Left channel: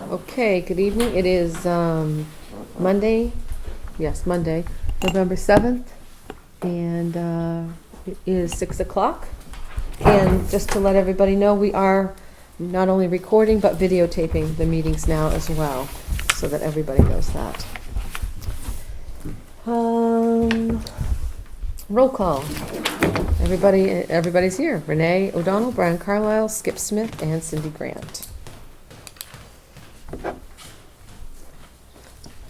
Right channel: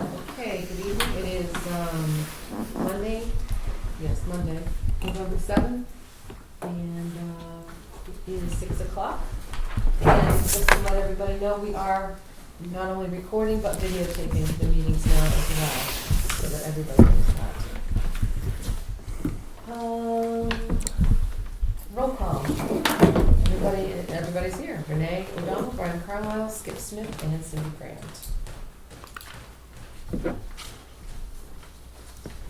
Okay, good evening. It is Monday, Monday, November 7th, and it is 6 o'clock. And just to let everybody know, we are not only recording but videotaping the meetings now as well, so that everybody knows that. Roll call. Everybody's here. Renee O'Donnell, Brian Carlisle, Skip Smith, and Cindy Grant.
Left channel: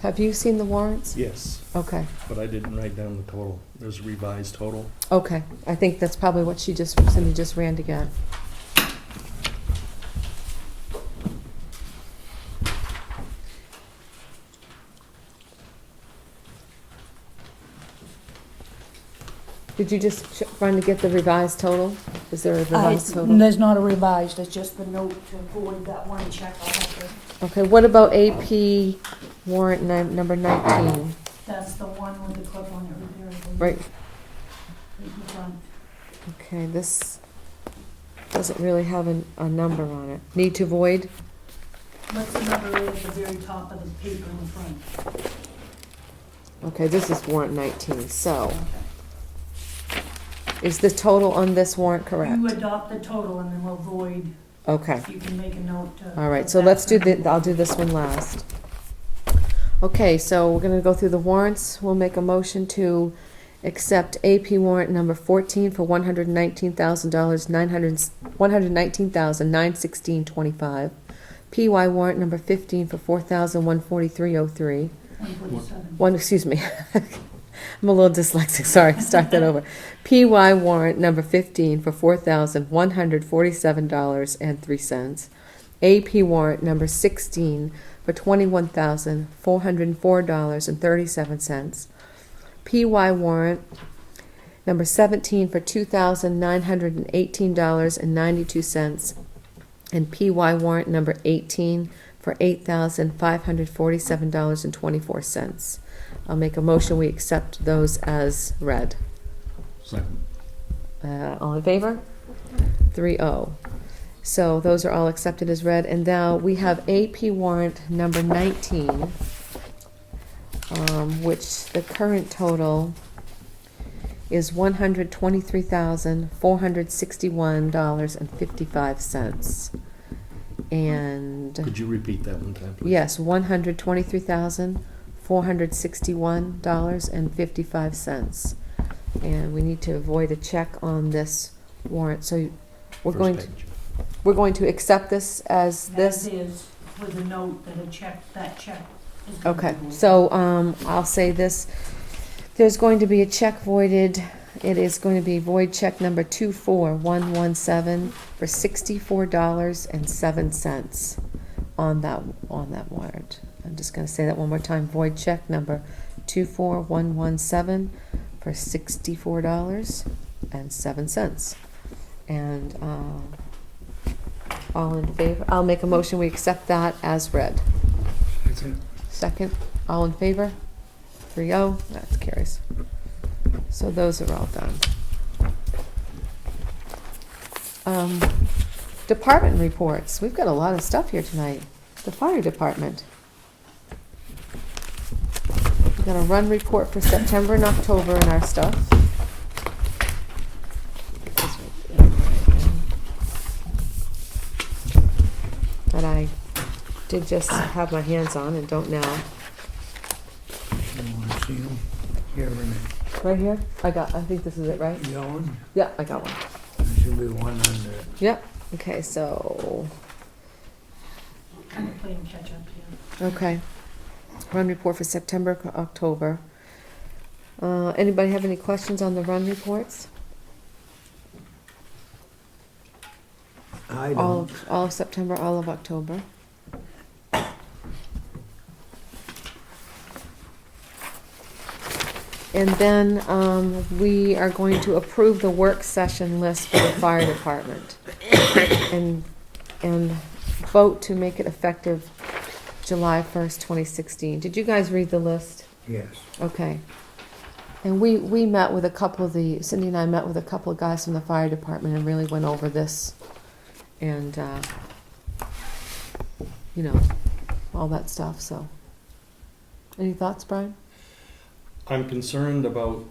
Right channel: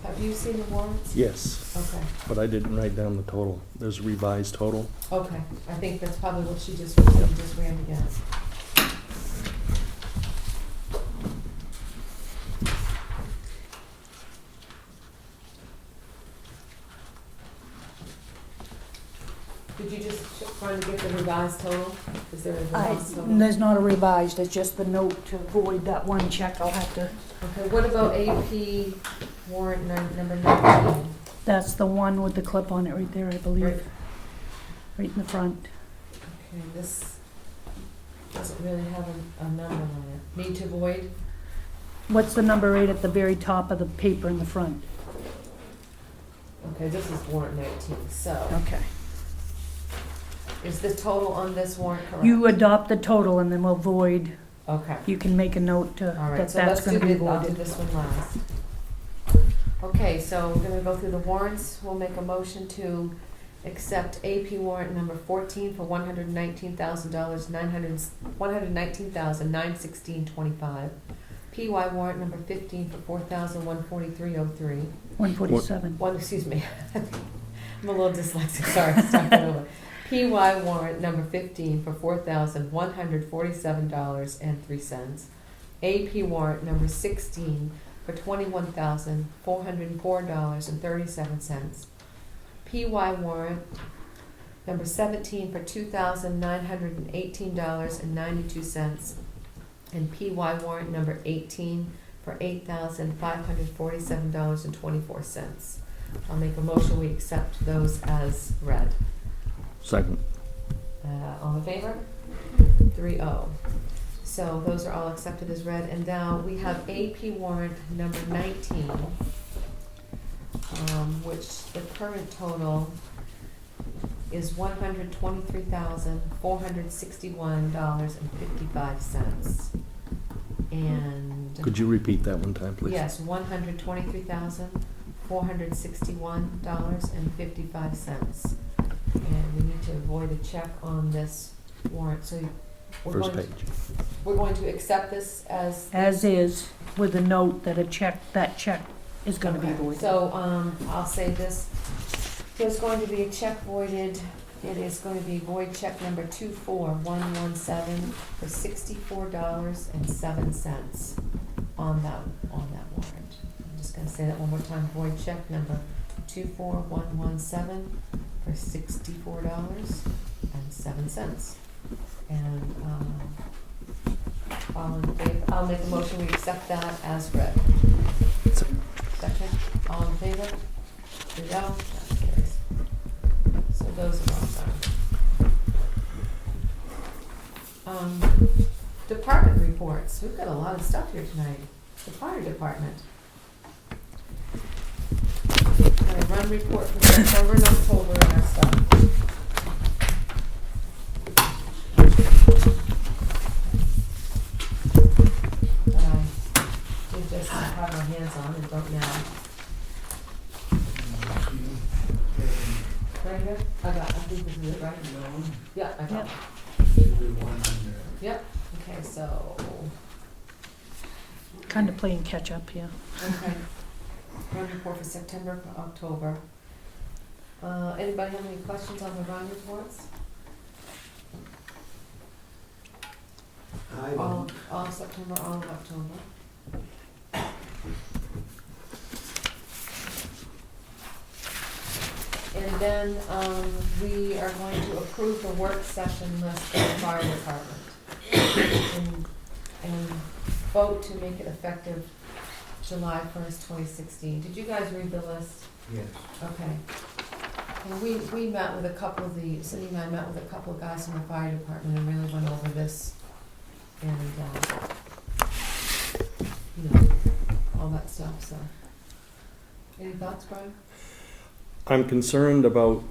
Have you seen the warrants? Yes, Okay, but I didn't write down the total. There's a revised total. okay. I think that's probably what Cindy just ran together. Did you just run to get the revised total? Is there a revised total? There's not a revised, it's just the note to avoid that one check. I'll have to, Okay, what about AP warrant number 19? that's the one with the clip on it right there, I believe. Right. Right in the front. Okay, this doesn't really have a number on it. Need to void? What's the number right at the very top of the paper in the front? Okay, this is warrant 19, so Okay. is the total on this warrant correct? You adopt the total and then we'll void, Okay. you can make a note to. All right, that so that's let's do gonna be I'll do voided. this one last. Okay, so we're gonna go through the warrants. We'll make a motion to accept AP warrant number 14 for $119,000, $119,916.25. PY warrant number 15 for $4,143.03. 147. Excuse me. I'm a little dyslexic, sorry, start that over. PY warrant number 15 for $4,147.03. AP warrant number 16 for $21,404.37. PY warrant number 17 for $2,918.92. And PY warrant number 18 for $8,547.24. I'll make a motion, we accept those as read. Second. All in favor? 3-0. So those are all accepted as read, and now we have AP warrant number 19, which the current total is $123,461.55. And Could you repeat that one time, please? yes, $123,461.55. And we need to avoid a check on this warrant, so we're First going page. to accept this as As this. is, with a note that that check is gonna be Okay, voided. so, I'll say this, there's going to be a check voided, it is going to be void check number 24117 for $64.07 on that warrant. I'm just gonna say that one more time, void check number 24117 for $64.07. And, all in favor, I'll make a motion, we accept that as read. Second, all in favor? 3-0, that carries. So those are all done. Department reports, we've got a lot of stuff here tonight. The fire department. Got a run report for September and October in our stuff. That I did just have my hands on and don't now. Right here? I think this is it, right? Yeah, I got it. Should be one under. Yep, okay, so, Kinda playing catch up here. okay. Run report for September, October. Anybody have any questions on the run reports? I All don't. of September, all of October. And then, we are going to approve the work session list for the fire department. And vote to make it effective July 1st, 2016. Did you guys read the list? Yes. Okay. And we met with a couple of Cindy and I met with a couple of guys from the fire department and really went over this. And, you know, all that stuff, so. Any thoughts, Brian? I'm concerned about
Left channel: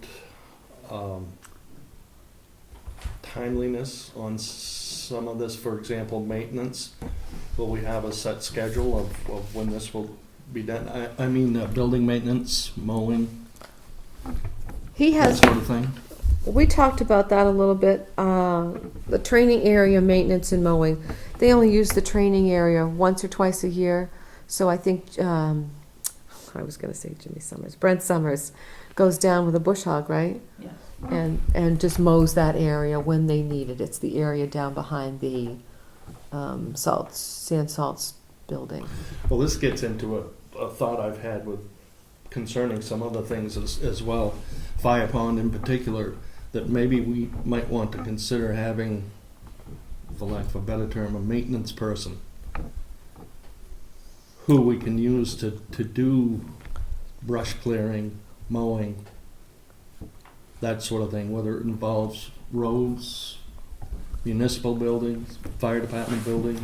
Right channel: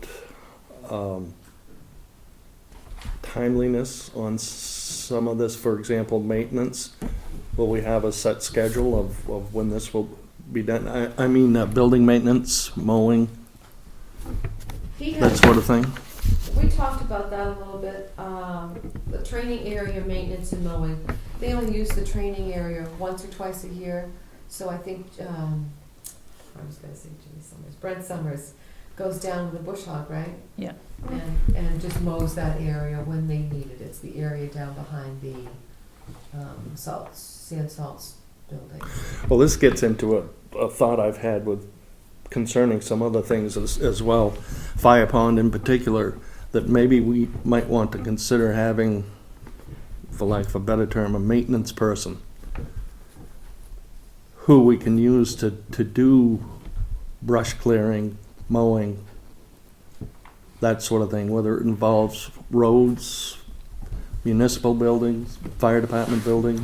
timeliness on some of this. For example, maintenance. Will we have a set schedule of when this will be done? I mean, building maintenance, mowing, He that has, sort of thing. we talked about that a little bit, the training area, maintenance and mowing. They only use the training area once or twice a year, so I think, I was gonna say Jimmy Summers, Brent Summers goes down with a bush hog, right? Yeah. And just mows that area when they need it. It's the area down behind the sand salts building. Well, this gets into a thought I've had with concerning some other things as well. Fire pond in particular, that maybe we might want to consider having, for lack of a better term, a maintenance person who we can use to do brush clearing, mowing, that sort of thing, whether it involves roads, municipal buildings, fire department buildings.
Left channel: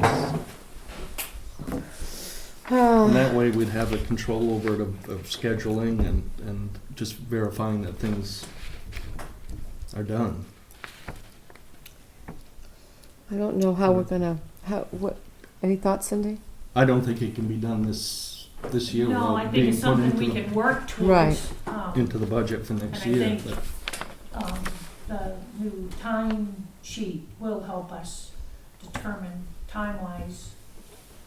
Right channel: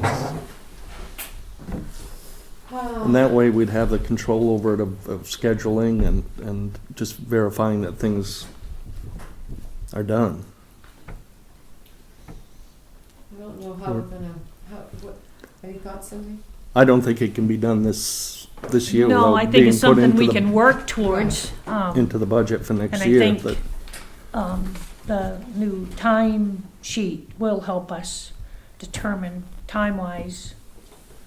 And that way we'd have the control over it of scheduling and just verifying that things are done. I don't know how we're gonna, any thoughts, Cindy? I don't think it can be done this year No, I without think being it's put something into we the, can work towards. into the budget for next And I year. think- But The new time sheet will help us determine time-wise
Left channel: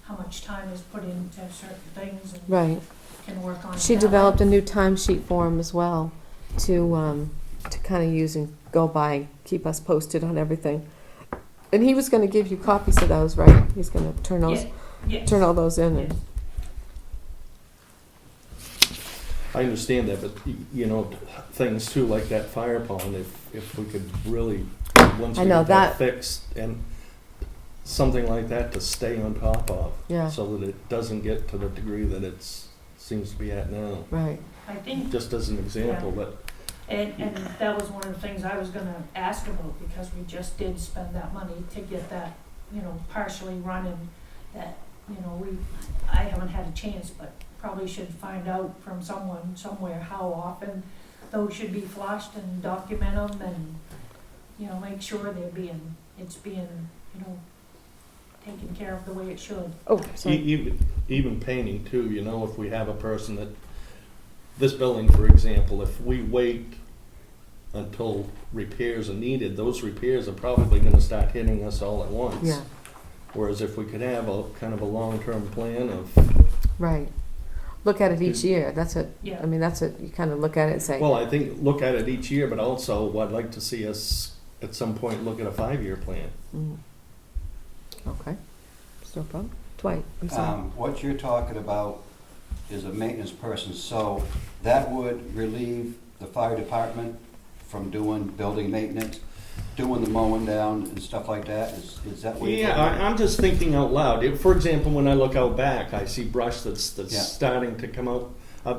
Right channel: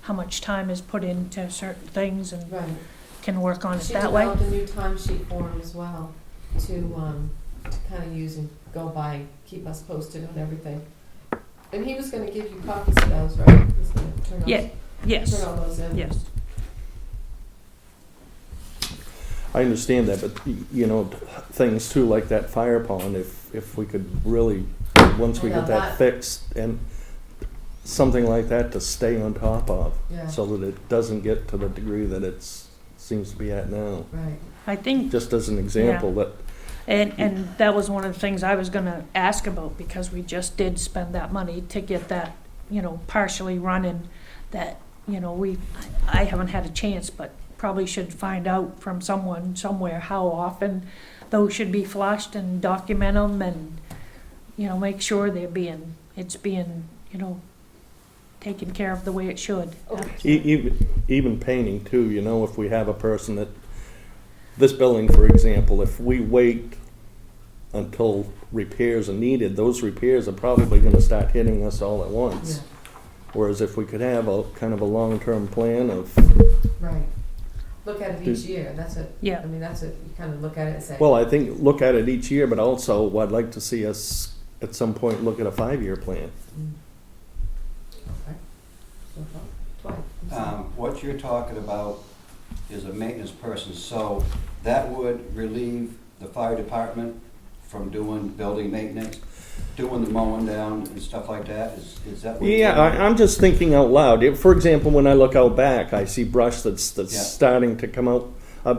how much time is put into certain things and Right. can work on it She that developed way. a new timesheet form as well to kind of use and go by, keep us posted on everything. And he was gonna give you copies of those, right? He's gonna turn those, Yeah, yes, turn all those in. yes. I understand that, but you know, things too, like that fire pond, if we could really, once I we know get that fixed, and something like that to stay on top of, Yeah, so that it doesn't get to the degree that seems to be at now. right. I think, Just as an example, that and that was one of the things I was gonna ask about, because we just did spend that money to get that, partially running, that, I haven't had a chance, but probably should find out from someone somewhere how often those should be flushed and document them and, make sure it's being, taken care of the way it should. Oh, even painting too, if we have a person that, this building, for example, if we wait until repairs are needed, those repairs are probably gonna start hitting us all at once. Yeah, Whereas if we could have a kind of a long-term plan of, right. Look at it each year, that's it. Yeah. I mean, that's it, you kind of look at it and say. well, I think, look at it each year, but also I'd like to see us at some point look at a 5-year plan. Mm. Okay, so, Dwight, I'm sorry. What you're talking about is a maintenance person, so that would relieve the fire department from doing building maintenance, doing the mowing down and stuff like that? Is that what you're Yeah, talking about? I'm just thinking out loud. For example, when I look out back, I see brush that's Yeah. starting to come out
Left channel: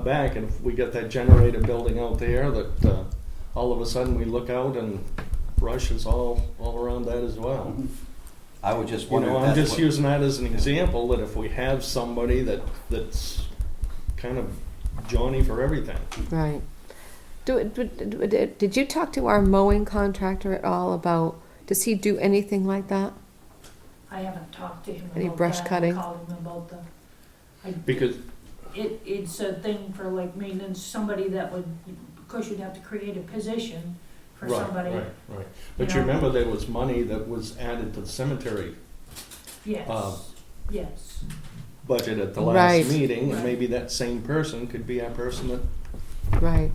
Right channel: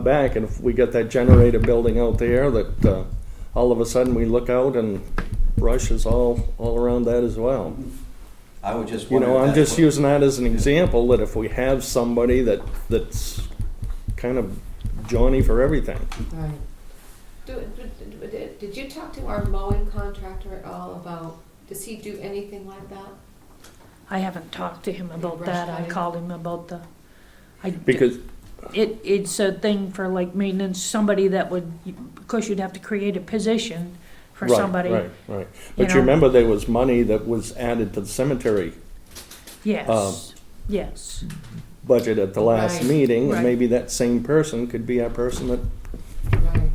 back, and if we get that generator building out there, that all of a sudden we look out and brush is all around that as well. I was just You wondering know, if I'm that's just what- using that as an example, that if we have somebody that's kind of Johnny for everything. Right. Did you talk to our mowing contractor at all about, does he do anything like that? I haven't talked to him Any about brush that. cutting? I called him about Because, it's a thing for like maintenance, somebody that would, of course you'd have to create a position for somebody. Right. But you know. remember there was money that was added to the cemetery Yes, yes. budget at the last Right, meeting, right. and maybe that same person could be our person that Right.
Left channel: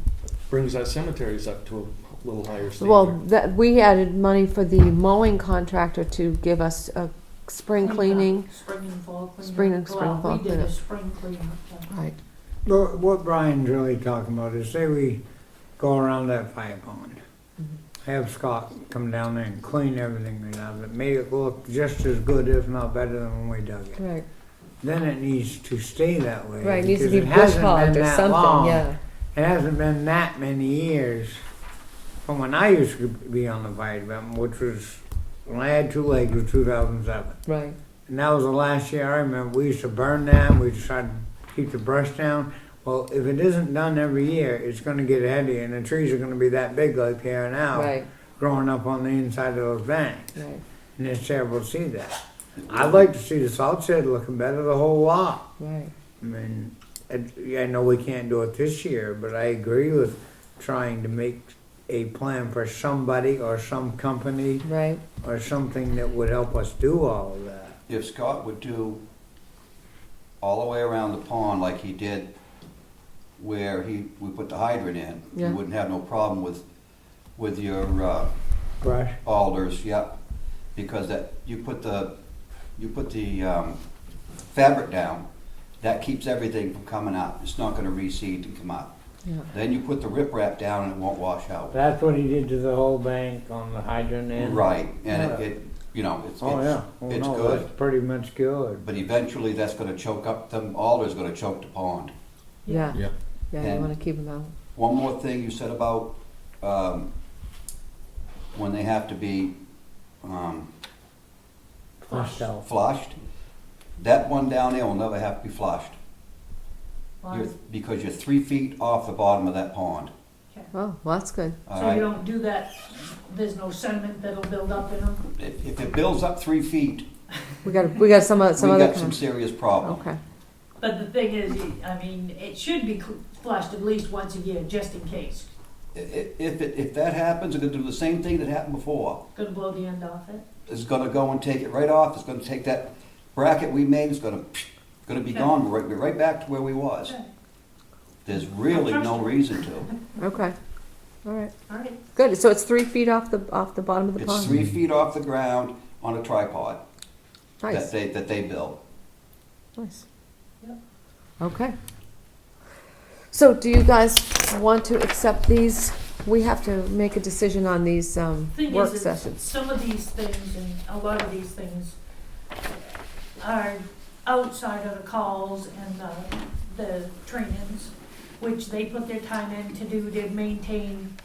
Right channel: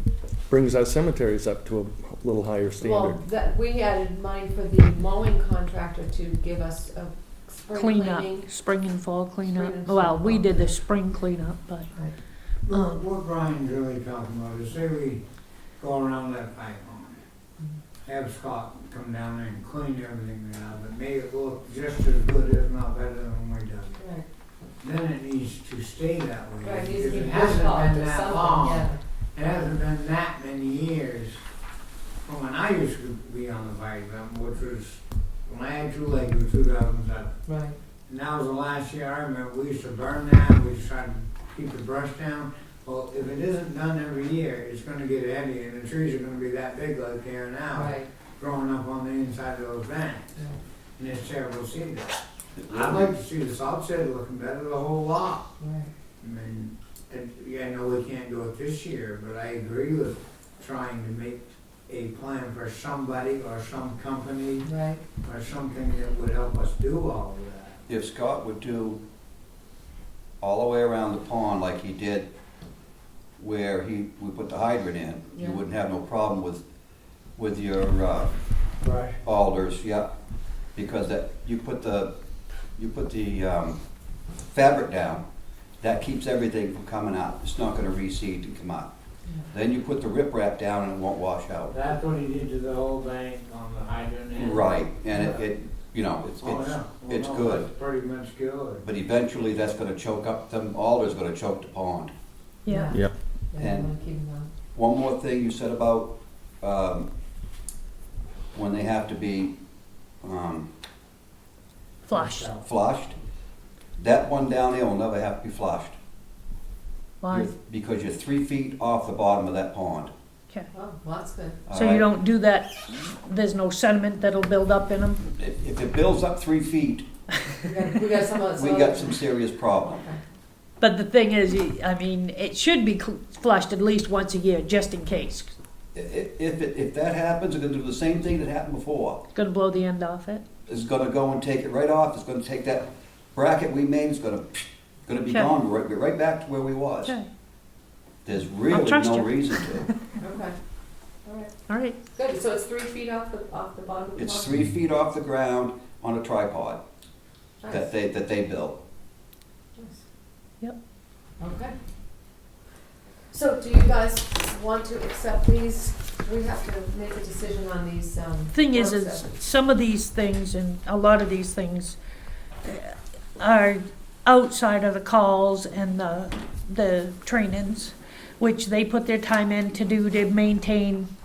brings our cemeteries up to a little higher standard. Well, that, we added money for the mowing contractor to give us a spring Cleanup, cleaning. spring and fall cleanup. Spring and Well, fall we did the cleanup. spring cleanup, but Right. Look, what Brian's really talking about is, say we go around that fire pond, Mhm. have Scott come down there and clean everything out of it, make it look just as good, if not better than when we dug it. Right. Then it needs to stay that way. Right, it needs to because be it bush hasn't hogged been or that something, long. yeah. It hasn't been that many years from when I used to be on the fire department, which was, when I had two legs, was 2007. Right. And that was the last year I remember, we used to burn that, we used to try to keep the brush down. Well, if it isn't done every year, it's gonna get heavy, and the trees are gonna be that big like here now, Right, growing up on the inside of those banks. right. And it's terrible to see that. I'd like to see the salt shed looking better, the whole lot. Right. I mean, yeah, I know we can't do it this year, but I agree with trying to make a plan for somebody or some company Right. or something that would help us do all of that. If Scott would do all the way around the pond like he did where we put the hydrant in, Yeah. you wouldn't have no problem with your Brush. alders, yeah. Because that, you put the fabric down, that keeps everything from coming out. It's not gonna reseed and come out. Yeah. Then you put the riprap down and it won't wash out. That's what he did to the whole bank on the hydrant end. Right, and Yeah. it you know, it's Oh, yeah. Well, it's no, good. That's pretty much good. But eventually that's gonna choke up, them alders gonna choke the pond. Yeah. Yep. Yeah, you And- wanna keep them out. One more thing you said about, when they have to be, Flush. out. flushed, that one down there will never have to be flushed. Why? Because you're 3 feet off the bottom of that pond. Okay. Oh, well, that's good. all So right? you don't do that, there's no sediment that'll build up in them? If it builds up 3 feet, We got some other. we got some serious problem. Okay. But the thing is, I mean, it should be flushed at least once a year, just in case. If that happens, it's gonna do the same thing that happened before. It's gonna blow the end off it. It's gonna go and take it right off, it's gonna take that bracket we made, it's gonna be Okay. gone, we're right back to where we was. Okay, There's really trust no you. reason to. Okay. All right. all right. Good. So it's 3 feet off the bottom of the It's pond. 3 feet off the ground on a tripod Nice. that they built. Nice. Yep. Okay. So do you guys want to accept these? We have to make a decision on these Thing work is sessions. some of these things and a lot of these things are outside of the calls and the trainings, which they put their time in to do to maintain.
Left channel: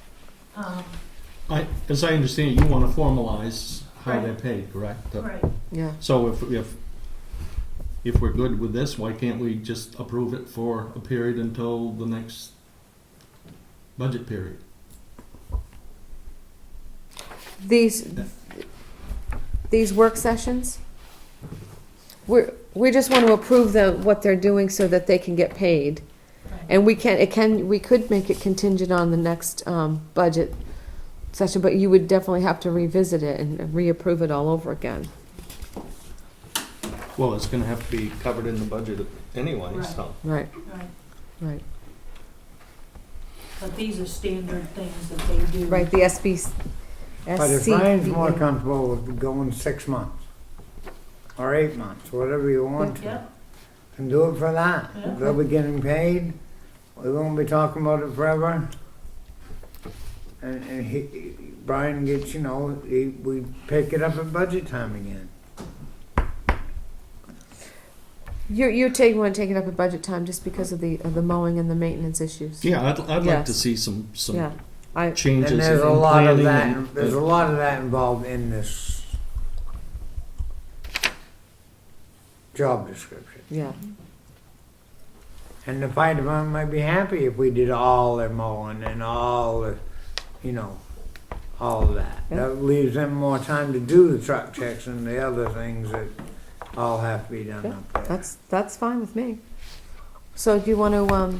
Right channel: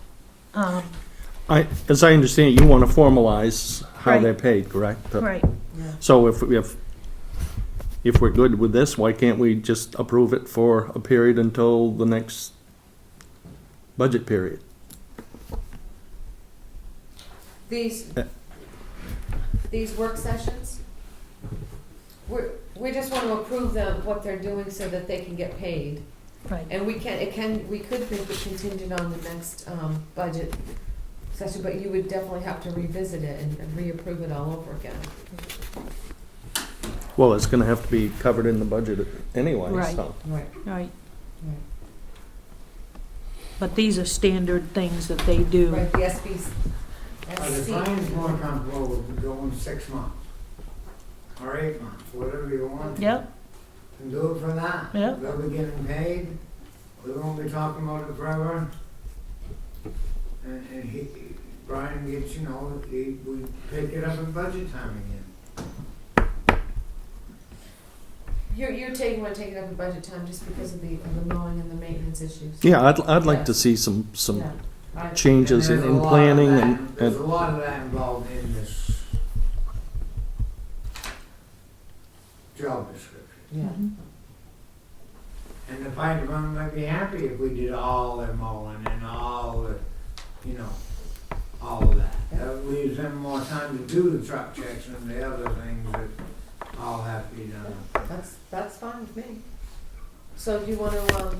As I understand it, you want to formalize how Right. they're paid, correct? Right. Yeah. So if we're good with this, why can't we just approve it for a period until the next budget period? These work sessions, we just want to approve what they're doing so that they can get paid. Right. And we could make it contingent on the next budget session, but you would definitely have to revisit it and reapprove it all over again. Well, it's going to have to be covered in the budget anyway, Right. so. Right, Right. right. But these are standard things that they do. Right, the SB. But if Brian's more comfortable with going 6 months or 8 months, whatever you want to, Yep. and do it for that. Yeah. They'll be getting paid. We won't be talking about it forever. And Brian gets, we pick it up at budget time again. You want to take it up at budget time just because of the mowing and the maintenance issues. Yeah, I'd like to Yes. see some Yeah, changes And in there's a lot of planning that, and. there's a lot of that involved in this job description. yeah. Mhm. And the fire department might be happy if we did all their mowing and all the, all of that. Yeah. That leaves them more time to do the truck checks and the other things that all have to be done up there. That's fine with me. So do you want to,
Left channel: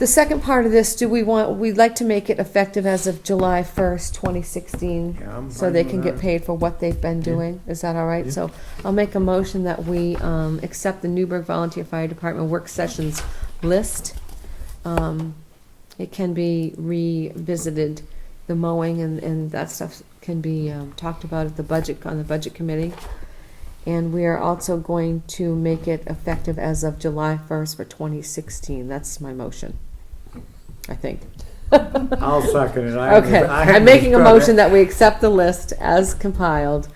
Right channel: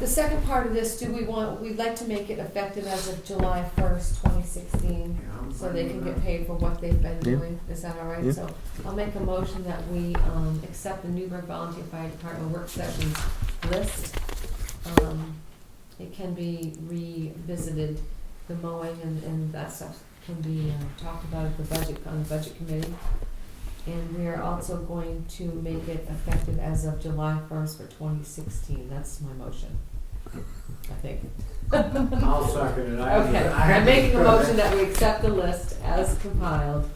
the second part of this, we'd like to make it effective as of July 1st, 2016, Yeah, I'm so fine they with can get that. paid for what they've been Yeah. doing. Is that all right? Yeah. So I'll make a motion that we accept the Newburgh Volunteer Fire Department work sessions list. It can be revisited, the mowing and that stuff can be talked about at on the budget committee. And we are also going to make it effective as of July 1st for 2016. That's my motion, I think. I'll second it. Okay, I'm making a motion that we accept the list as compiled,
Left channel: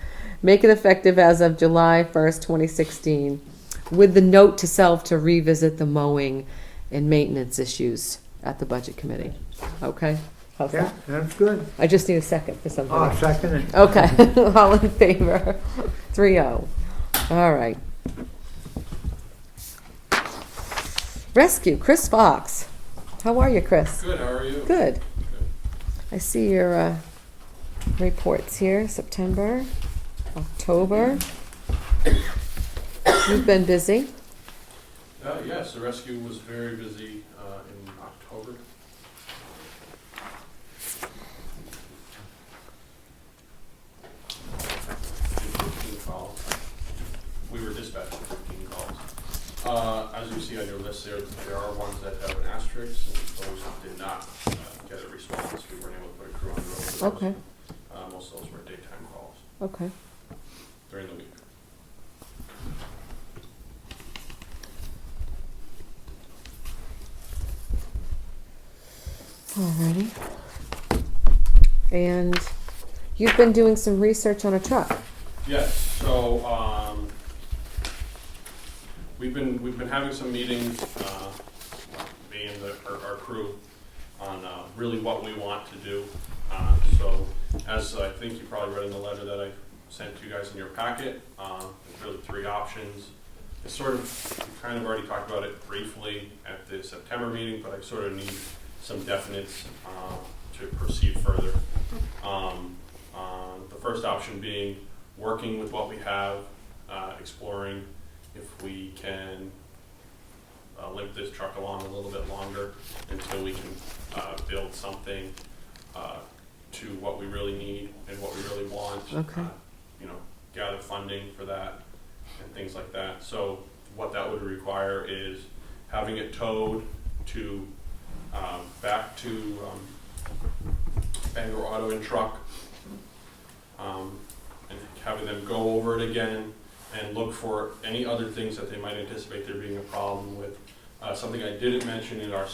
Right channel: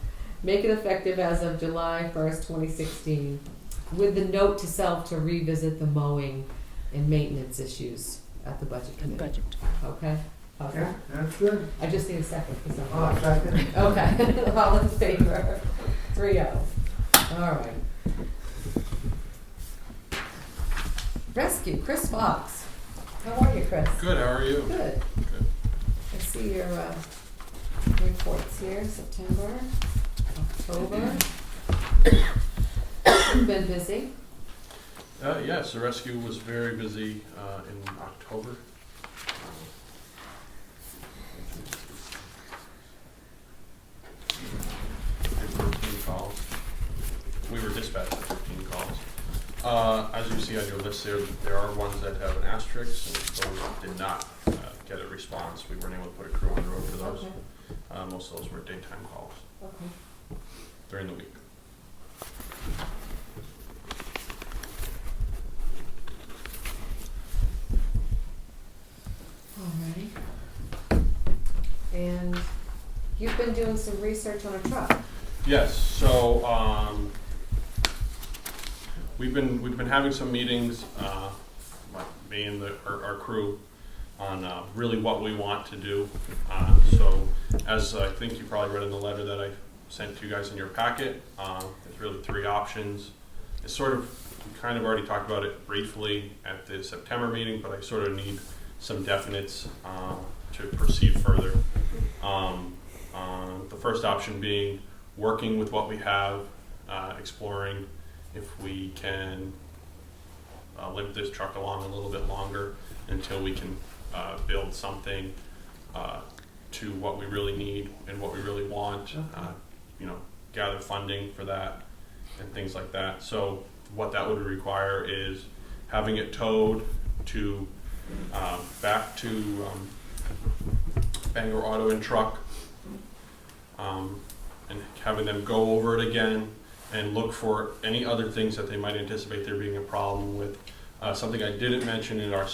make it effective as of July 1st, 2016, with the note to self to revisit the mowing and maintenance issues at the budget committee. Budget. Okay? How's Yeah, that? that's good. I just need a second for something. Oh, second it. Okay, all in favor? 3-0. All right. Rescue, Chris Fox. How are you, Chris? Good, how are you? Good. Good. I see your reports here, September, October. You've been busy. Yes, the rescue was very busy in October. Did 15 calls. We were dispatched for 15 calls. As you see on your list there are ones that have an asterisk, and those did not get a response. We weren't able to put a crew on the road for those. Okay. Most of those were daytime calls Okay. during the week. Alrighty. And you've been doing some research on a truck. Yes, so we've been having some meetings, me and our crew, on really what we want to do. So as I think you probably read in the letter that I sent to you guys in your packet, there's really three options. It's sort of, we kind of already talked about it briefly at the September meeting, but I sort of need some definites to proceed further. The first option being working with what we have, exploring if we can limp this truck along a little bit longer until we can build something to what we really need and what we really want. Okay. Gather funding for that and things like that. So what that would require is having it towed to back to Bangor Auto and Truck, and having them go over it again and look for any other things that they might anticipate there being a problem with. Something I didn't mention in your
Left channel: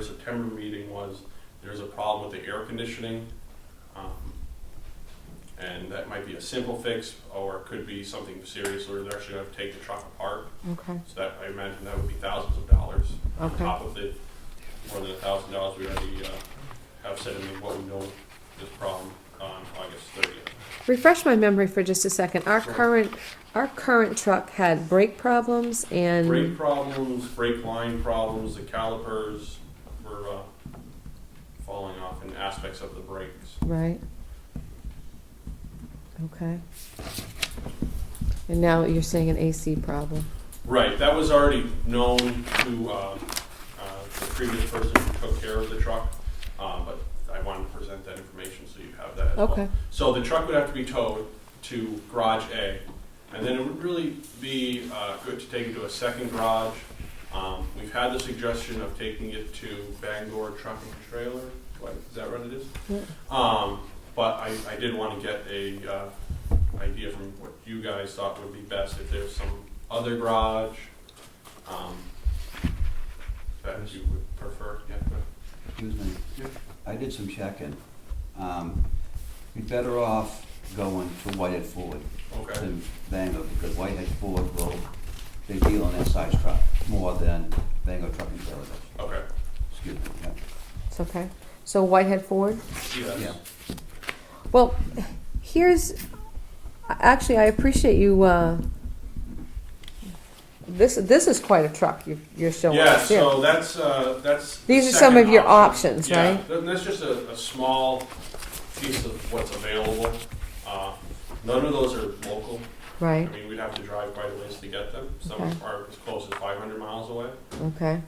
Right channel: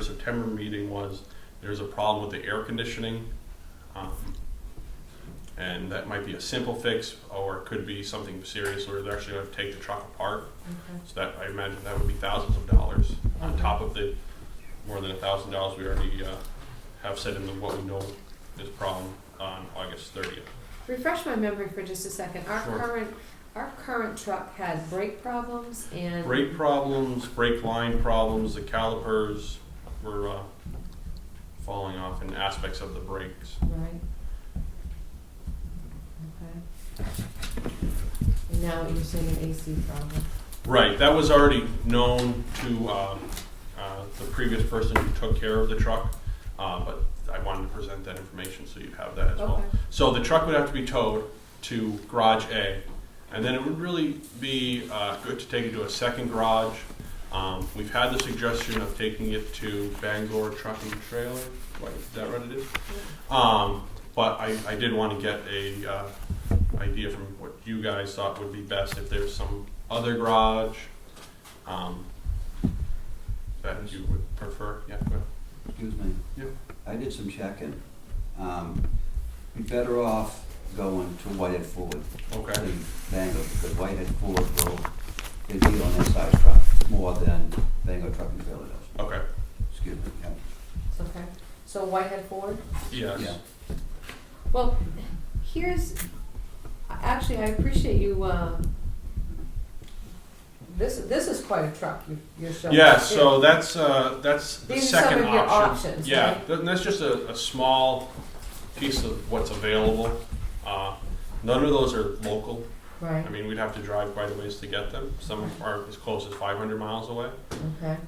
September meeting was there's a problem with the air conditioning, and that might be a simple fix, or it could be something serious where they're actually going to take the truck apart. Okay. So that, I imagine that would be thousands of dollars on Okay. top of the more than $1,000 we already have set in what we know is problem on August 30th. Refresh my memory for just a second. Sure. Our current truck had brake problems and Brake problems, brake line problems, the calipers were falling off in aspects of the brakes. right. Okay. And now you're saying an AC problem. Right, that was already known to the previous person who took care of the truck, but I wanted to present that information so you'd have that as Okay. well. So the truck would have to be towed to Garage A, and then it would really be good to take it to a second garage. We've had the suggestion of taking it to Bangor Truck and Trailer. Is that what it is? Yeah. But I did want to get a idea from what you guys thought would be best, if there's some other garage that you would prefer. Yeah, go ahead. Excuse me. Yep. I did some checking. Be better off going to Whitehead Ford Okay. than Bangor, because Whitehead Ford they deal in that size truck more than Bangor Truck and Trailer does. Okay. Excuse me, yeah. It's okay. So Whitehead Ford? Yes. Yeah. Well, actually, I appreciate you, this is quite a truck you're showing Yeah, us here. so that's the These are some second of your option. options, Yeah, right? that's just a small piece of what's available. None of those are local. Right, I mean, we'd have to drive quite a ways to get them. Some Okay. are as close as 500 miles away. okay,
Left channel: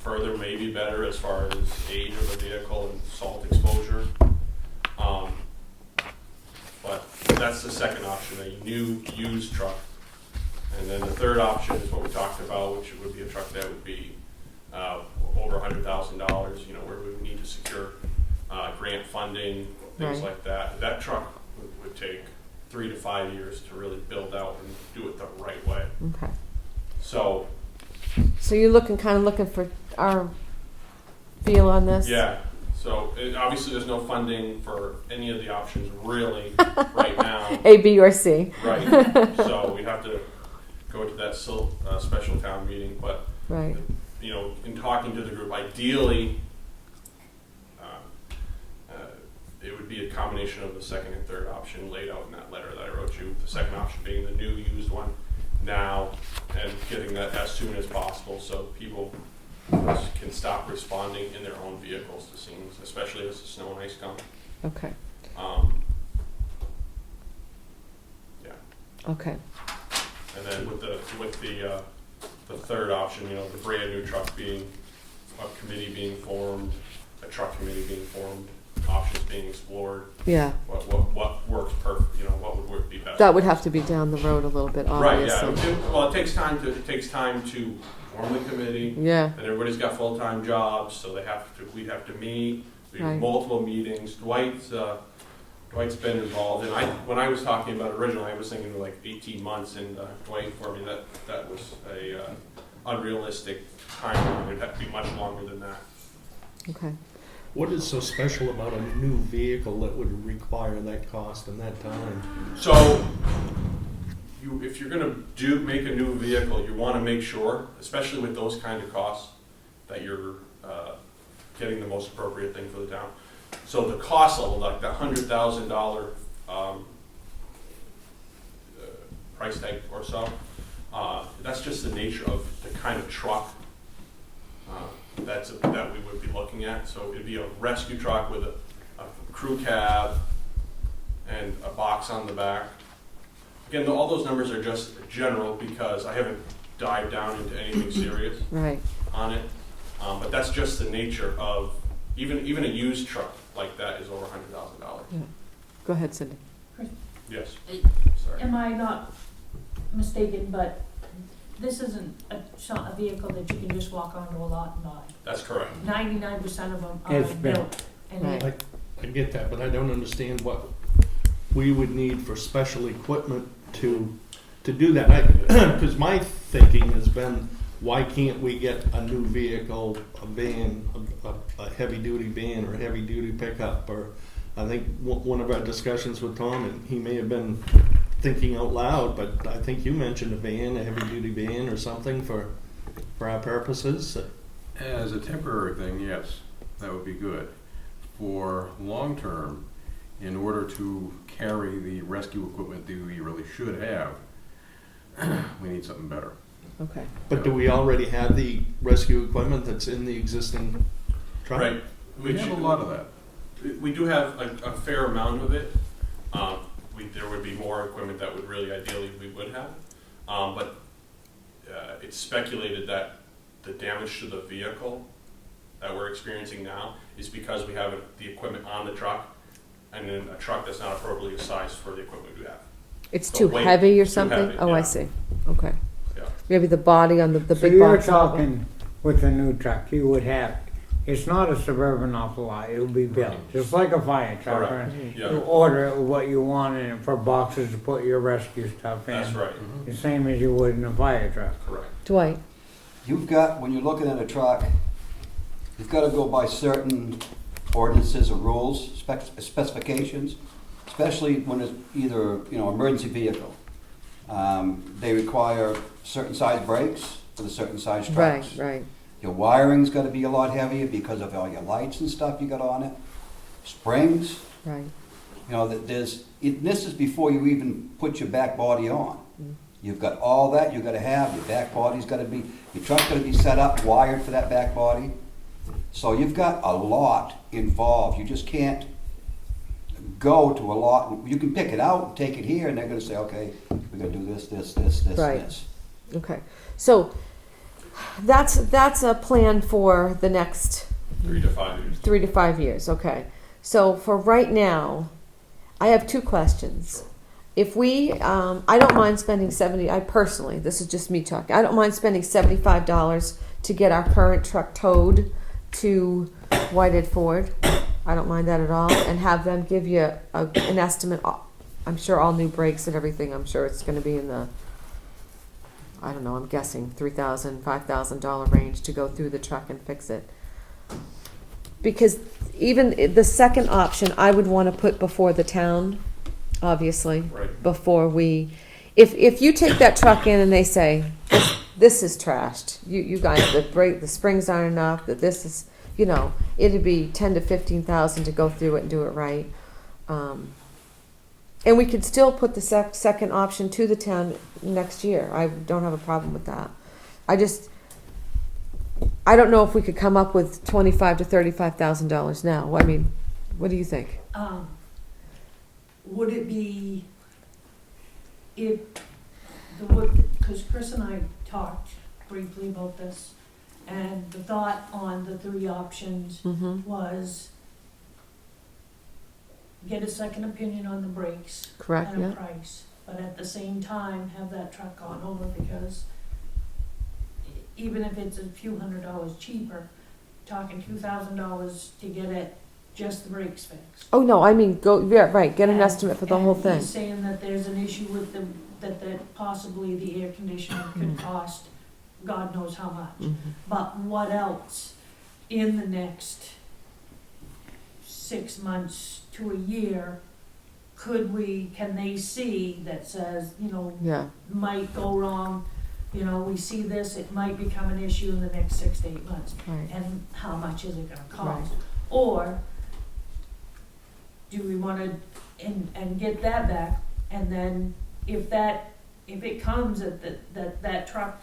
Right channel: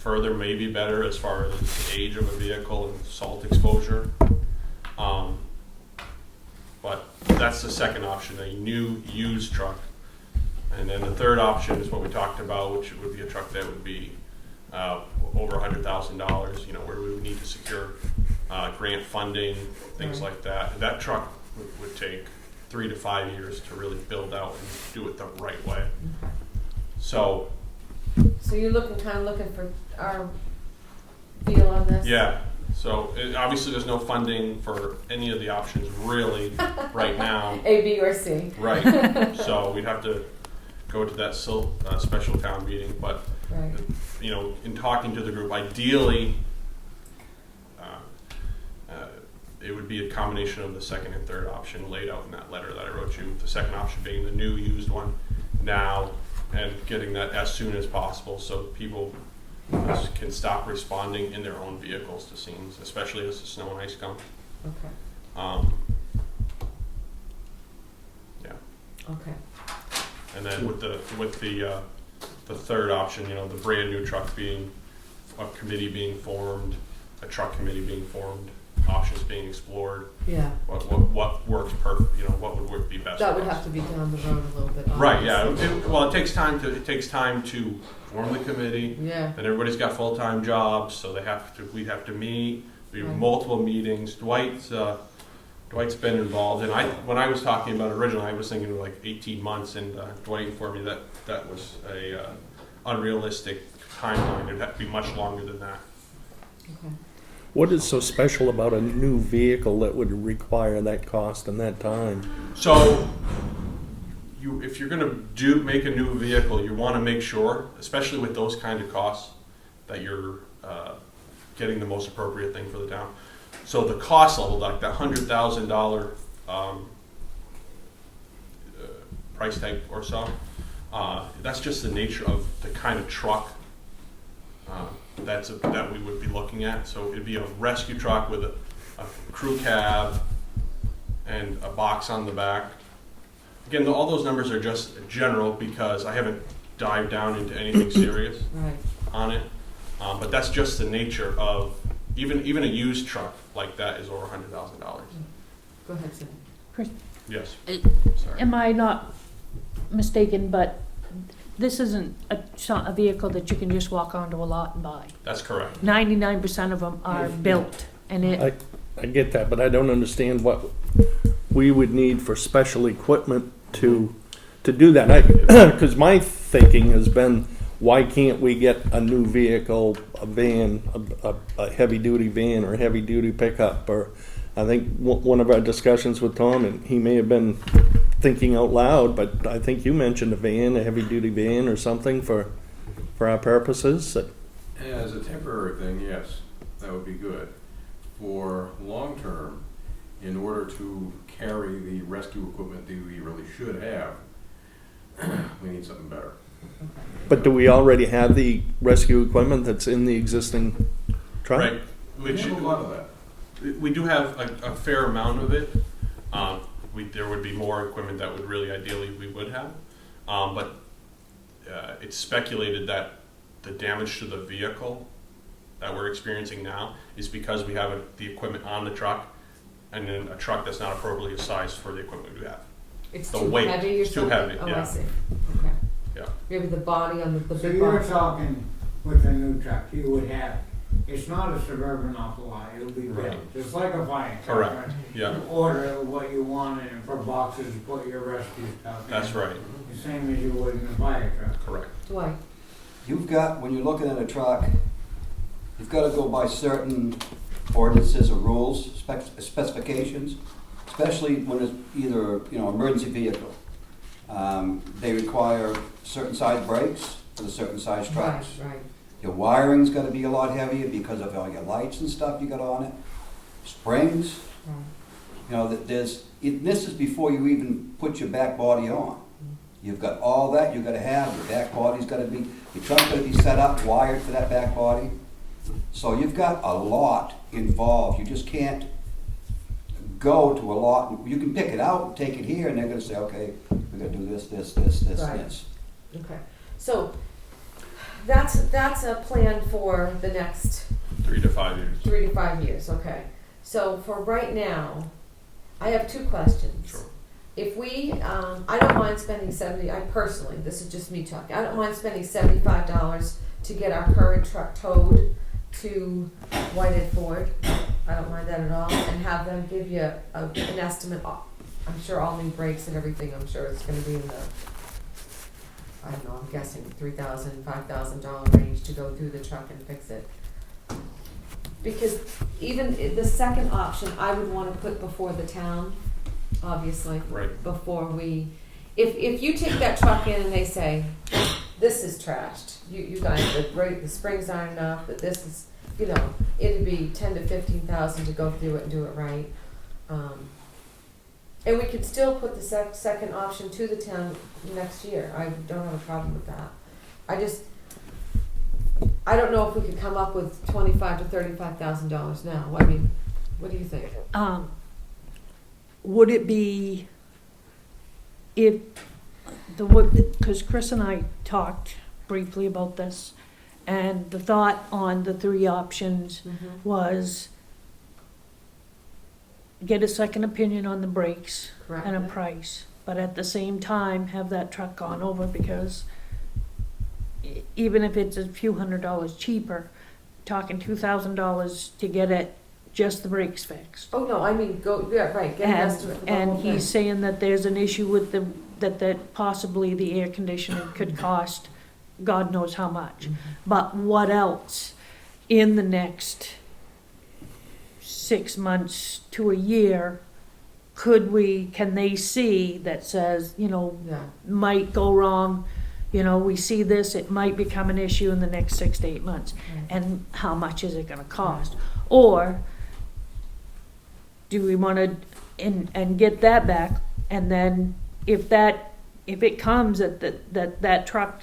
Further may be better as far as age of the vehicle and salt exposure. But that's the second option, a new used truck. And then the third option is what we talked about, which would be a truck that would be over $100,000, where we would need to secure grant funding, things Right. like that. That truck would take 3 to 5 years to really build out and do it the right way. okay. So, So you're looking for our feel on this? yeah. So obviously there's no funding for any of the options really right now. A, B, or C? Right. So we'd have to go to that special town meeting. But, Right, in talking to the group, ideally, it would be a combination of the second and third option laid out in that letter that I wrote you. The second option being the new used one now, and getting that as soon as possible so people can stop responding in their own vehicles to scenes, especially as the snow and ice come. Okay, Yeah, okay, and then with the third option, the brand new truck being a committee being formed, a truck committee being formed, options being explored. yeah. What works perfect? What would be best? That would for us. have to be down the road a little bit, Right. Yeah. obviously. It takes time to form the committee. Yeah, And everybody's got full-time jobs, so we'd have to meet, we have Right. multiple meetings. Dwight's been involved, and when I was talking about it originally, I was thinking like 18 months, and Dwight informed me that was a unrealistic timeline. It'd have to be much longer than that. okay. What is so special about a new vehicle that would require that cost and that time? So, if you're gonna make a new vehicle, you wanna make sure, especially with those kind of costs, that you're getting the most appropriate thing for the town. So the cost level, like that $100,000 price tag or so, that's just the nature of the kind of truck that we would be looking at. So it'd be a rescue truck with a crew cab and a box on the back. Again, all those numbers are just general because I haven't dived down into anything serious Right, on it. But that's just the nature of even a used truck like that is over $100,000. go ahead, Cindy. Yes. Sorry. Am I not mistaken, but this isn't a vehicle that you can just walk onto a lot and buy? That's correct. 99% of them are It's built, and I get that, but I don't understand what we would need for special equipment to do that. Because my thinking has been, why can't we get a new vehicle, a van, a heavy-duty van or a heavy-duty pickup? Or I think one of our discussions with Tom, and he may have been thinking out loud, but I think you mentioned a van, a heavy-duty van or something for our purposes. As a temporary thing, yes, that would be good. For long-term, in order to carry the rescue equipment that we really should have, we need something better. Okay, But do we already have the rescue equipment that's in the existing truck? Right. We have a lot of that. We do have a fair amount of it. There would be more equipment that would really ideally we would have. But it's speculated that the damage to the vehicle that we're experiencing now is because we have the equipment on the truck and then a truck that's not appropriately sized for the equipment we have. it's The too weight, heavy or too something? heavy, Oh, yeah. I see, okay. Yeah. Maybe the body on the So big you're box. talking with a new truck, you would have, it's not a Suburban off the lot, it'll be built, Right. just like a fire truck. Correct. right? Yeah, You order what you want in it for boxes to put your rescue stuff in. that's right. The same as you would in a fire truck. Correct. Dwight, When you're looking at a truck, you've got to go by certain ordinances or rules, specifications, especially when it's either, emergency vehicle. They require certain size brakes for the certain size right, trucks. right, Your wiring's got to be a lot heavier because of all your lights and stuff you got on it. Springs, right, this is before you even put your back body on. Mm. You've got all that you got to have. Your back body's got to be, your truck's got to be set up, wired for that back body. So you've got a lot involved. You just can't go to a lot. You can pick it out and take it here, and they're going to say, okay, we're going to do this, this, this, this, Right. this. okay. So, that's a plan for the next 3 to 5 years. 3 to 5 years, okay. So for right now, I have two questions. Sure. If we, I don't mind spending this is just me talking, I don't mind spending $75 to get our current truck towed to Whitehead Ford. I don't mind that at all, and have them give you an estimate. I'm sure all new brakes and everything, I'm sure it's gonna be in the, I don't know, I'm guessing $3,000, $5,000 range to go through the truck and fix it. Because even the second option, I would want to put before the town, obviously, Right. before we, if you take that truck in and they say, this is trashed, you guys, the springs aren't enough, that this is, you know, it'd be 10 to 15,000 to go through it and do it right. And we could still put the second option to the town next year. I don't have a problem with that. I don't know if we could come up with $25,000 to $35,000 now. I mean, what do you think? Would it be, because Chris and I talked briefly about this, and the thought on the three options was get a second opinion on the brakes Correct. and a Yeah. price, but at the same time have that truck gone over, because even if it's a few $100s cheaper, talking $2,000 to get it, just the brakes fixed. Oh no, I mean yeah, right. Get an And- estimate for the whole And thing. he's saying that there's an issue with that possibly the air conditioning could cost God knows how much. Mhm. But what else in the next 6 months to a year can they see that says, Yeah. might go wrong, we see this, it might become an issue in the next 6 to 8 months. Right. And how much is it gonna cost? Or do we wanna, and get that back, and then if it comes that truck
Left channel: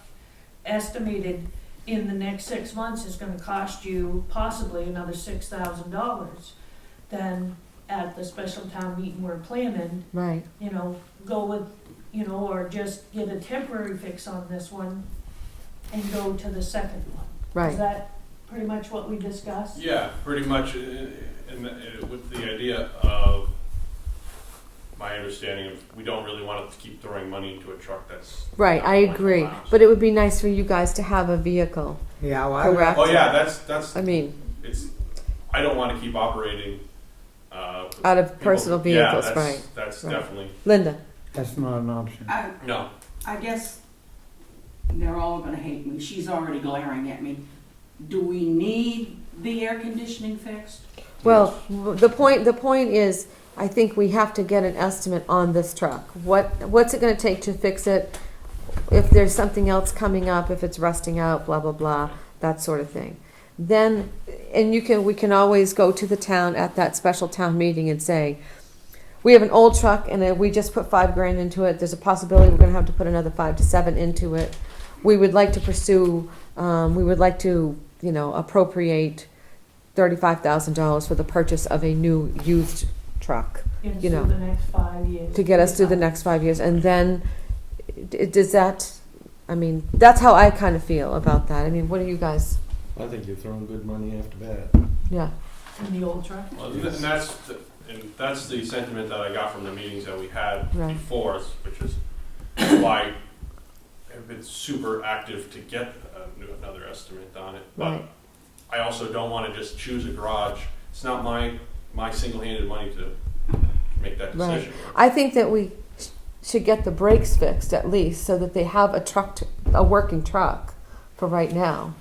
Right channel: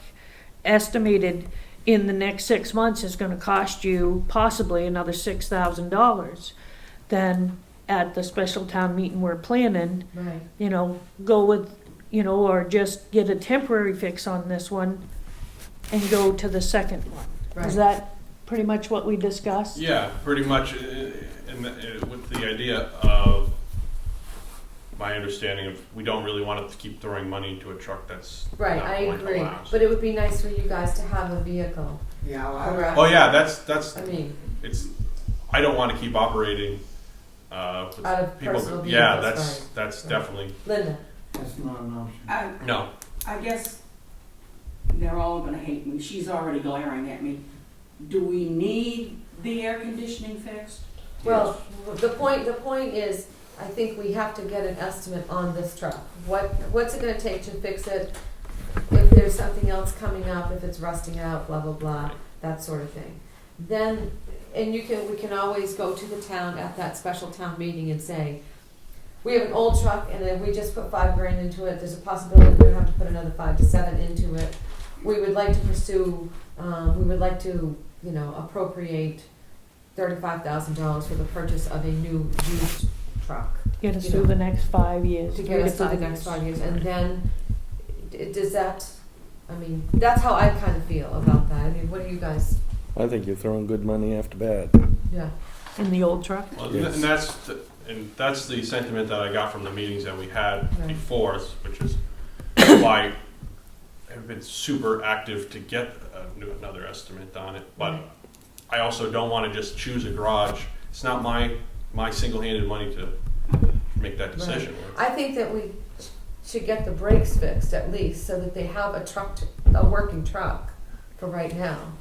estimated in the next 6 months is gonna cost you possibly another $6,000, then at the special town meeting we're planning, Right. go with, or just get a temporary fix on this one and go to the second one. Right. Is that pretty much what we discussed? Yeah, pretty much, with the idea of my understanding of, we don't really want to keep throwing money into a truck that's Right. not I going to agree. last. But it would be nice for you guys to have a vehicle. Yeah, well, Correct. Oh yeah, that's I mean, I don't want to keep operating with out of people- personal Yeah, vehicles, that's right? that's Right. definitely Linda. that's not an option. no. I guess they're all gonna hate me. She's already glaring at me. Do we need the air conditioning fixed? Well, the point is, I think we have to get an estimate on this truck. What's it going to take to fix it? If there's something else coming up, if it's rusting out, blah blah blah, that sort of thing. Then, and we can always go to the town at that special town meeting and say, we have an old truck and we just put $5,000 into it. There's a possibility we're going to have to put another 5 to 7 into it. We would like to pursue. We would like to, appropriate $35,000 for the purchase of a new used truck Get us You know, through the next 5 years. to get us through the next 5 years, and then does that? I mean, that's how I kind of feel about that. I mean, what do you guys? I think you're throwing good money after bad. Yeah. In the old truck? Well, Yes. and that's the sentiment that I got from the meetings that we had Right. before, which is why I've been super active to get another estimate on it. But Right. I also don't want to just choose a garage. It's not my single-handed money to make that Right. decision. I think that we should get the brakes fixed at least, so that they have a working truck for right now.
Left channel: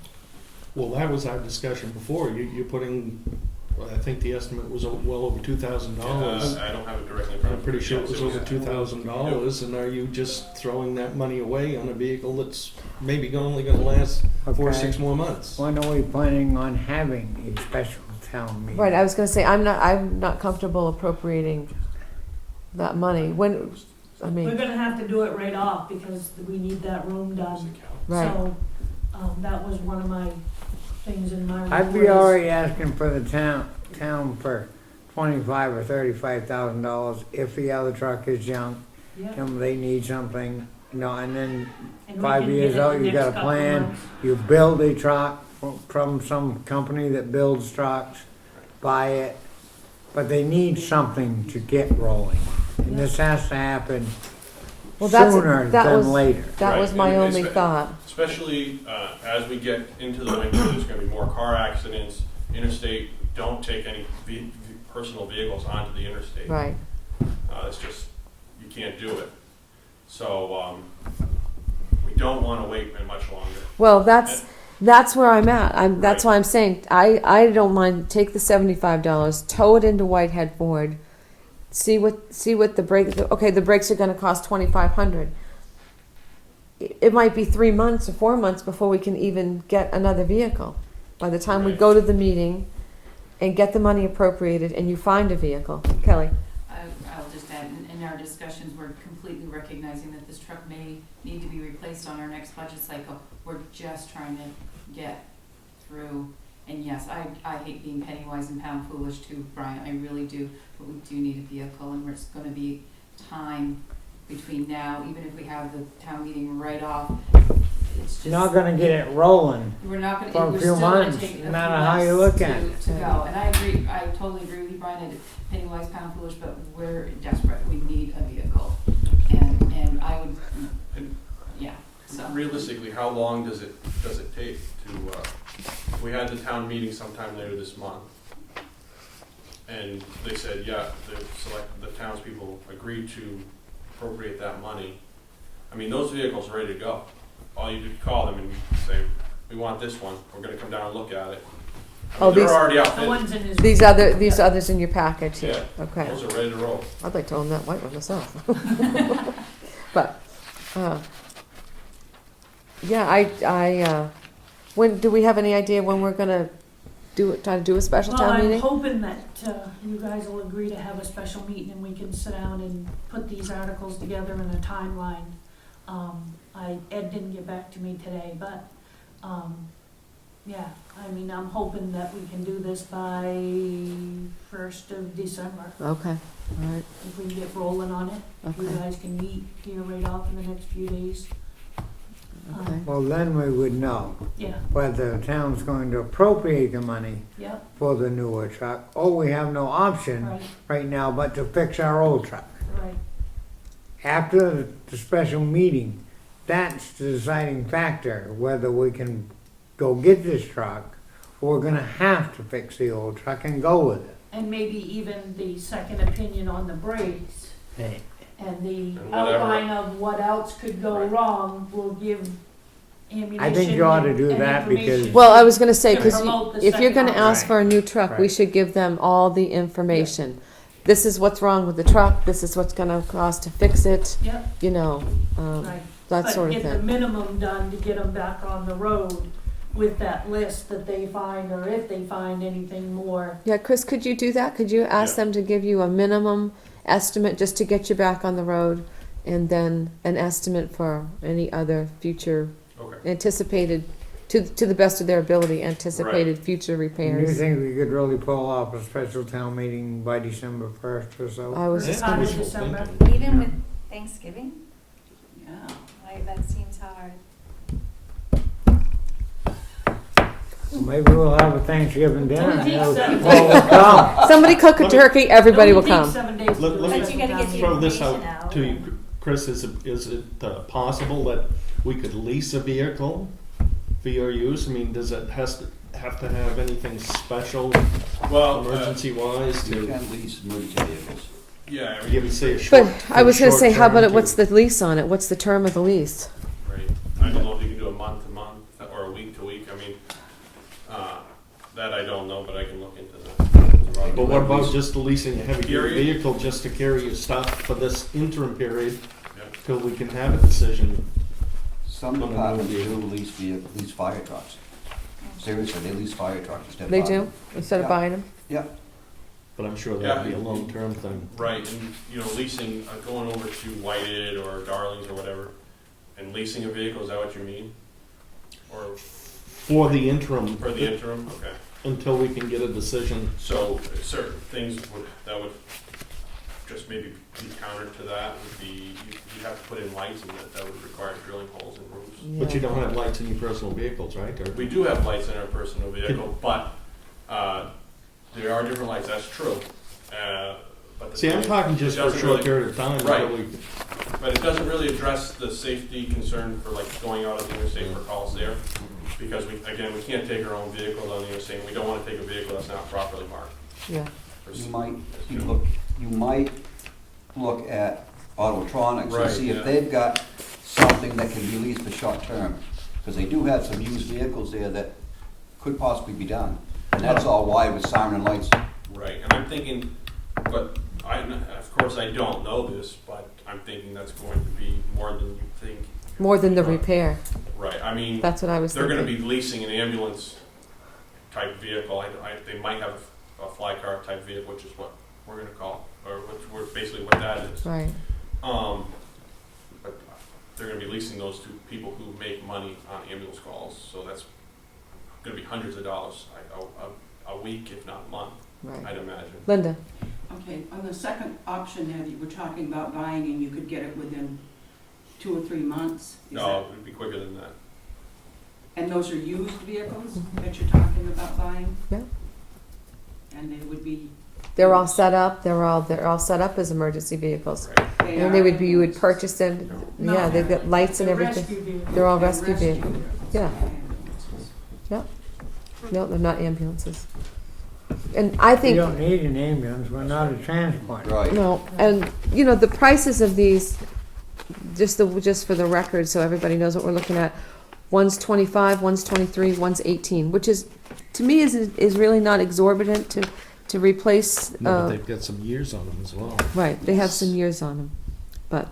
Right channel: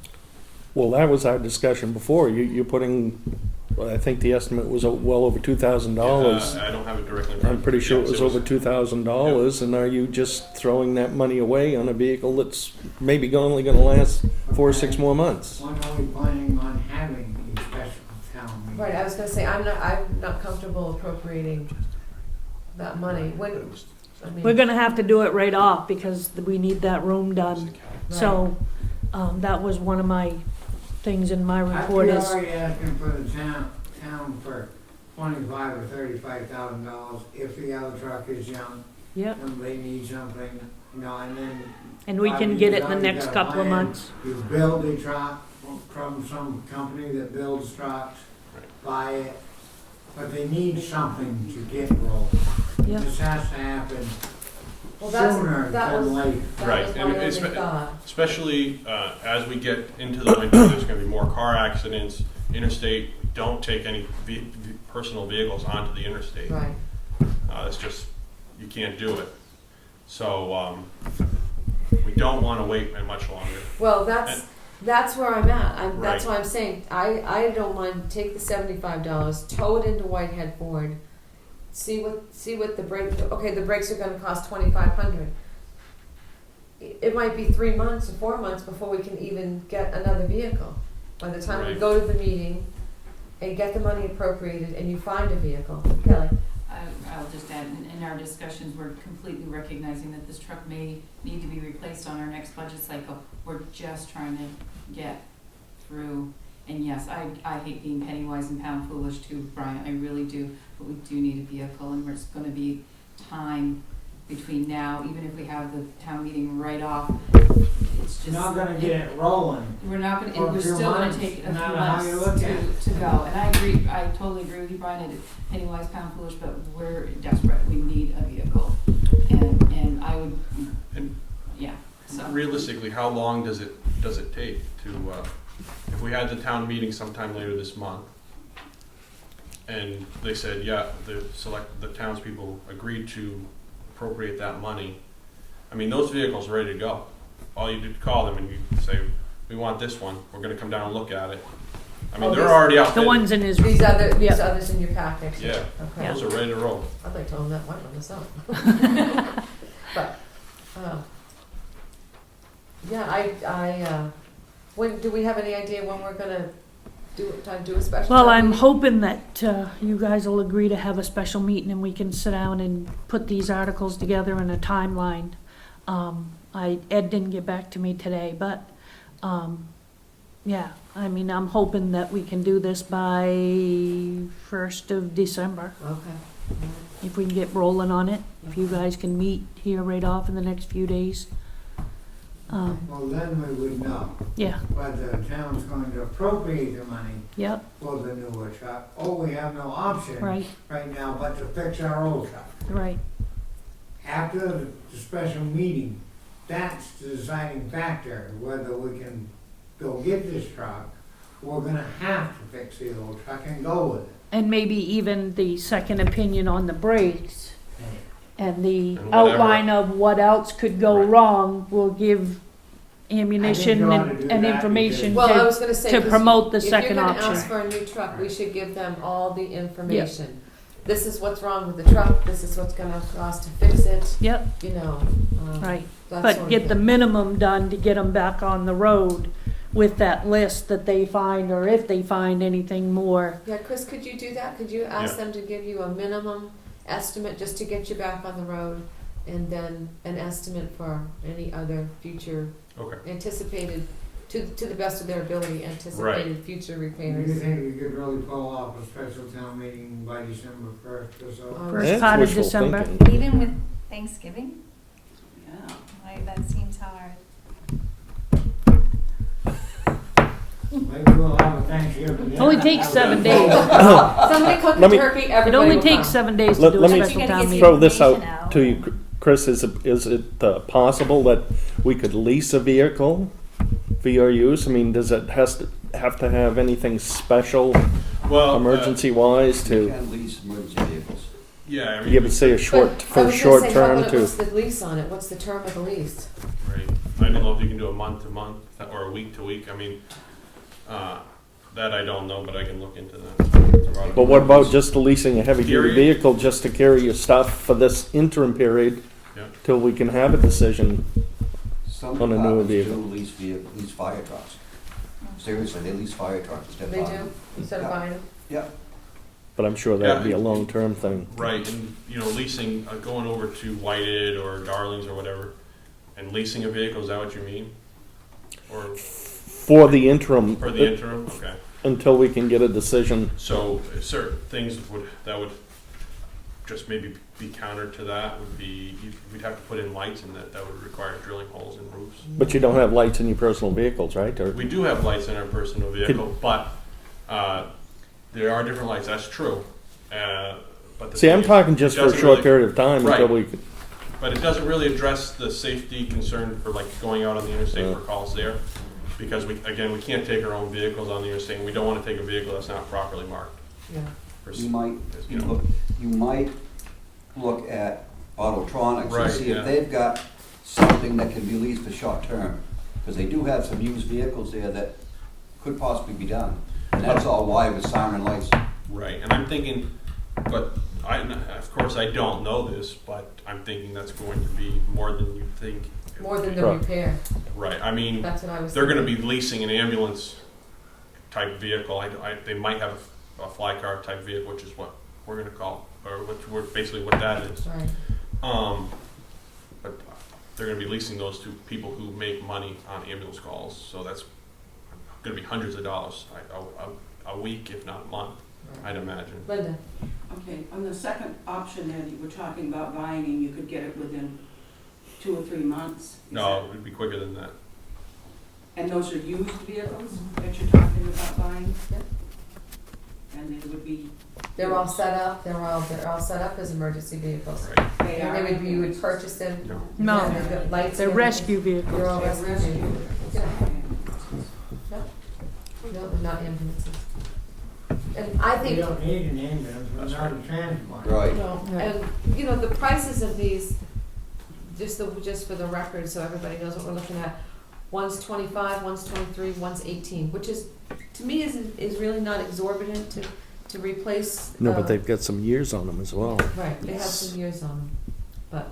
Well, that was our discussion before. You're putting, I think the estimate was well over $2,000. I don't have it directly in front I'm of me. pretty sure it Yes, was over $2,000. And are you just throwing that money away on a vehicle that's maybe only going to last 4 or Okay. 6 more months? When are we planning on having a special town meeting? Right. I was going to say I'm not comfortable appropriating that money. When I mean, We're gonna have to do it right off because we need that room done. right. So, that was one of my things in my I'd report be is, already asking for the town for $25,000 or $35,000 if the other truck is junk. yeah, They need something, and then and we 5 can years get it out, the you next got a couple of plan. months. You build a truck from some company that builds trucks, buy it, but they need something to get rolling. And Yeah. this has to happen Well, sooner that than was later. that Right, was my and only it's- thought. Especially as we get into the winter, there's going to be more car accidents. Interstate, don't take any personal vehicles onto the interstate. Right. It's just, you can't do it. So we don't want to wait much longer. Well, that's where I'm at. That's Right. why I'm saying I don't mind. Take the $75, tow it into Whitehead Ford, see what the brake. Okay, the brakes are going to cost $2,500. It might be 3 months or 4 months before we can even get another vehicle. by the time we Right. go to the meeting and get the money appropriated and you find a vehicle. Kelly? I'll just add, in our discussions, we're completely recognizing that this truck may need to be replaced on our next budget cycle. We're just trying to get through, and yes, I hate being penny wise and pound foolish too, Brian, I really do, but we do need a vehicle, and it's gonna be time between now, even if we have the town meeting right off, it's just. Not gonna get it rolling. We're not For gonna, a we're few still gonna months, take a few no matter how you look at months to go, and I agree, I totally agree with you, Brian, that penny wise, pound foolish, but we're desperate, we need a vehicle, and I would, And yeah, so. realistically, how long does it take to, if we had the town meeting sometime later this month, and they said, yeah, the townspeople agreed to appropriate that money, I mean, those vehicles are ready to go. All you do, call them and you say, we want this one, we're gonna come down and look at it. I Oh, mean, they're these- already The outfitted. ones in his, These others in your package? Yeah, Okay. those are ready to roll. I'd like to own that white one myself. But, yeah, when, do we have any idea when we're gonna try to do a special well, town I'm meeting? hoping that you guys will agree to have a special meeting and we can sit down and put these articles together in a timeline. Ed didn't get back to me today, but, yeah, I mean, I'm hoping that we can do this by 1st of December, Okay, all right. if we can get rolling on it. If you Okay. guys can meet here right off in the next few days. Okay. Well, then we would know Yeah, whether the town's going to appropriate the money yep, for the newer truck, or we have no option right, right now but to fix our old truck. right. After the special meeting, that's the deciding factor, whether we can go get this truck, or we're gonna have to fix the old truck and go with it. And maybe even the second opinion on the brakes and the And whatever. outline of what else could go Right. wrong will give ammunition you ought to and do and that information Well, I to was gonna say, to 'cause promote the if you're second gonna option. ask for a new truck, we Right. should give them all the information. This is what's wrong with the truck, this is what's gonna cost to fix it, Yep, you know, right. that But sort of get the thing. minimum done to get them back on the road with that list that they find, or if they find anything more. Yeah, Chris, could you do that? Could you ask Yeah. them to give you a minimum estimate just to get you back on the road? And then an estimate for any other future Okay. anticipated, to the best of their ability, anticipated future Do you repairs. think we could really pull off a special town meeting by December 1st or so? I was- First That's part of wishful December. thinking. Even with Thanksgiving, Yeah. like that seems hard. Maybe we'll have a Thanksgiving dinner. Only takes 7 Well, days. Somebody cook a Let me- turkey, It everybody only will takes come. 7 days to Let- do a let me- But you special gotta town get the meeting. Throw this out information out. to you, Chris, is it possible that we could lease a vehicle for your use? I mean, does it have to have anything special, Well, emergency wise, You to can lease emergency vehicles. yeah, I mean, give it, say, a short, But I was gonna say, how short about term it, what's to? the lease on it? What's the term of the lease? right. I don't know if you can do a month to month or a week to week. I mean, that I don't know, but I can look into that. But what about just leasing a heavy duty Period. vehicle just to carry your stuff for this interim period Yeah. till we can have a decision? Some On a newer departments do vehicle. lease fire trucks. Seriously, they lease fire trucks instead of They buying do, them. instead of Yeah. buying them? Yeah, But I'm sure that'd be Yeah. a long term thing. Right, and leasing, going over to Whited or Darlings or whatever, and leasing a vehicle, is that what you mean? Or For the interim, for the interim? Okay. until we can get a decision. So certain things that would just maybe be counter to that would be, you'd have to put in lights, and that would require drilling holes in roofs. But you don't have lights in your personal vehicles, right? Or We do have lights in our personal vehicle, but there are different lights, that's true. But the see, I'm thing is, talking just it for a doesn't short really- period of time until Right. we. But it doesn't really address the safety concern for like going out on the interstate for calls there. Because we can't take our own vehicles on the interstate, and we don't wanna take a vehicle that's not properly marked. Yeah. you might look at Autotronics and Right, see yeah. if they've got something that can be leased for short term. Because they do have some used vehicles there that could possibly be done. And that's all why with siren lights. Right, and I'm thinking, but of course I don't know this, but I'm thinking that's going to be more than you think. More than the Right. repair, Right, I mean, that's what I was they're thinking. gonna be leasing an ambulance type vehicle. They might have a fly car type vehicle, which is what we're gonna call, or basically what that is. Right. But they're gonna be leasing those to people who make money on ambulance calls, so that's gonna be hundreds of dollars a week, if not a month, I'd imagine. Linda? Okay, on the second option there that you were talking about buying and you could get it within 2 or 3 months? is No, that- it would be quicker than that. And those are used vehicles that you're talking about buying? Yeah. And they would be, They're all set up, they're all set up as emergency vehicles. Right. they And are. they would be, you would purchase them, No. yeah, they've got lights and The everything. rescue vehicles. They're all They're rescue vehicles. Yeah. vehicles. No, they're not ambulances. And I We think, don't need an ambulance, we're not a transport. Right. no, and, you know, the prices of these, just for the record, so everybody knows what we're looking at, one's 25, one's 23, one's 18, which is, to me, is really not exorbitant to replace. No, but they've got some years on them as well. Right, they have some years on them, but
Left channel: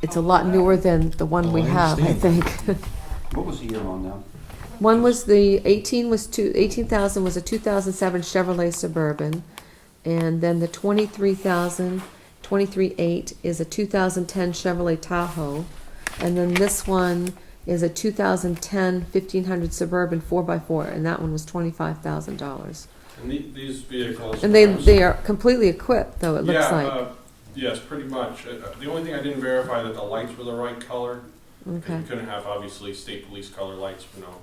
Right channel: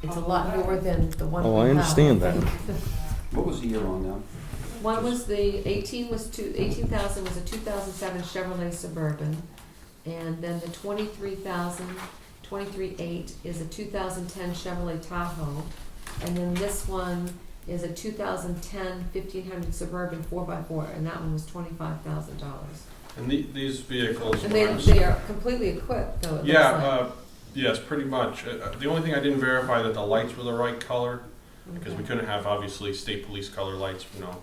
it's a lot newer than the one Oh, we I have, I understand that. think. What was the year on them? One was the 18,000 was a 2007 Chevrolet Suburban, and then the 23,800 is a 2010 Chevrolet Tahoe, and then this one is a 2010 1500 Suburban 4x4, and that one was $25,000. And these vehicles. And they are completely equipped, though, it looks like. Yes, pretty much. The only thing I didn't verify that the lights were the right color, because Okay. we couldn't have obviously state police color lights, you know.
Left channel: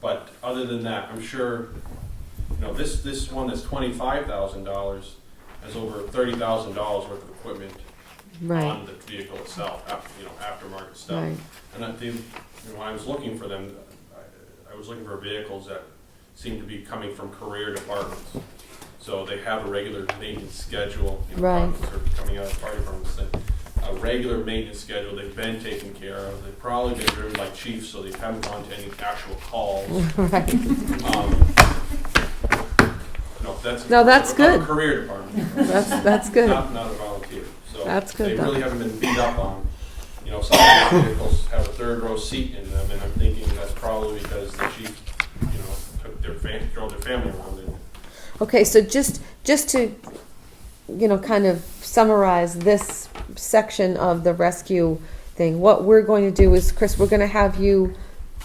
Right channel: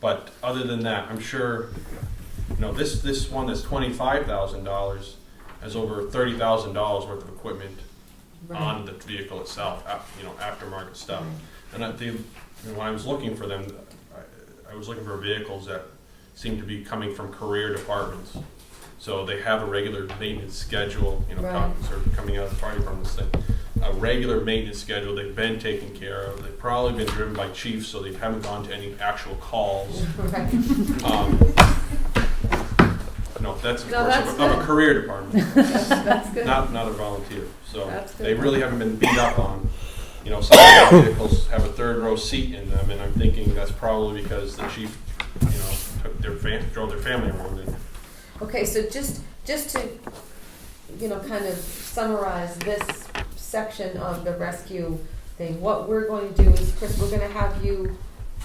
But other than that, I'm sure, you know, this one that's $25,000 has over $30,000 worth of equipment Right, on the vehicle itself, you know, aftermarket stuff. right. And when I was looking for them, I was looking for vehicles that seemed to be coming from career departments. So they have a regular maintenance schedule, you know, Right. sort of coming out of the fire department's thing. A regular maintenance schedule, they've been taken care of. They've probably been driven by chiefs, so they haven't gone to any actual calls. Right. No, that's of No, course that's of good. a career department, That's good. not a volunteer. So That's good, they though. really haven't been beat up on. You know, some of the vehicles have a third row seat in them, and I'm thinking that's probably because the chief, you know, drove their family around in. Okay, so just to, you know, kind of summarize this section of the rescue thing, what we're going to do is, Chris, we're going to have you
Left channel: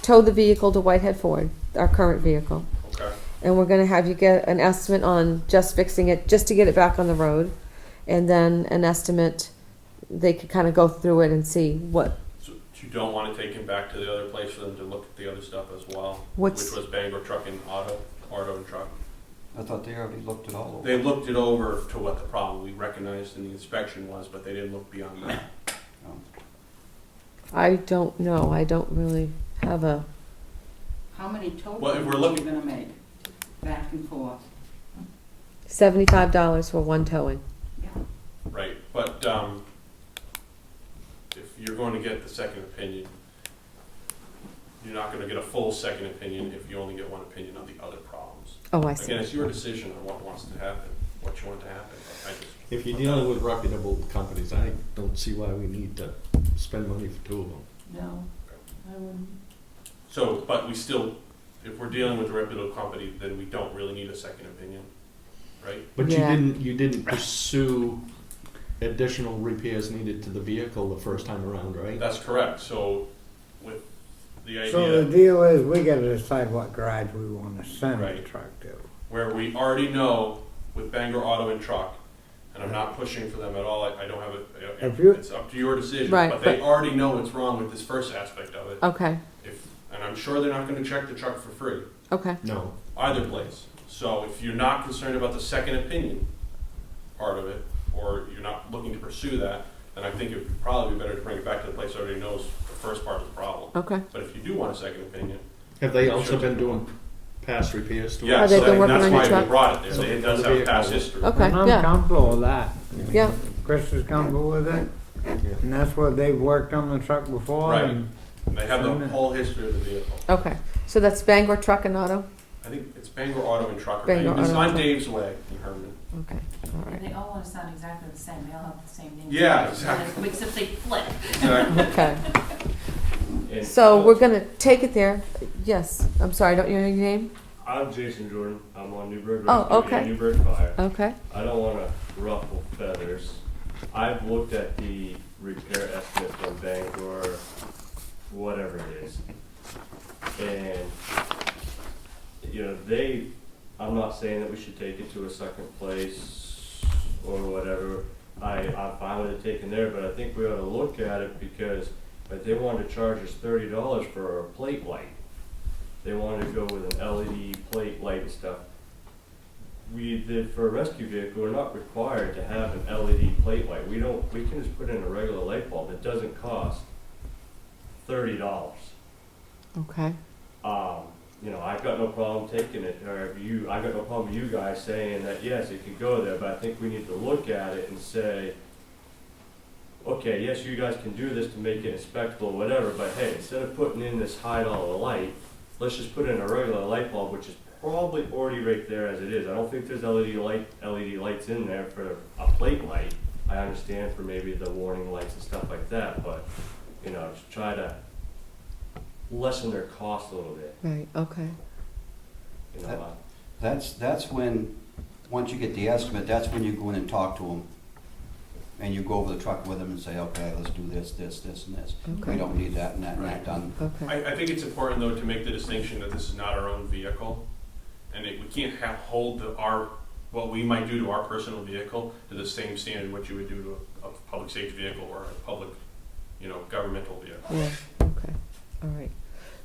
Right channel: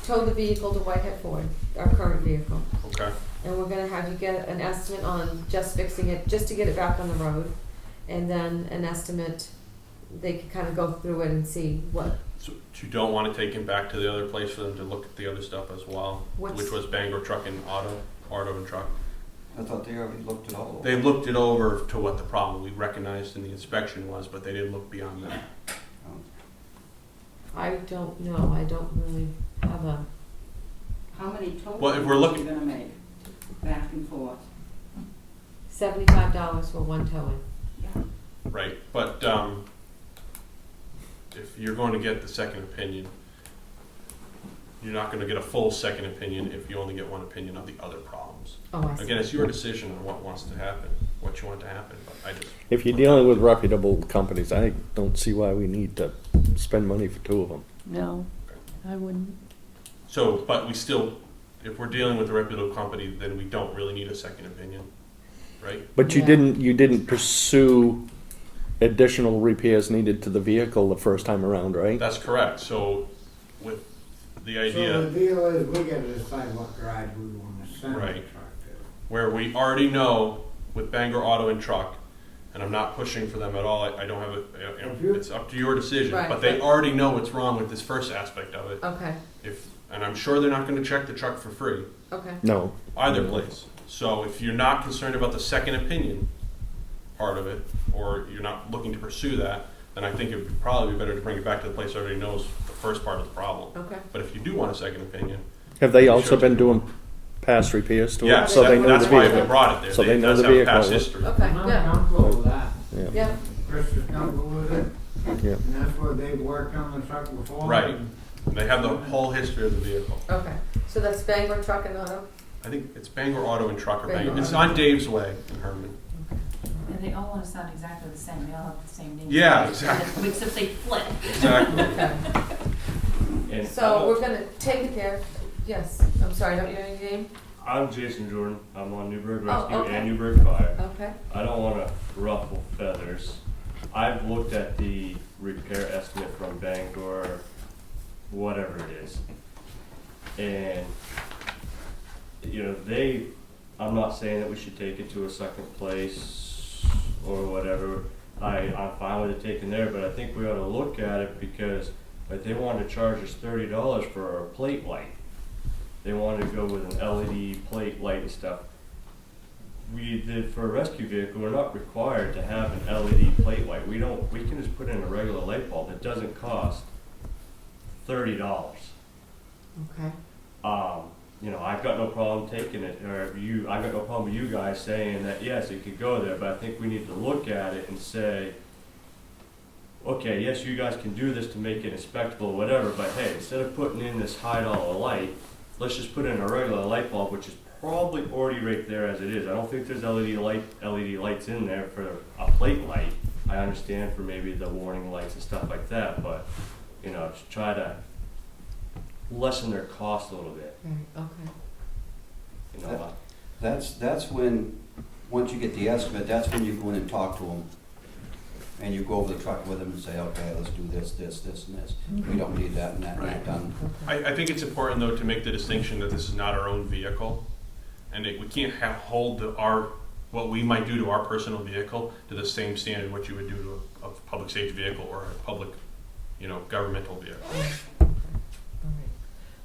tow the vehicle to Whitehead Ford, our current vehicle, Okay. and we're going to have you get an estimate on just fixing it, just to get it back on the road, and then an estimate. They could kind of go through it and see what. So you don't want to take him back to the other place for them to look at the other stuff as well, What's- which was Bangor Truck and Auto and Truck. I thought they already looked it all over. They looked it over to what the problem we recognized in the inspection was, but they didn't look beyond that. I don't know. I don't really have a. How many total Well, if we're are looking- you gonna make, back and forth? $75 for one towing. Yeah. Right, but if you're going to get the second opinion, you're not going to get a full second opinion if you only get one opinion of the other problems. Oh, I see. Again, it's your decision on what wants to happen, what you want to happen, but I just, If you're dealing with reputable companies, I don't see why we need to spend money for two of them. No, I wouldn't. so, but we still, if we're dealing with a reputable company, then we don't really need a second opinion, right? But Yeah. you didn't pursue additional repairs needed to the vehicle the first time around, right? That's correct, so with the So the idea deal is, we gotta decide what garage we wanna send the Right. truck to. where we already know with Bangor Auto and Truck, and I'm not pushing for them at all, I don't have If you- it's up to your decision, Right, but they but- already know what's wrong with this first aspect of it. Okay. And I'm sure they're not gonna check the truck for free, Okay. No. either place. So if you're not concerned about the second opinion part of it, or you're not looking to pursue that, then I think it would probably be better to bring it back to the place that already knows the first part of the problem. Okay. But if you do want a second opinion, Have they also Sure. been doing past repairs to it? yeah, they So don't they wanna that's know why the we truck. brought it there. So they It know does the have vehicle. past history. Okay. I'm Yeah. comfortable with that. vehicle. Yeah. Chris is comfortable with it, Yeah. and that's what they've worked on the truck before. Right. and- They have the whole history of the vehicle. Okay. So that's Bangor Truck and Auto. I think it's Bangor Auto and Truck or Bangor Bangor. It's Auto. on Dave's Way in Herman. Okay. All And right. they all want to sound exactly the same, they all have the same name. Yeah, exactly. Except they flip. Exactly. Okay. And So we're gonna take it there. Yes, I'm sorry, don't you know your name? I'm Jason Jordan. I'm on Newburgh Oh, Rescue okay. and Newburgh Fire. Okay. I don't want to ruffle feathers. I've looked at the repair estimate from Bangor, whatever it is, and you know I'm not saying that we should take it to a second place or whatever. I'm fine with it taken there, but I think we ought to look at it because like they wanted to charge us $30 for a plate light. They wanted to go with an LED plate light and stuff. For a rescue vehicle, we're not required to have an LED plate light. We can just put in a regular light bulb. It doesn't cost $30. Okay. You know, I've got no problem taking it, I've got no problem with you guys saying that, yes, it could go there, but I think we need to look at it and say, okay, yes, you guys can do this to make it a spectacle or whatever, but hey, instead of putting in this high-dollar light, let's just put in a regular light bulb, which is probably already right there as it is. I don't think there's LED lights in there for a plate light. I understand for maybe the warning lights and stuff like that, but, you know, to try to lessen their cost a little bit. Right, okay. You know, That's when, once you get the estimate, that's when you go in and talk to them. And you go over the truck with them and say, okay, let's do this, this, this, and this. Okay. We don't need that and that and that Right. done. Okay. I think it's important though to make the distinction that this is not our own vehicle, and we can't hold what we might do to our personal vehicle to the same standard what you would do to a public safety vehicle or a public, governmental vehicle. Yeah, okay, all right.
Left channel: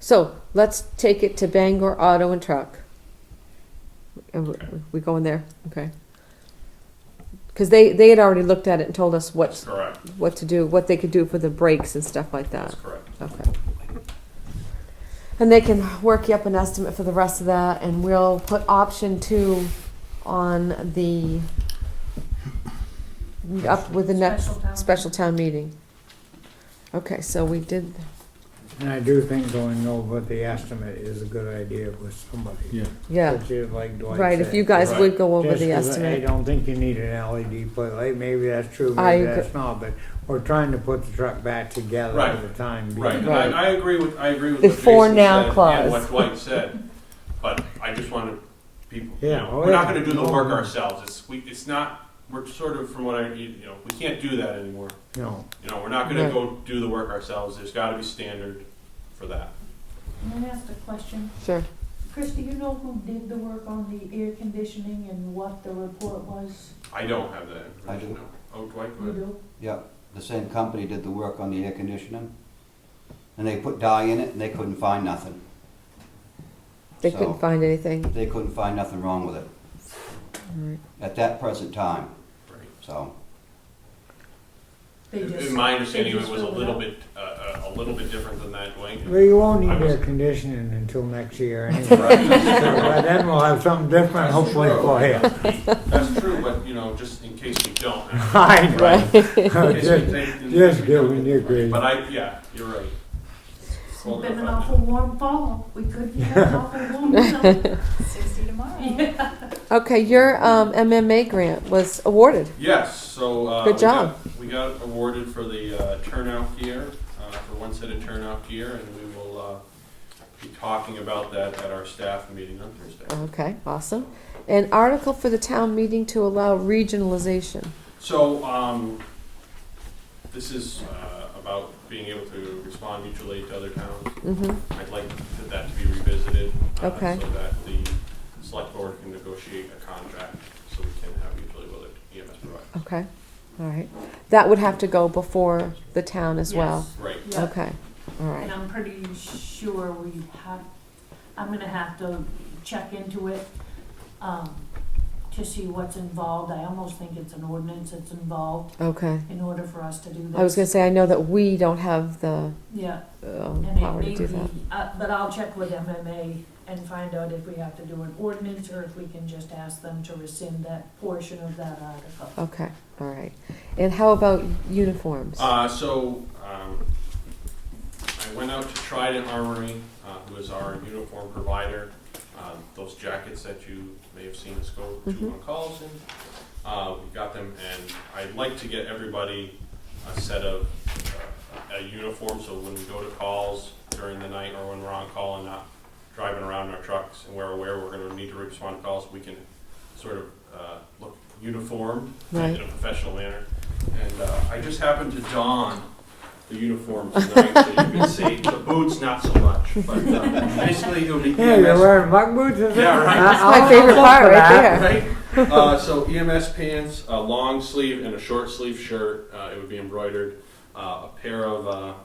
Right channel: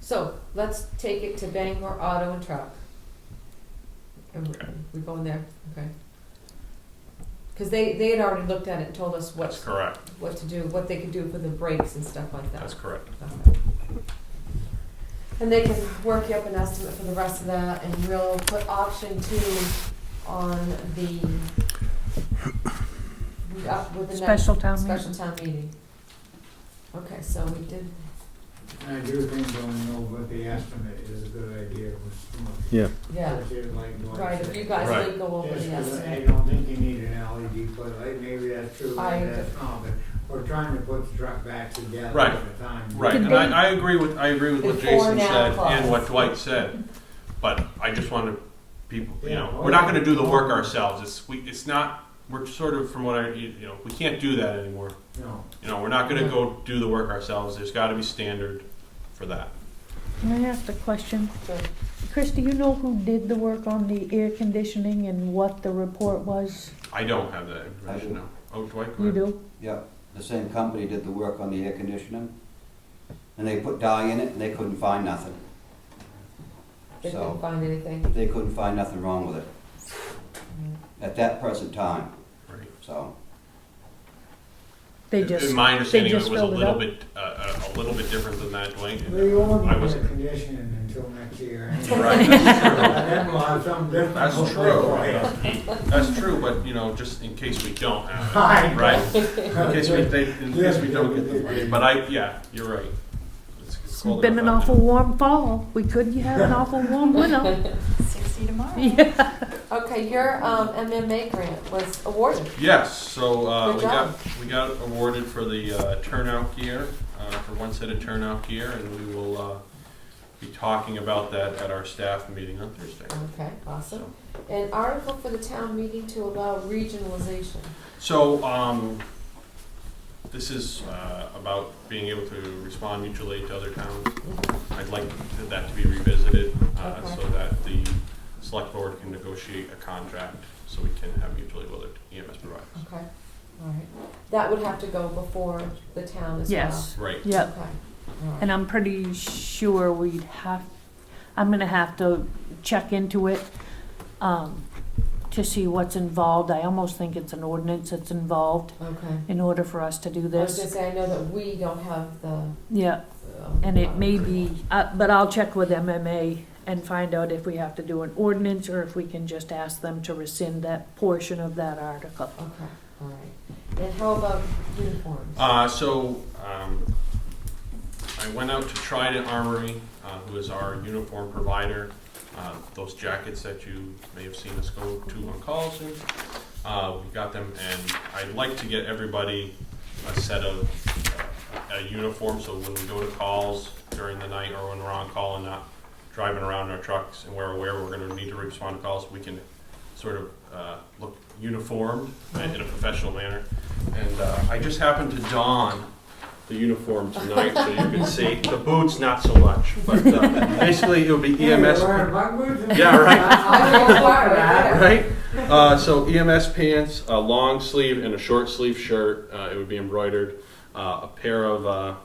So, let's take it to Bangor Auto and Truck. And Okay. we going there, okay? Because they had already looked at it and told us That's correct. what to do, what they could do for the brakes and stuff like that. That's correct. Okay. And they can work you up an estimate for the rest of that, and we'll put option 2 on the, up with the next special town meeting. Okay, so we did, And I do think going over the estimate is a good idea with somebody. Yeah. yeah, Especially like Dwight right, if said. you guys Right. would go over Just the 'cause I estimate. don't think you need an LED plate light, maybe that's true, I maybe agree. that's not, but we're trying to put the truck back together Right. at the time. Right, and I agree with what Before Jason now said clause. and what Dwight said, but I just want to people, Yeah, we're not going to do the work ourselves. It's not. We're sort of from what we can't do that anymore. No. We're not going to Yeah. go do the work ourselves. There's got to be standard for that. Can I ask a question? Sure. Chris, do you know who did the work on the air conditioning and what the report was? I don't have that I information do. now. Oh, Dwight, go You ahead. do? Yep, the same company did the work on the air conditioning. And they put dye in it and they couldn't find nothing. They So- couldn't find anything. They couldn't find nothing wrong with it Right. at that present time, Right. so. They just, In my understanding, they it just was a filled it little up? bit a little bit different than that, Dwayne. We won't need I was- air conditioning until next year anyway. Right. By then we'll have something different That's hopefully true. for you. That's true, but just in case we don't have. Right. Right. In case we don't get the But you're right. It's cold It's been an enough out awful warm fall. We couldn't have an awful warm winter. 60 tomorrow. Yeah. Okay, your MMA grant was awarded. Yes, so Good job. we got awarded for the turnout gear, for one set of turnout gear, and we will be talking about that at our staff meeting on Thursday. Okay, awesome. An article for the town meeting to allow regionalization. So this is about being able to respond mutual aid to other towns. Mm-hmm. I'd like that to be revisited Okay. so that the select board can negotiate a contract so we can have mutually willing EMS providers. Okay, all right. That would have to go before the town as well. Yes. Right. Yeah. Okay, all right. And I'm pretty sure I'm gonna have to check into it, to see what's involved. I almost think it's an ordinance that's involved Okay. in order for us to do this. I was gonna say, I know that we don't have the. Yeah, and it power may to do be, but I'll check with MMA and find out if we have to do an ordinance or if we can just ask them to rescind that portion of that article. that. Okay, all right. And how about uniforms? I went out to Trident Armory, who is our uniform provider. Those jackets that you may have seen us go to on calls in. We got them, and I'd like to get everybody a set of a uniform, so when we go to calls during the night or when we're on call and not driving around in our trucks and we're aware we're gonna need to respond to calls, we can sort of look uniformed Right. in a professional manner. And I just happened to don the uniform tonight, so you can see, the boots not so much, but basically it would be Hey, you're EMS. wearing buck boots? Yeah, right. My favorite part right there. Right? So EMS pants, a long sleeve and a short sleeve shirt. It would be embroidered. A pair of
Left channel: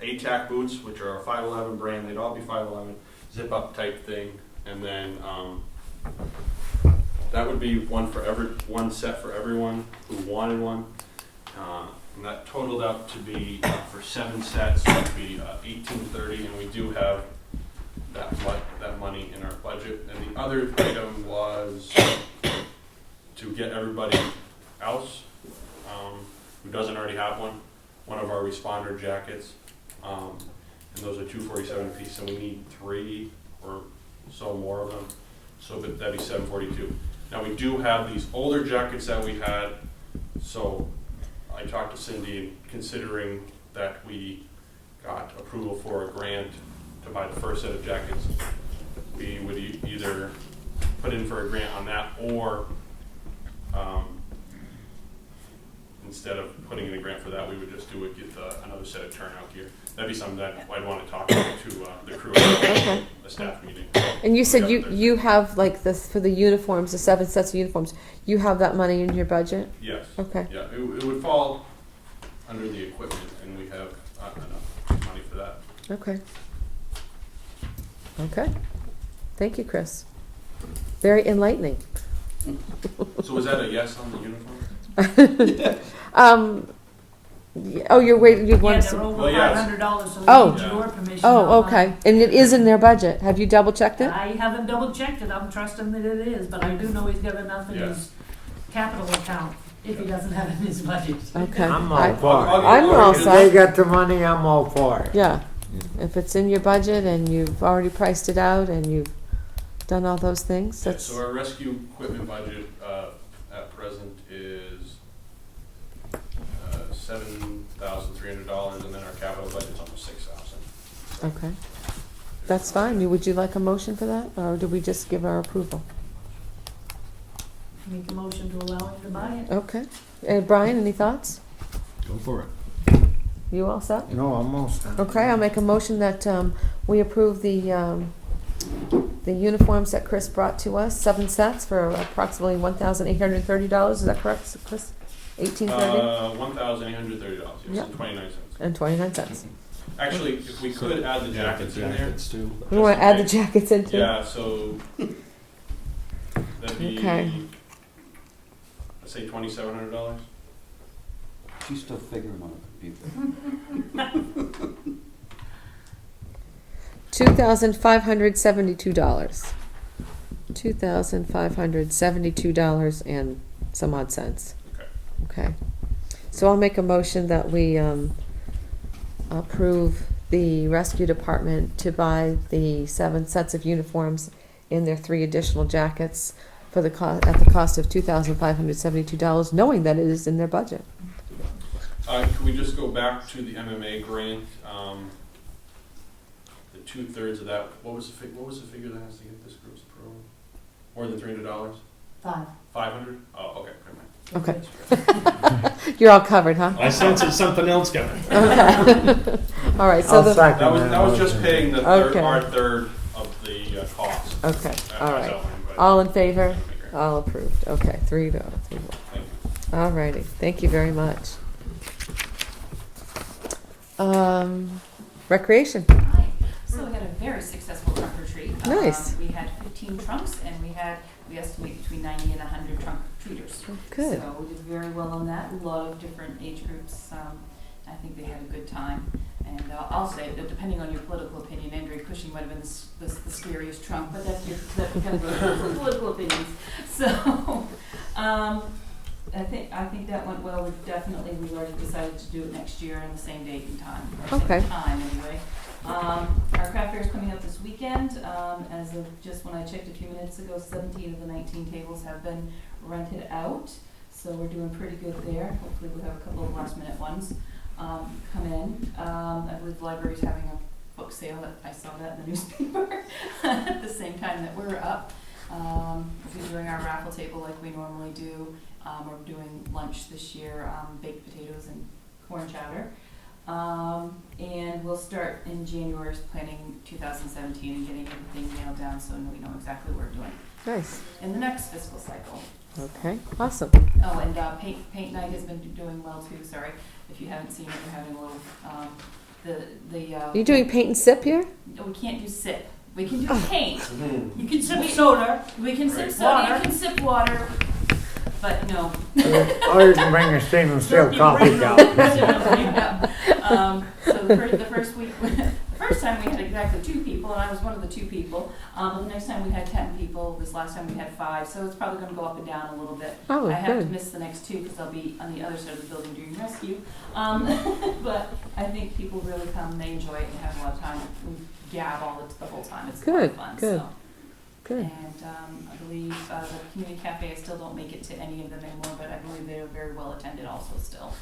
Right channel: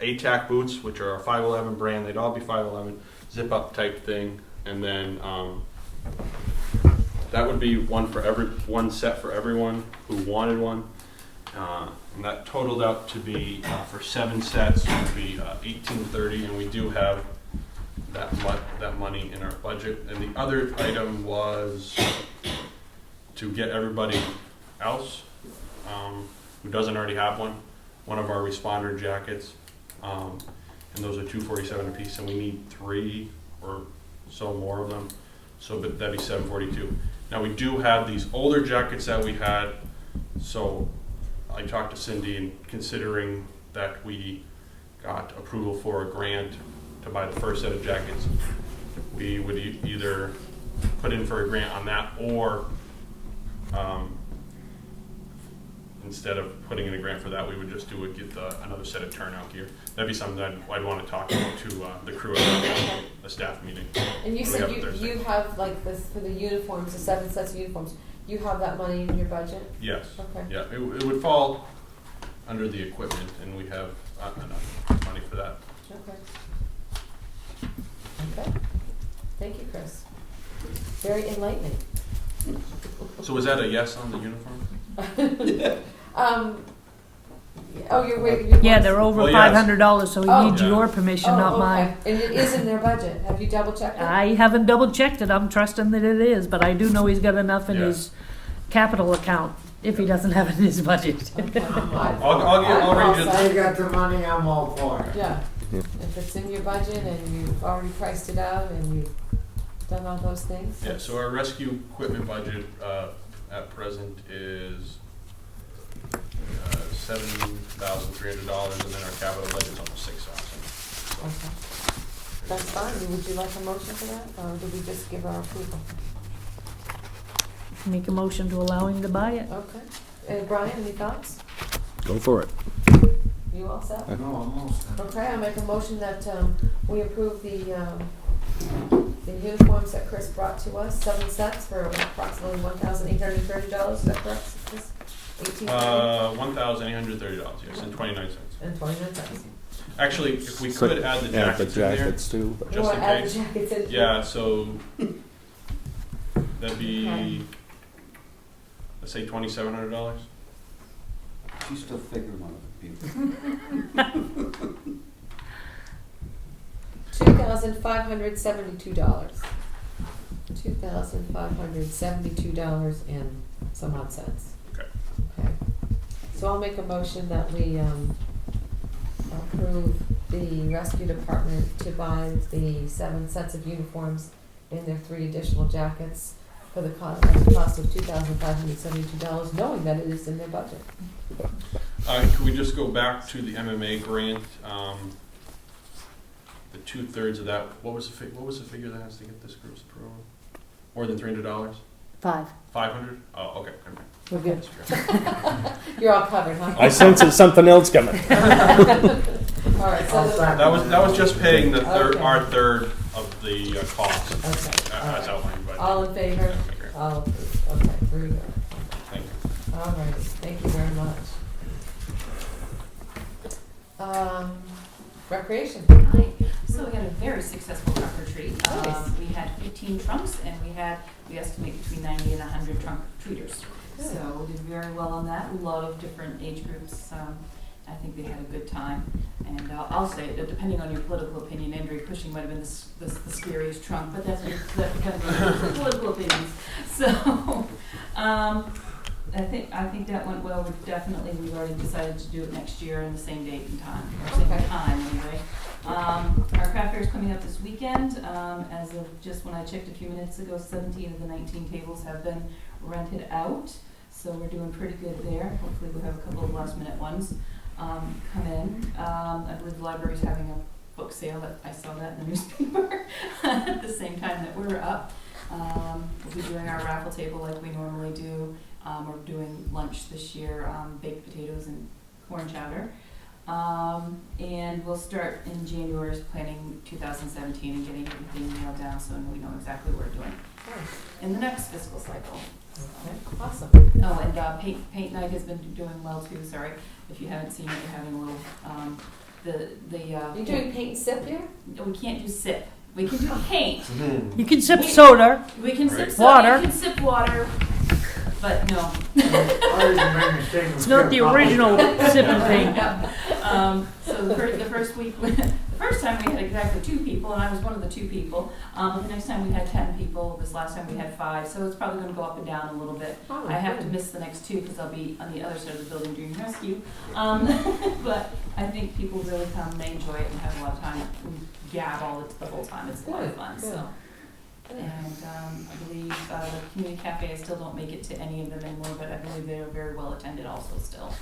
ATAC boots, which are a 511 brand. They'd all be 511, zip up type thing. And then that would be one set for everyone who wanted one. And that totaled out to be for 7 sets would be $18.30, and we do have that money in our budget. And the other item was to get everybody else who doesn't already have one of our responder jackets, and those are $247 a piece, and we need 3 or so more of them. So but that'd be $742. Now we do have these older jackets that we had, so I talked to Cindy, and considering that we got approval for a grant to buy the first set of jackets, we would either put in for a grant on that, or instead of putting in a grant for that, we would just get another set of turnout gear. That'd be something that I'd want to talk to the crew at the staff meeting. And you said We have you have like this for the uniforms, the 7 sets of uniforms. You have that money in your budget? Yes. Okay. Yeah, it would fall under the equipment, and we have enough money for that. Okay. Okay. Thank you, Chris. Very enlightening. So was that a yes on the uniform? Oh, you're waiting. Yeah, they're over Well, yes. $500, so we Oh. need your permission, Oh, not okay. mine. And it is in their budget. Have you double checked it? I haven't double checked it, I'm trusting that it is, but I do know he's got enough in Yeah. his capital account, if he doesn't have it in his budget. Okay. I'm all I- for I'll it. I'm all I'll set. They got the money, I'm all for it. Yeah. If it's in your budget and you've already priced it out and you've done all those things, Yeah, that's so our rescue equipment budget at present is $7,300, and then our capital budget's almost $6,000. okay. That's fine. Would you like a motion for that, or do we just give our approval? Make a motion to allow him to buy it. Okay. Brian, any thoughts? Go for it. You all set? No, I'm all set. Okay, I'll make a motion that we approve the uniforms that Chris brought to us, 7 sets for approximately $1,830. Is that correct, Chris? $1,830 $1,830, yes, Yeah. and 29 cents. and 29 cents. Actually, if we could add the Yeah, the jackets in there. jackets too. You Just want in to add the case. jackets into it? Yeah, so that'd be, Okay. let's say $2,700. She's still figuring on a computer. $2,572. $2,572 and some odd cents. Okay. Okay. So I'll make a motion that we approve the rescue department to buy the 7 sets of uniforms and their 3 additional jackets for the at the cost of $2,572, knowing that it is in their budget. Can we just go back to the MMA grant? The 2/3 of that. What was the figure that has to get this group's approval? More than $300? 5. 500? Oh, okay. Never mind. Okay. That's fair. You're all covered, huh? I sense there's something else coming. All right, so I'll the, second That was just paying the Okay. our third of the cost. okay, all As right. outlined by All in favor? the grant. All approved. Okay, 3 to 0. Thank you. All righty, thank you very much. Recreation. Hi. So we had a very successful trunk retreat. Nice. We had 15 trunks, and we estimate between 90 and 100 trunk treaters. Good. So we did very well on that. A lot of different age groups. I think they had a good time. And I'll say, that depending on your political opinion, Andrew Cushing might have been the scariest trunk, but that's kind of political opinions. So I think that went well. We've already decided to do it next year in the same date and time, or Okay. same time anyway. Our craft fair is coming up this weekend. As of just when I checked a few minutes ago, 17 of the 19 tables have been rented out. So we're doing pretty good there. Hopefully we'll have a couple of last minute ones come in. I believe the library's having a book sale. I saw that in the newspaper at the same time that we're up. We'll be doing our raffle table like we normally do. We're doing lunch this year, baked potatoes and corn chowder. And we'll start in January planning 2017 and getting everything nailed down so we know exactly what we're doing Nice. in the next fiscal cycle. Okay, awesome. Oh, and paint night has been doing well too. Sorry, if you haven't seen it, we're having a little Are you doing paint and sip here? No, we can't do sip. We can do paint. You can sip soda. We can sip soda. Water. You can sip water, but no. Or you can bring a stainless It's not steel the coffee original cup. sipping thing. So the first week, the first time we had exactly 2 people, and I was one of the 2 people. The next time we had 10 people. This last time we had 5. So it's probably going to go up and down a little bit. Oh, I have to good. miss the next 2 because I'll be on the other side of the building doing rescue. But I think people really come and they enjoy it and have a lot of time. We gab all the whole time. It's a lot of fun. Good. So. Good. And I believe the community cafe, I still don't make it to any of them anymore, but I believe they're very well attended also still.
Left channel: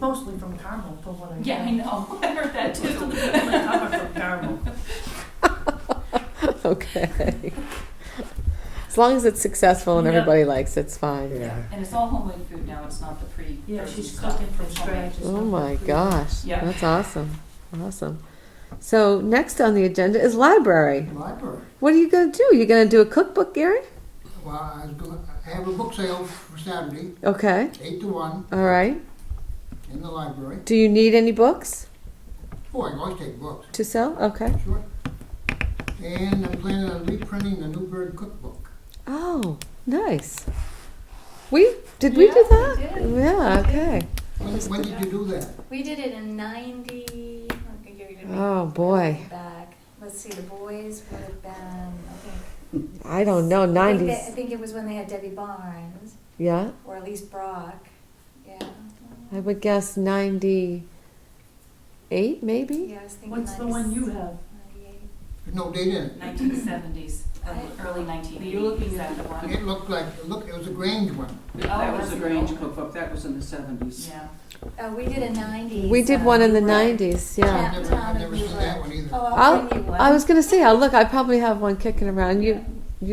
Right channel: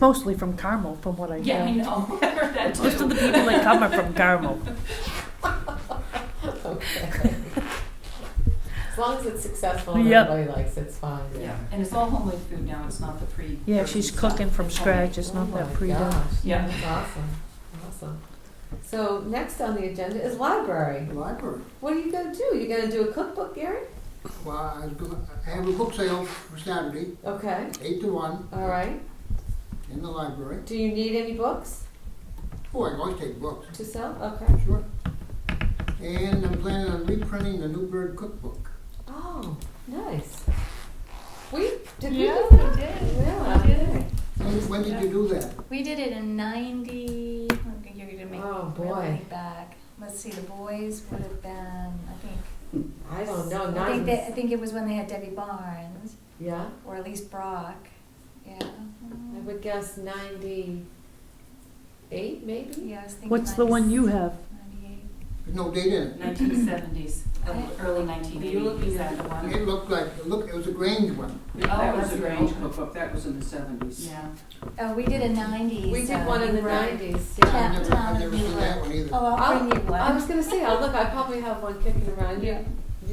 Mostly from Carmel, from what I Yeah, I know. know. I heard that too. Most of the people that come are from Carmel. Okay. As long as it's successful and Yep. everybody likes it, it's fine. Yeah, and it's all homemade food now. It's not the pre. Yeah, she's cooking from scratch. It's Oh not my that pretty. gosh, Yeah. that's awesome, awesome. So next on the agenda is library. Library. What are you gonna do? You gonna do a cookbook, Gary? Well, I have a book sale for Saturday, Okay, 8 to 1, all right. in the library. Do you need any books Oh, I can always take books, to sell? Okay. sure. And I'm planning on reprinting the Newburgh cookbook. Oh, nice. Did we do that? We did. Yeah, We did. okay. When did you do that? We did it in 90. Okay, you're gonna make Oh, me boy. really think back. Let's see, the boys would have been, I think. I don't know, I think, 90s. I think it was when they had Debbie Barnes, Yeah, or at least Brock. Yeah. I would guess 98 maybe? Yeah, I was thinking. What's the one you have? 98. There's no date in it. 1970s, early 1980s. You're looking Is that the one? It looked like, it was a Grange one. That was that's a the Grange old one. cookbook, that was in the 70s. Yeah. We did a 90s. We did one in the Newburgh. 90s, yeah. I've never seen that one either. Oh, I'll bring you one. I was gonna say, I'll look, I probably have one kicking around. You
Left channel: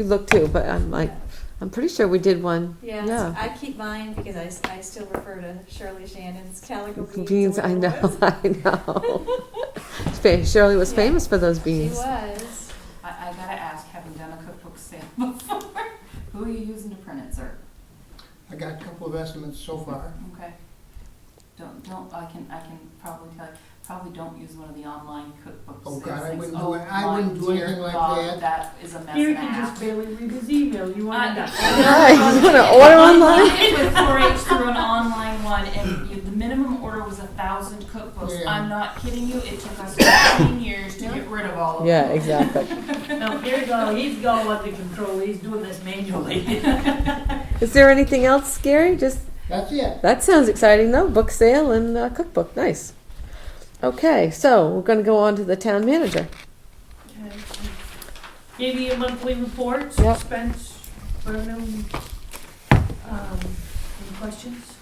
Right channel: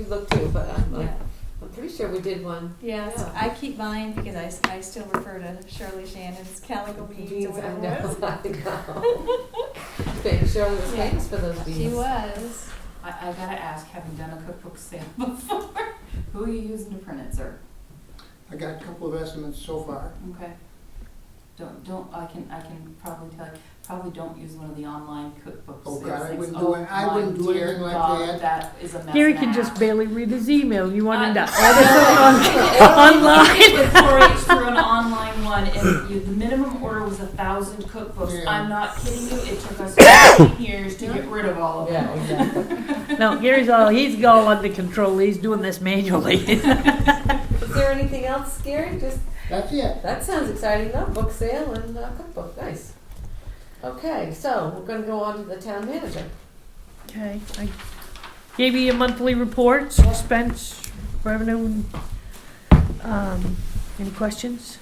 look too, but I'm like, Yeah. I'm pretty sure we did one. Yeah, Yeah. I keep mine because I still refer to Shirley Shannon's calico beans. Beans, or I know, whatever it was. I know. Shirley was Yeah. famous for those She beans. was. I gotta ask, having done a cookbook sale before, who are you using to print it, sir? I got a couple of estimates so far. Okay. I can probably tell you, probably don't use one of the online cookbooks. Oh, God, I things. wouldn't do it. I my wouldn't do dear anything like God, that. That is a mess Gary and a can just half. barely read his email. You want him to I did with 4-H through an online one, and the minimum order was 1,000 cookbooks. Yeah. I'm not kidding you. It took us 15 years to get rid of all of Yeah, them. exactly. No, Gary's all under control. He's doing this manually. Is there anything else, Gary? Just, That's it. that sounds exciting though, book sale and cookbook, nice. Okay, so we're gonna go on to the town manager. Okay, I gave you your monthly reports, Yep. expense, revenue. Any questions?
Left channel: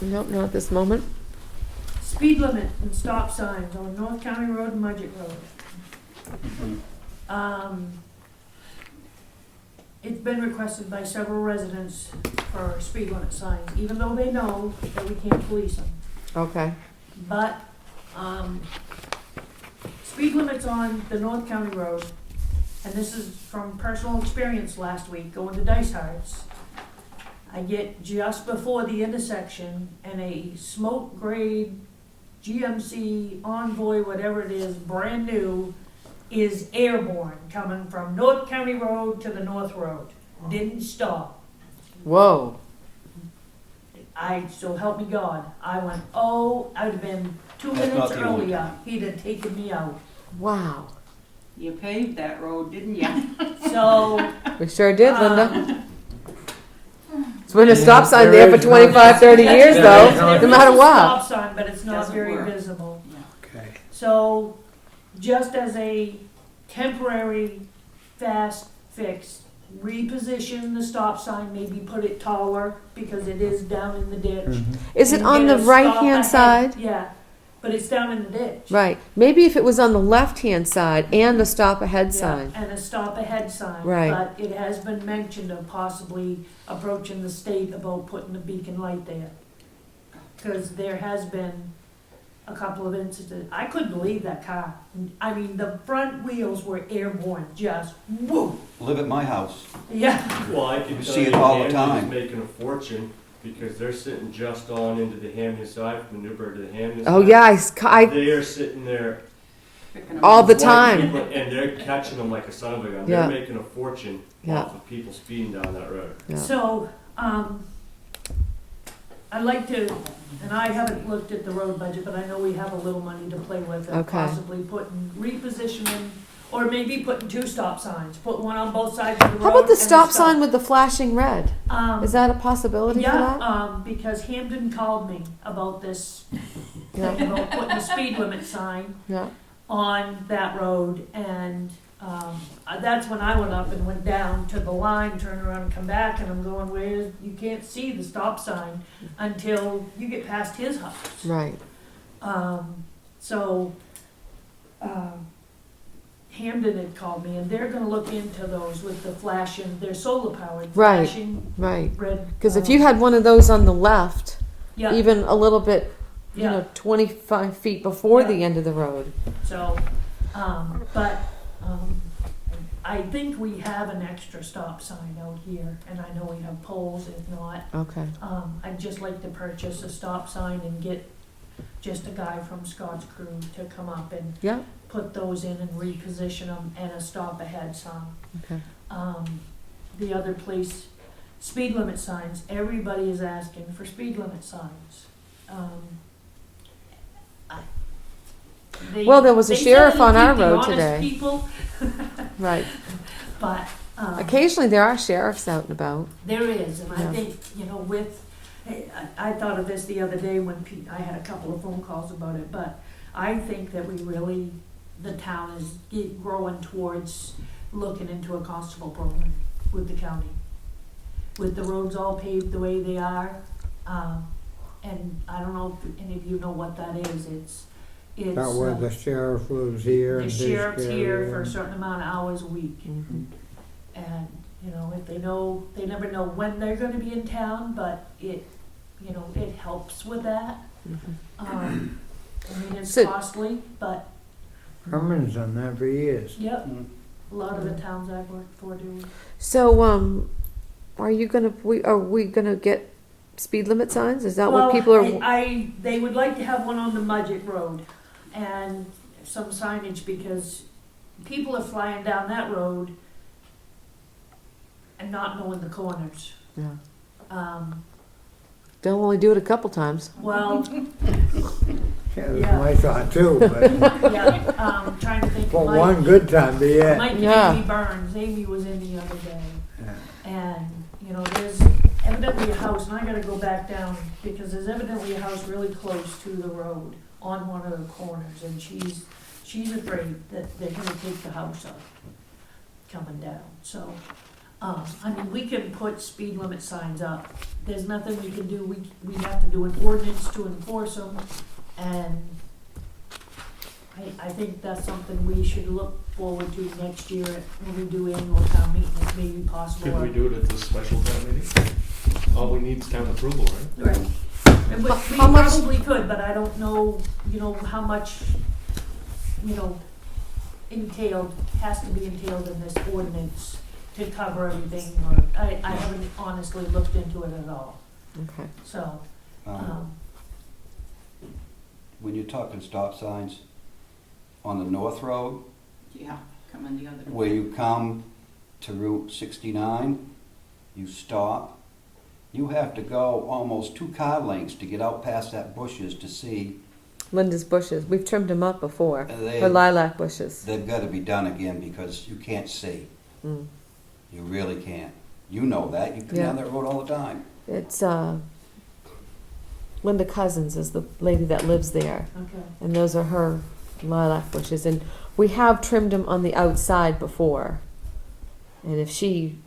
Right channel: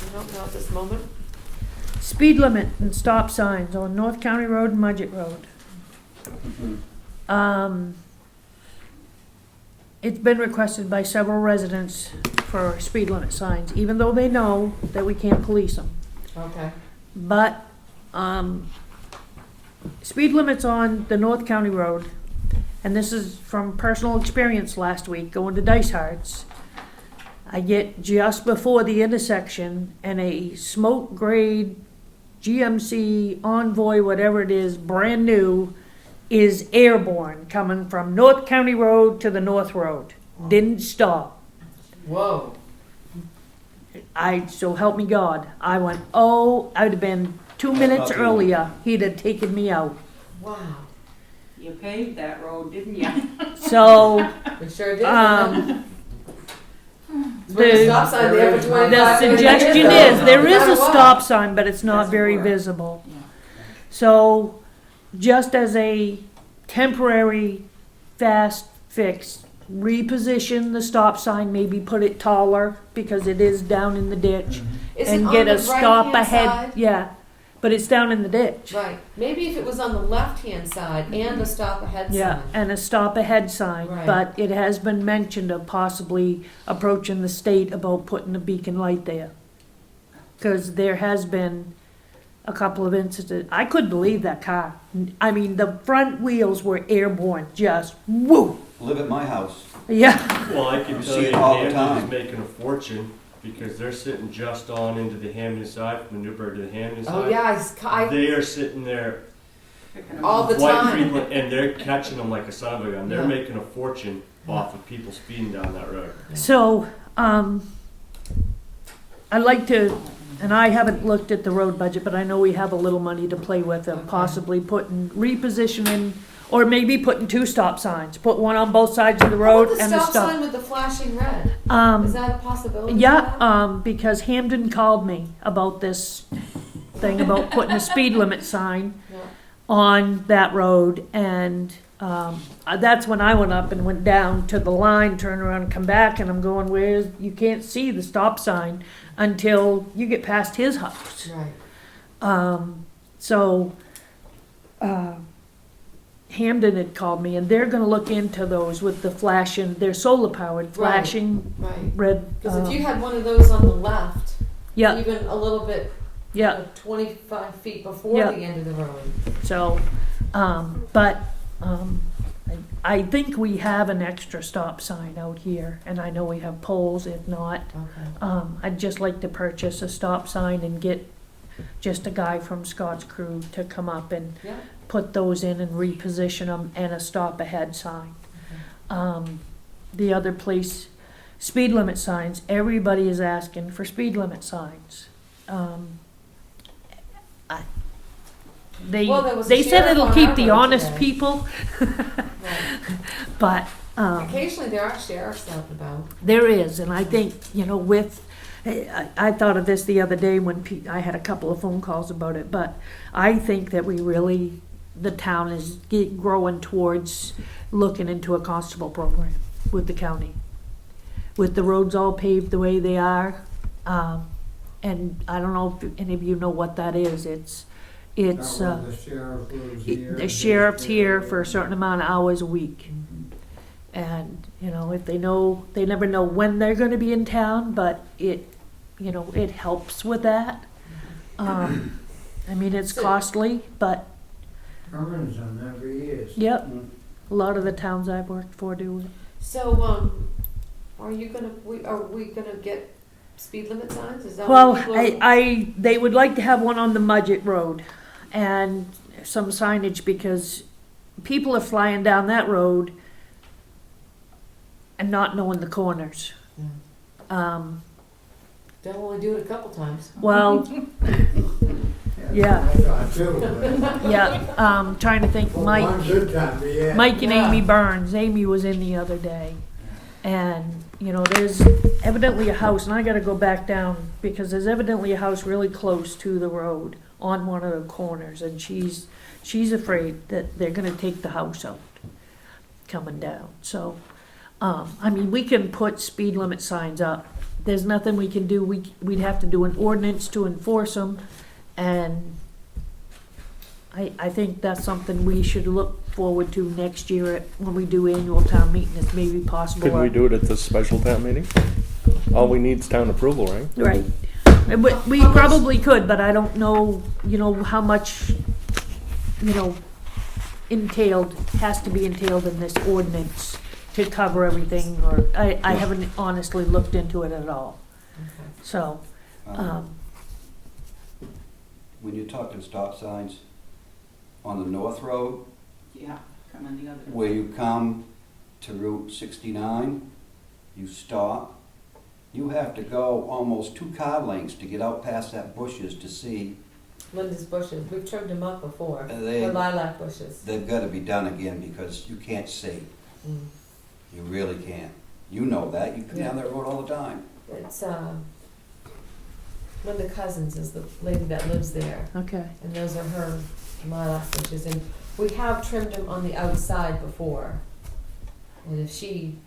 Nope, not at this moment. Speed limit and stop signs on North County Road and Mudgett Road. It's been requested by several residents for speed limit signs, even though they know that we can't police them. Okay. But, speed limits on the North County Road, and this is from personal experience last week, going to Dice Hearts. I get just before the intersection and a smoke grade GMC Envoy, whatever it is, brand new, is airborne coming from North County Road to the North Road. Didn't stop. Whoa. So help me God. I went, I'd have been 2 minutes not the only- earlier. He'd have taken me out. Wow. You paved that road, didn't you? So, We sure did, didn't um, It's been a stop sign there for 25, the 30 years suggestion though. is, there No is matter a what. stop sign, but it's not Doesn't very work. visible. Yeah. So, just as a temporary fast fix, reposition the stop sign, maybe put it taller because it is down in the ditch. Is it and on get the a stop right-hand ahead- side? Yeah, but it's down in the ditch. Right. Maybe if it was on the left-hand side and a stop ahead Yeah, sign. and a stop ahead sign. Right. But it has been mentioned of possibly approaching the state about putting a beacon light there. Because there has been a couple of incidents. I couldn't believe that car. I mean, the front wheels were airborne, just woo. Live at my house. Yeah. Well, I can You tell see you, it all the Hamden time. is making a fortune because they're sitting just on into the Hamden side, from Newburgh to the Hamden side. Oh yeah, I They are sitting there Picking 'em all up. the white time. people, and they're catching them like a son of a gun. Yeah. They're making a fortune Yeah. off of people speeding down that road. Yeah. So, I'd like to, and I haven't looked at the road budget, but I know we have a little money to play with of Okay. possibly repositioning, or maybe putting 2 stop signs. Put one on both sides of the How road about the and stop sign with the flashing red? Is that a possibility? for Yeah, that? because Hamden called me about this thing about putting a speed limit sign Yeah. on that road, and that's when I went up and went down to the line, turned around and come back, and I'm going, where's, you can't see the stop sign until you get past his house. Right. So, Hamden had called me, and they're gonna look into those with the flashing, they're solar powered, Right. flashing Right. red. Because if you had one of those on the left, Yeah, even a little bit, yeah. 25 feet before Yeah. the end of the road. So, I think we have an extra stop sign out here, and I know we have poles, if not. Okay. I'd just like to purchase a stop sign and get just a guy from Scott's crew to come up and Yeah. put those in and reposition them, and a stop ahead sign. Okay. The other place, speed limit signs, everybody is asking for speed limit signs. Well, there was a they sheriff said it'll on keep our the road honest today. people, Right. but, Occasionally there are sheriffs out and about. there is, and I Yeah. think, with, I thought of this the other day when I had a couple of phone calls about it, but I think that we really, the town is growing towards looking into a constable program with the county. With the roads all paved the way they are, and I don't know if any of you know what that is, it's, That where the sheriff lives here. the his sheriff's here area. for a certain amount of hours a week. And, if they never know when they're gonna be in town, but it helps with that. It's So- costly, but, Herman's done that for years. yep, a lot of the towns I've worked for do. So, are we gonna get speed limit signs? Is that Well, what people are? they would like to have one on the Mudgett Road and some signage, because people are flying down that road and not knowing the corners. Yeah. They'll only do it a couple times. Well, That's Yeah. my thought too, but yeah, trying to think, for one Mike good time, but yeah. and Yeah. Amy Burns, Amy was in the other day. And, there's evidently a house, and I gotta go back down, because there's evidently a house really close to the road on one of the corners, and she's afraid that they're gonna take the house out coming down, so, we can put speed limit signs up. There's nothing we can do, we'd have to do an ordinance to enforce them, and I think that's something we should look forward to next year when we do annual town meeting, if maybe possible. Could we do it at this special town meeting? All we need is town approval, right? Right. But we How much- probably could, but I don't know, how much, has to be entailed in this ordinance to cover everything, or, I haven't honestly looked into it at all, Okay. so, When you're talking stop signs, on the North Road, Yeah, coming the other way. where you come to Route 69, you stop. You have to go almost 2 car lengths to get out past that bushes to see. Linda's bushes. We've trimmed them up before. They- Her lilac bushes. They've got to be done again because you can't see. Mm. You really can't. You know that. You come Yeah. down that road all the time. It's Linda Cousins is the lady that lives there, okay. and those are her lilac bushes. And we have trimmed them on the outside before. And if she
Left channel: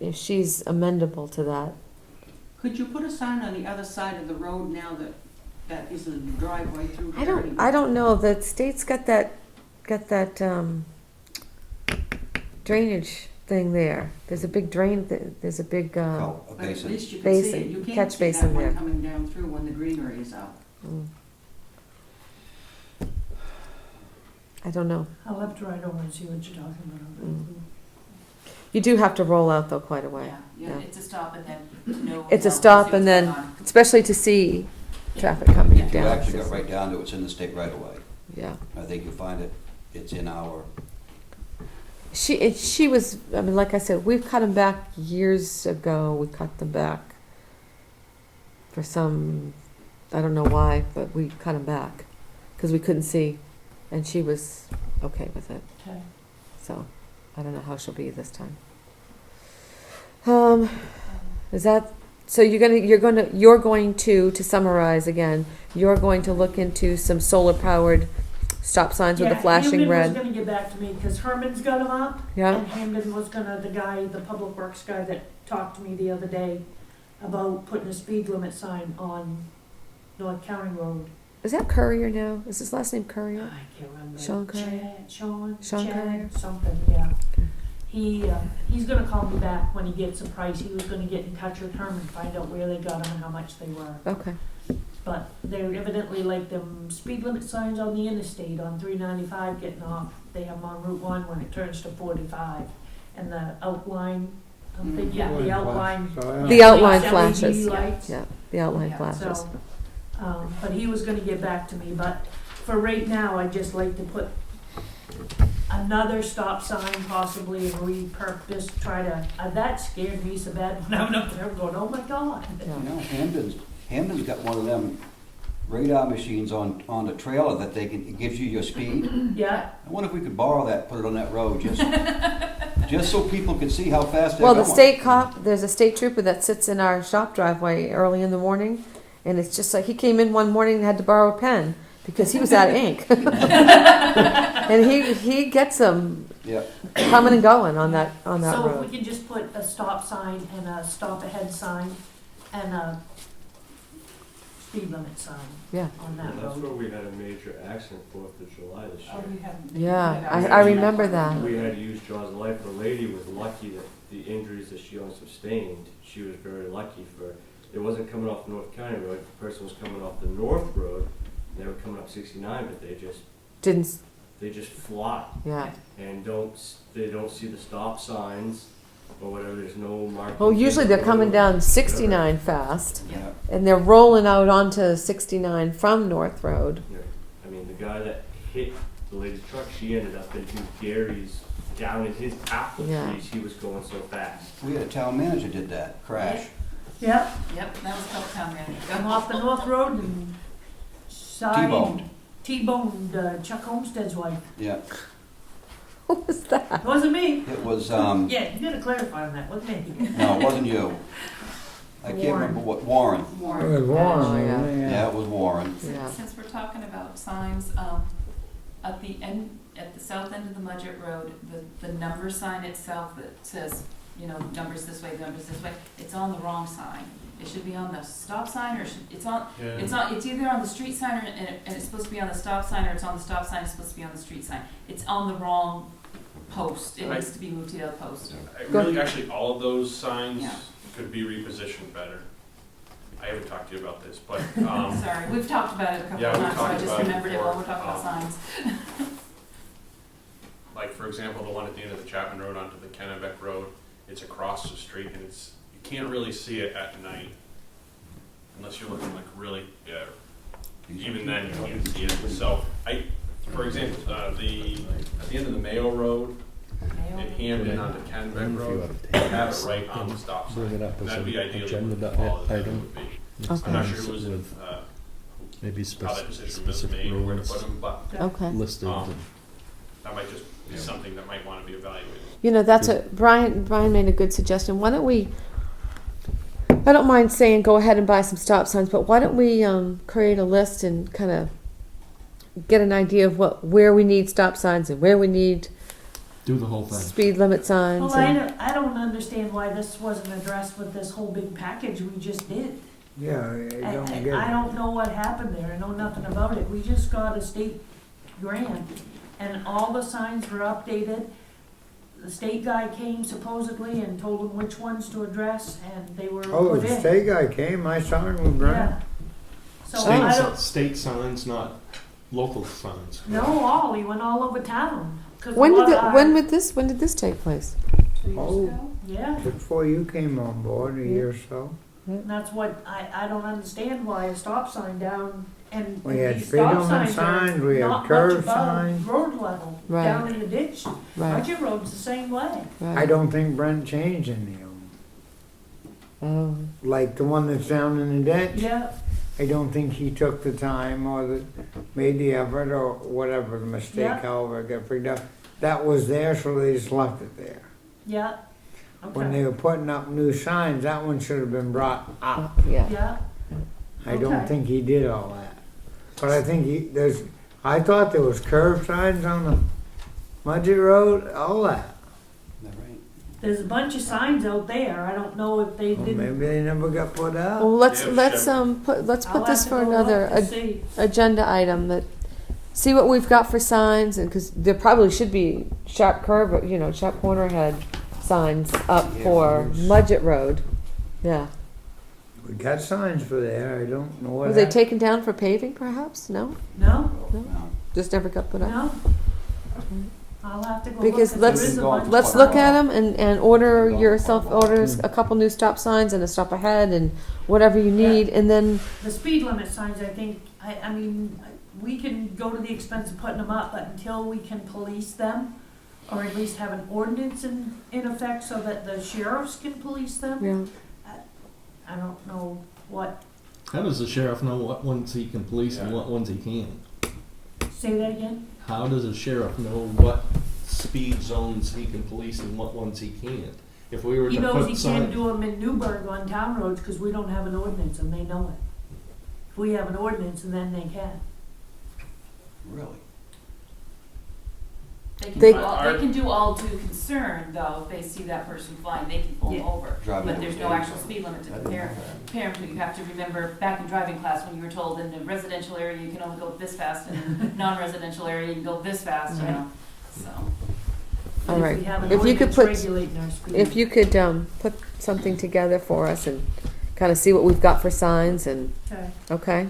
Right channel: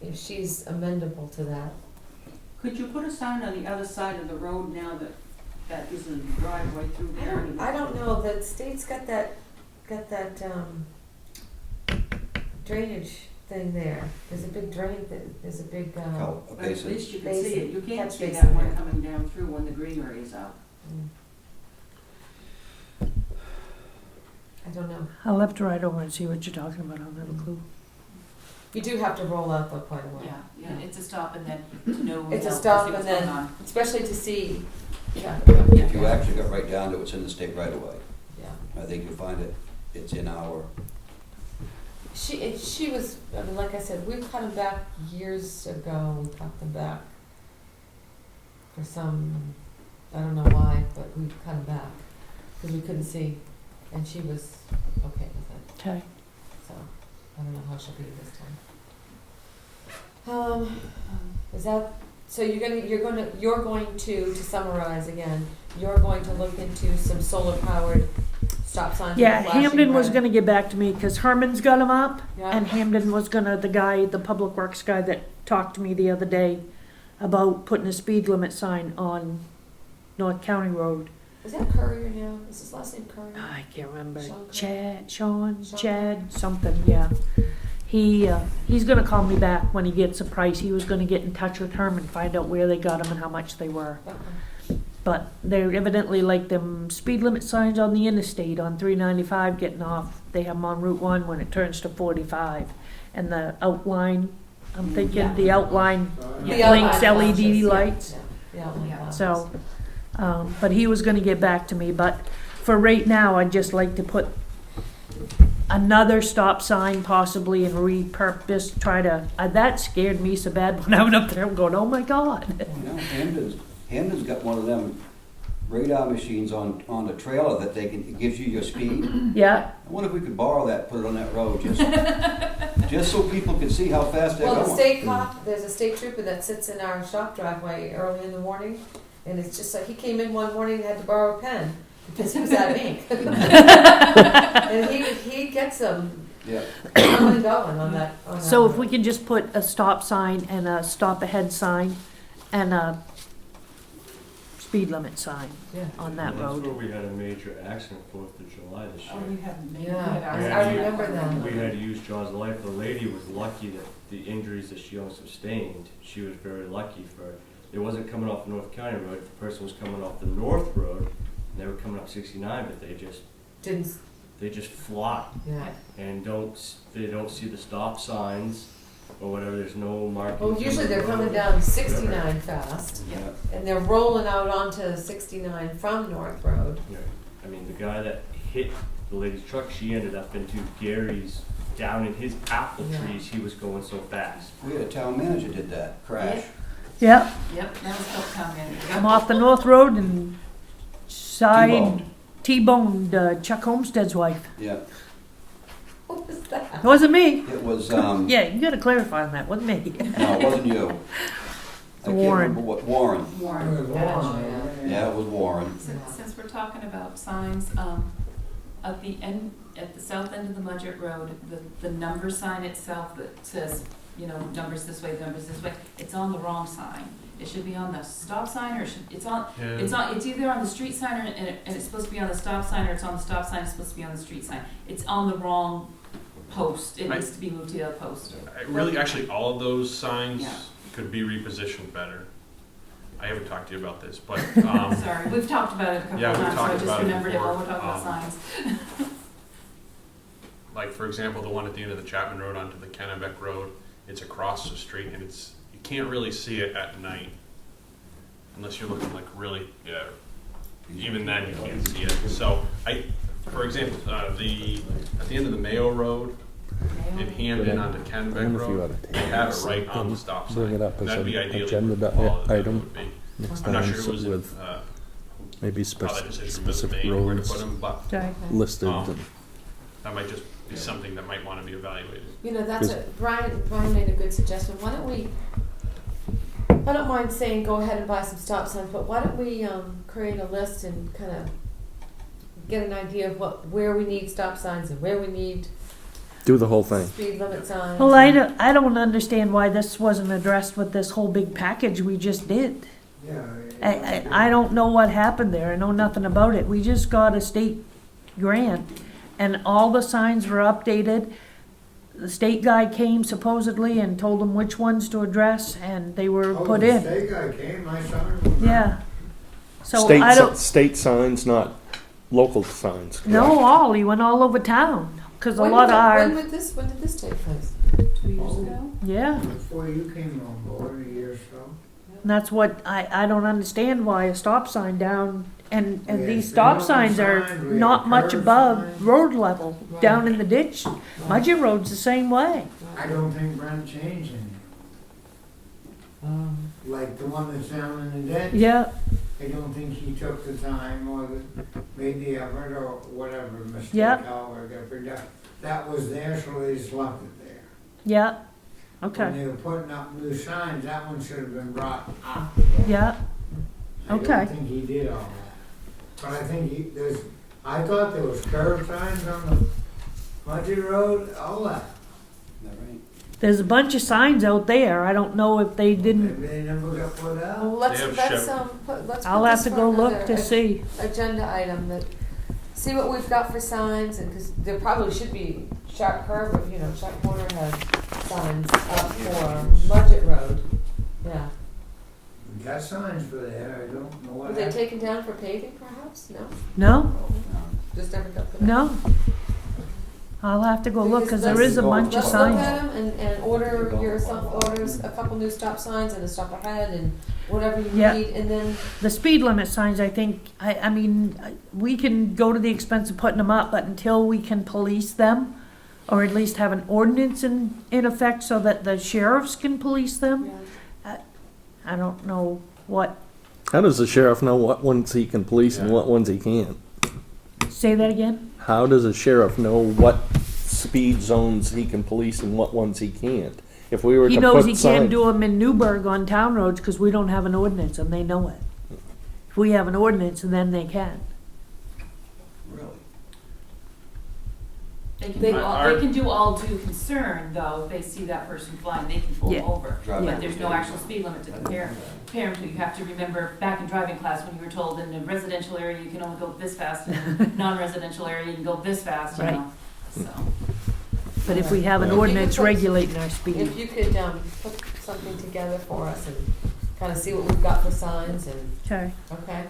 if she's amendable to that. Could you put a sign on the other side of the road now that is a driveway through here? I don't know, the state's got that drainage thing there. There's a big drain, there's a big, Oh, a But at basin. least you can see Basin, it. You can't catch see basin that one there. coming down through when the greenery is out. I don't know. I'll have to ride over and see what you're talking about, I'll have a clue. You do have to roll out though quite a way. Yeah, Yeah. it's a stop and then to know. It's a to stop see what's and then- going on. Especially to see traffic coming If you down. actually got right down to it's in the state right away. Yeah. I think you'll find it's in our, She was, I mean, like I said, we've cut them back years ago. We cut them back for some, I don't know why, but we cut them back because we couldn't see, and she was okay with it. Okay. So I don't know how she'll be this time. Is that so? You're going to summarize again. You're going to look into some solar powered stop signs with Yeah, the flashing Hamden was red. gonna get back to me, cause Herman's got them up. Yeah. And Hamden was gonna, the public works guy that talked to me the other day about putting a speed limit sign on North County Road. Is that Courier now? Is his last name Courier? I can't remember. Sean Curry? Sean, Sean Chad, something, yeah. He's gonna call me back when he gets a price. He was gonna get in touch with Herman, find out where they got them and how much they were. Okay. But they're evidently like them speed limit signs on the interstate on 395 getting off. They have them on Route 1 when it turns to 45. And the outline, I'm thinking Yeah. the outline, The outline LED flashes. Yeah, lights. Yeah, the outline Yeah. flashes. So, but he was gonna get back to me, but for right now, I'd just like to put another stop sign possibly and repurpose, that scared me so bad when I went up there, I'm going, oh my God. you know, Hamden's got one of them radar machines on the trailer that it gives you your speed. Yeah, I wonder if we could borrow that, put it on that road, just so people could see how fast they're Well, going. the state cop, there's a state trooper that sits in our shop driveway early in the morning, and it's just like, he came in one morning and had to borrow a pen because he was out of ink. And he gets them Yeah, coming and going on that so if road. we could just put a stop sign and a stop ahead sign and a speed limit sign Yeah. on that That's road. where we had a major accident 4th of July this Oh, year. you haven't. Yeah, I I remember that. We had to use Jaws of Life. The lady was lucky that the injuries that she only sustained, she was very lucky for. It wasn't coming off the North County Road. The person was coming off the North Road, and they were coming up 69, but they just fly Yeah. and they don't see the stop signs or whatever. There's no marking. Well, usually they're coming down 69 fast, yeah. and they're rolling out onto 69 from North Road. Yeah. I mean, the guy that hit the lady's truck, she ended up into Gary's, down in his apple Yeah. trees. He was going so fast. We had a town manager did that, crash. Yep, Yep, that was called town manager. I'm off the North Road and T-boned. T-boned Chuck Homestead's wife. Yeah, What was that? It wasn't me. it was, Yeah, you gotta clarify on that, wasn't me. no, it wasn't you. I can't Warren. remember what, Warren. It was Warren. warm, yeah. Yeah, it was Warren. Yeah. Since we're talking about signs, at the south end of the Mudgett Road, the number sign itself that says, numbers this way, it's on the wrong sign. It should be on the stop sign, or it's either on the street sign and it's supposed to be on the stop sign, or it's on the stop sign, it's supposed to be on the street sign. It's on the wrong post. It needs to be moved to the other post. Really, actually, all of those signs Yeah. could be repositioned better. I haven't talked to you about this, but, Sorry, we've talked about it a couple Yeah, of we've times, so I talked just about it remembered it while before. we're talking about signs. like, for example, the one at the end of the Chapman Road onto the Kennebec Road, it's across the street, and you can't really see it at night, unless you're looking like really, even then you can't see it. So, for example, at the end of the Mayo Road, in Hamden onto Kennebec Road, have it right on the stop sign. Bring it up as That'd be an ideally agenda what all of them item. would be. Next I'm not time, sure who was sit in, with maybe how that decision was specific made, where to roads put them, but Okay. listed. that might just be something that might want to be evaluated. That's what Brian made a good suggestion. Why don't we, I don't mind saying go ahead and buy some stop signs, but why don't we create a list and kind of get an idea of where we need stop signs and where we need Do the whole thing. speed limit signs. Well, and- I don't understand why this wasn't addressed with this whole big package we just did. Yeah. I don't know what happened there, I know nothing about it, we just got a state grant, and all the signs were updated. The state guy came supposedly and told them which ones to address, and they were Oh, put the in, state guy came, I saw him. yeah. So State, I don't, state signs, not local signs. no, he went all over town, cause a When lot did, of when did this take place? 2 years Oh. ago. yeah, Before you came on board, a year or so. and that's what, I don't understand why a stop sign down, and We had these speed stop limit signs are signs, we had not much curb above signs. road level, Right. down in the ditch. Right, Mudgett Road's the same way. right. I don't think Brent changed any of them. Oh, Like the one that's down in the ditch. Yeah, I don't think he took the time or made the effort or whatever the mistake, Yeah. however it got picked up. That was there, so they just left it there. yeah, When okay, they were putting up new signs, that one should have been brought up. yeah. yeah, I Okay. don't think he did all that. But I think I thought there was curb signs on the Mudgett Road, all that. Is that right? there's a bunch of signs out there, I don't know if they Well, didn't, maybe they never got put up. Well, let's, Yeah, let's, sure. let's I'll put have this to for go another look to see. agenda item that, see what we've got for signs, and, cause there probably should be sharp curve, sharp corner head signs up for Mudgett Road. Yeah. We got signs for there, I don't know what Were they happened. taken down for paving perhaps? No? No, No. Just never got put up? no. I'll have to go look, Because cause there is a bunch of Let's look signs. at them and order Involved yourself, quite a lot. orders a couple new stop signs and a stop ahead and whatever you Yeah. need, and then, The speed limit signs, I think, I mean, we can go to the expense of putting them up, but until we can police them, or at least have an ordinance in effect so that the sheriffs can police them, I don't know what, How does the sheriff know what ones he can police and Yeah. what ones he can't? say that again? How does a sheriff know what speed zones he can police and what ones he can't? If we were He to knows put he can't signs, do them in Newburgh on town roads, cause we don't have an ordinance and they know it. If we have an ordinance, then they can. Really? They- They can do all due concern, though, if they see that person flying, they can pull them Yeah. over. Drive But over there's no speed actual limit. speed limit to compare to. You have to remember back in driving class when you were told in a residential area you can only go this fast, and in a non-residential area you can go this fast, Right. so. But if we Alright. have an If you could ordinance put- regulating our speed. if you could, put something together for us and kinda see what we've got for signs and, Okay. okay?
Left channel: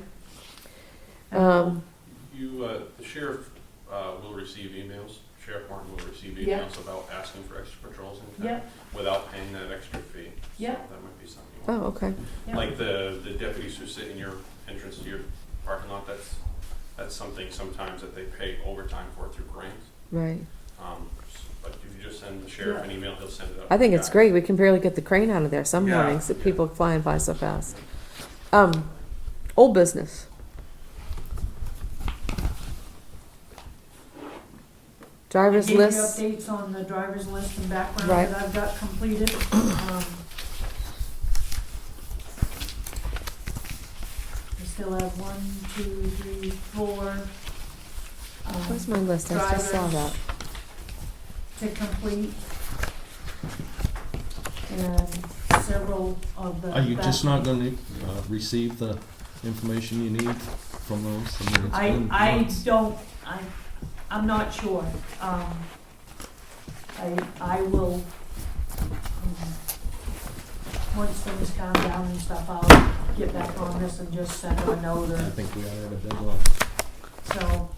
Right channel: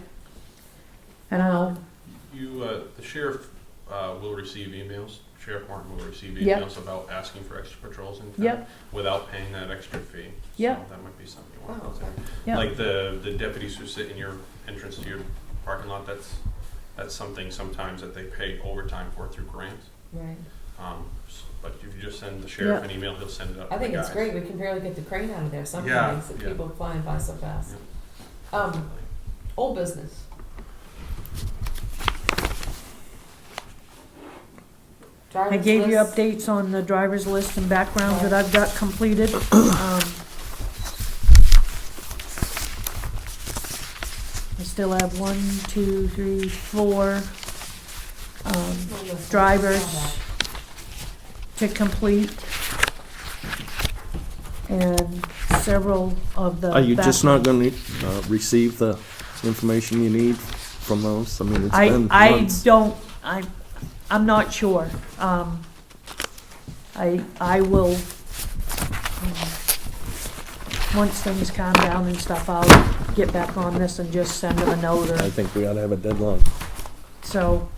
Um, The sheriff will receive emails, Sheriff Martin will receive Yep. emails about asking for extra patrols in town Yep. without paying that extra fee. Yep. So that might be something you want. Oh, okay. Yep. Like the deputies who sit in your entrance to your parking lot, that's something sometimes that they pay overtime for through grants. Right. But if you just send the sheriff Yeah. an email, he'll send it out. I to think the it's guys. great. We can barely get the crane out of there some Yeah, mornings that yeah. people flying by so fast. Old business. I Driver's gave you list. updates on the driver's list and background Right. that I've got completed. I still have 1, 2, 3, 4 Where's my list? I just saw drivers that. to complete. And several of the. are you just not back- gonna, receive the information you need from those? I mean, it's been I months. don't, I'm not sure. I will, once things calm down and stuff, I'll get back on this and just send them a note I or think we ought to have a deadline. so,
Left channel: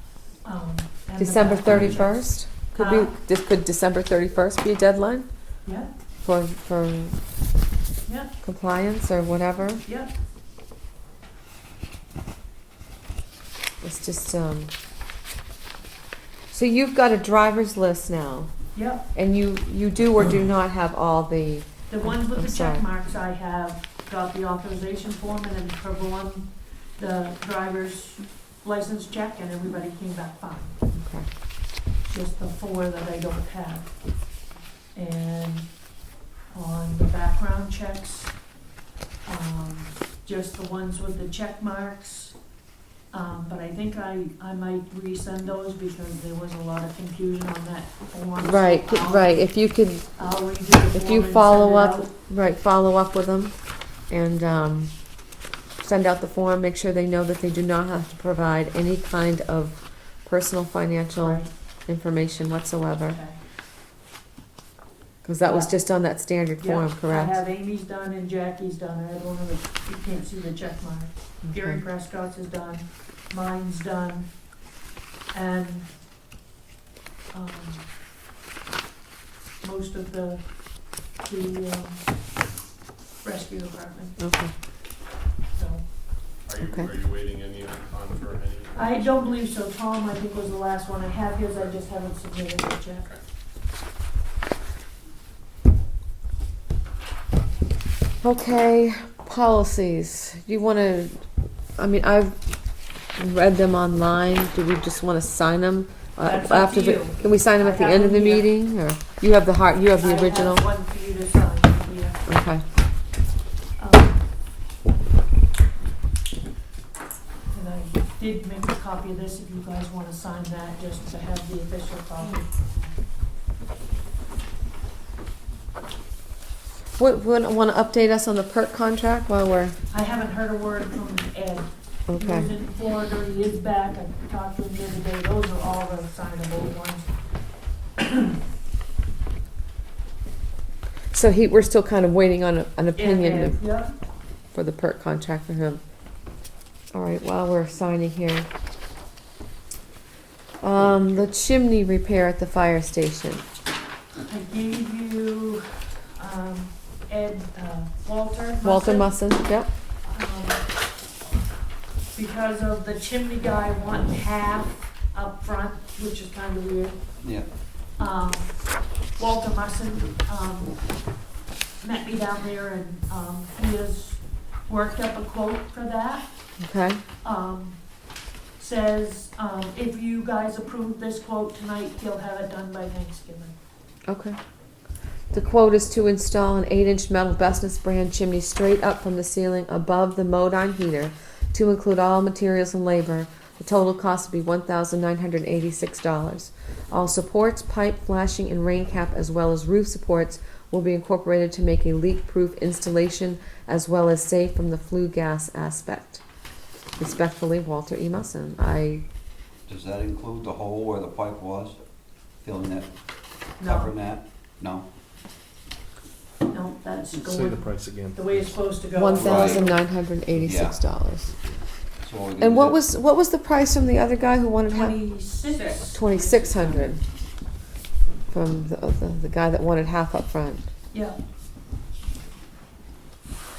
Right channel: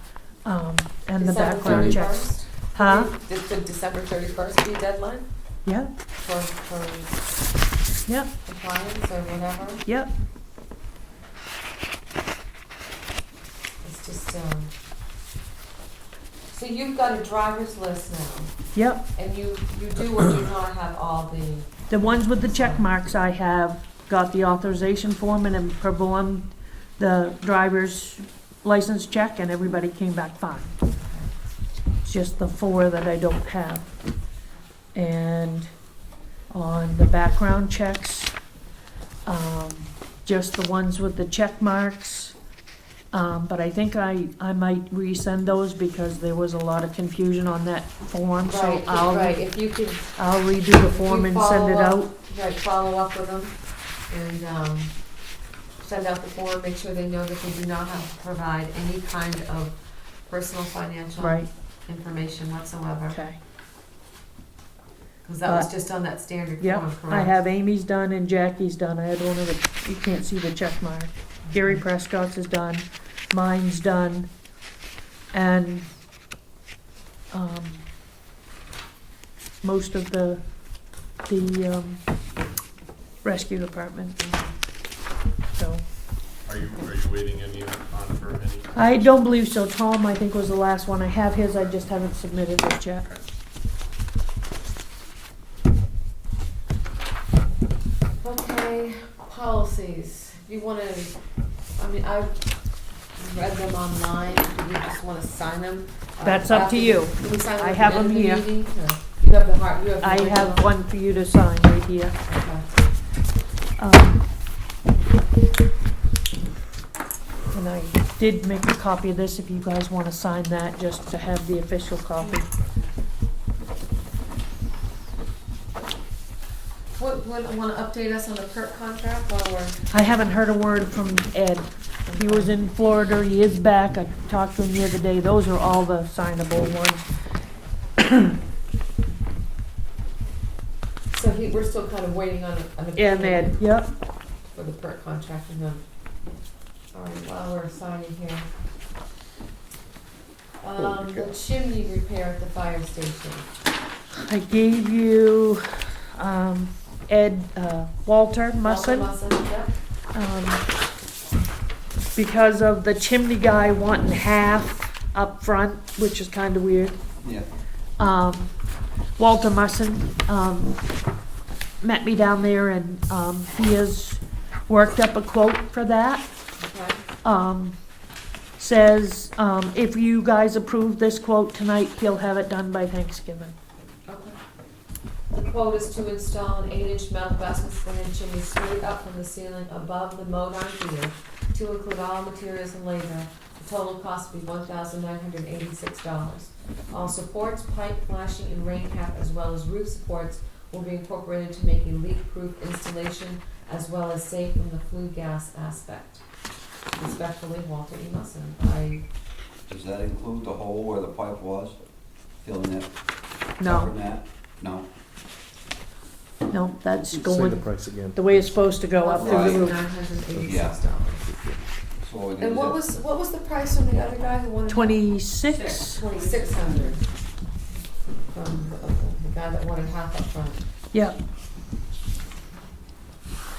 and the December background checks. 31st? Huh? Could December 31st be a deadline Yeah, for yeah, compliance or whatever? yeah. It's just, so you've got a driver's list now, Yep, and you do or do not have all the, the ones with the I'm check sorry. marks, I have got the authorization form and have performed the driver's license check and everybody came back fine. It's just the 4 that I don't have. And on the background checks, just the ones with the check marks, But I think I might resend those because there was a lot of confusion on that form, so Right, right, if you could, I'll redo the if form you and send follow it up, out. right, follow up with them and, send out the form, make sure they know that they do not have to provide any kind of personal financial Right, information whatsoever. okay. Cause that was But- just on that standard Yep, form, I correct? have Amy's done and Jackie's done. I had one of the, you can't see the check mark. Gary Okay. Prescott's is done, mine's done, and, most of the, rescue department, Okay. so. Are you waiting any on for any? I don't believe so. Tom, I think, was the last one. I have his, I just haven't submitted it yet. Okay, policies. Do you wanna, I mean, I've read them online. Do we just wanna sign them? That's up to after the- you. Can we sign them I at the have end of the them here. meeting, or you have the you have the I original? have one for you to sign right here. Okay, And I did make a copy of this if you guys wanna sign that, just to have the official copy. wanna update us on the PERT contract while we're, I haven't heard a word from Ed. He was okay. in Florida, he is back, I talked to him the other day, those are all the signable ones. So we're still kind of waiting on an And Ed, opinion yep, for the PERT contract for him. All right, while we're signing here. The chimney repair at the fire station. I gave you, Ed, Walter Walter Musson. Musson, yep. Because of the chimney guy wanting half up front, which is kinda weird. Yeah. Walter Musson, met me down there and, he has worked up a quote for that. Okay, Says, if you guys approve this quote tonight, he'll have it done by Thanksgiving. okay. The quote is to install an 8-inch metal Bestness brand chimney straight up from the ceiling above the Modine heater to include all materials and labor. The total cost will be $1,986. All supports, pipe, flashing, and rain cap, as well as roof supports, will be incorporated to make a leak-proof installation as well as safe from the flue gas aspect. Respectfully, Walter E. Musson. Does that include the hole where the pipe was? Filling it, No, covering that? No? no, that's Say the going price again. the way it's supposed to go. $1,986. So what we And gonna what do- was the price from the other guy who wanted 26, 2,600 from the guy that wanted half up front. yeah,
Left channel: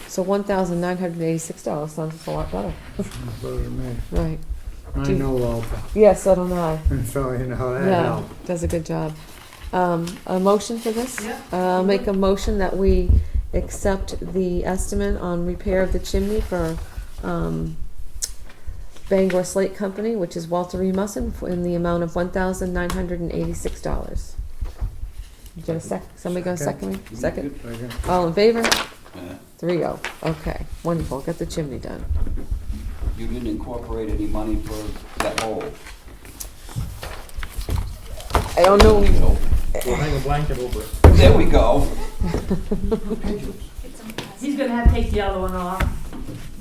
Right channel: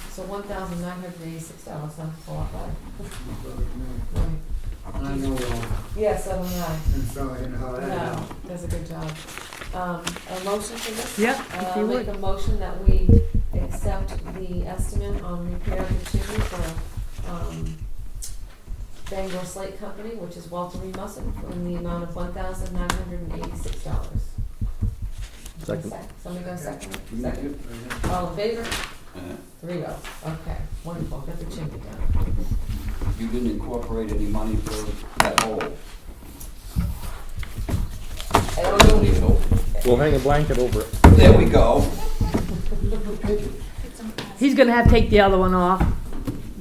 So $1,986 sounds a lot better. Right. I know Walter, Yes, I don't know. and so you know that Yeah, helps. does a good job. A motion for this? yeah. I'll make a motion that we accept the estimate on repair of the chimney for, Bangor Slate Company, which is Walter E. Musson, in the amount of $1,986. Somebody gonna second? Second. All in favor? Yeah. 3-0. Okay, wonderful. Get the chimney done. You didn't incorporate any money for that hole? I don't know. Leave it open. We'll hang a blanket over it. There we go. He's gonna have to take the other one off.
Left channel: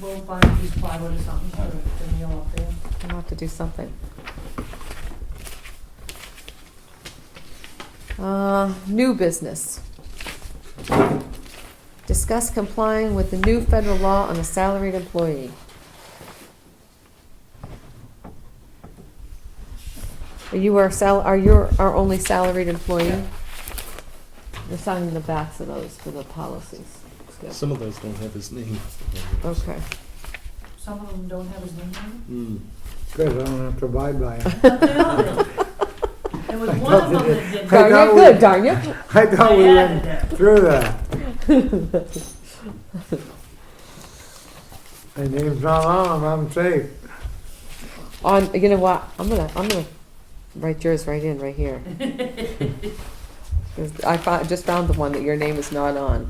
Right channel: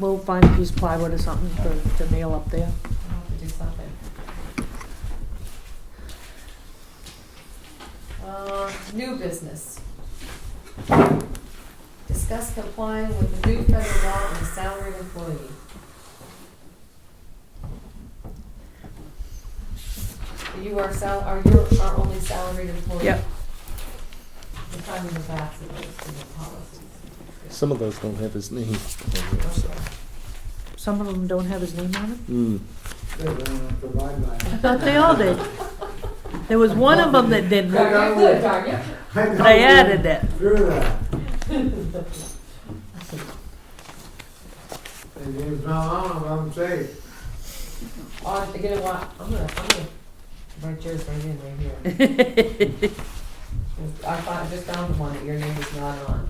We'll find a piece of plywood or something to nail up there. I'll have to do something. New business. Discuss complying with the new federal law on a salaried employee. You are you our only salaried employee? Yeah. We're signing the backs of those to the policies. Good. Some of those don't have his name. Okay. Some of them don't have his name on Because I don't have to abide by it. them. They all did. There was one of them that did. I Darn you, good, darn you. I thought They we added went it. through that. And name's not on them, I'm safe. You know what? I'm gonna write yours right in, right here. 'Cause I just found the one that your name is not on.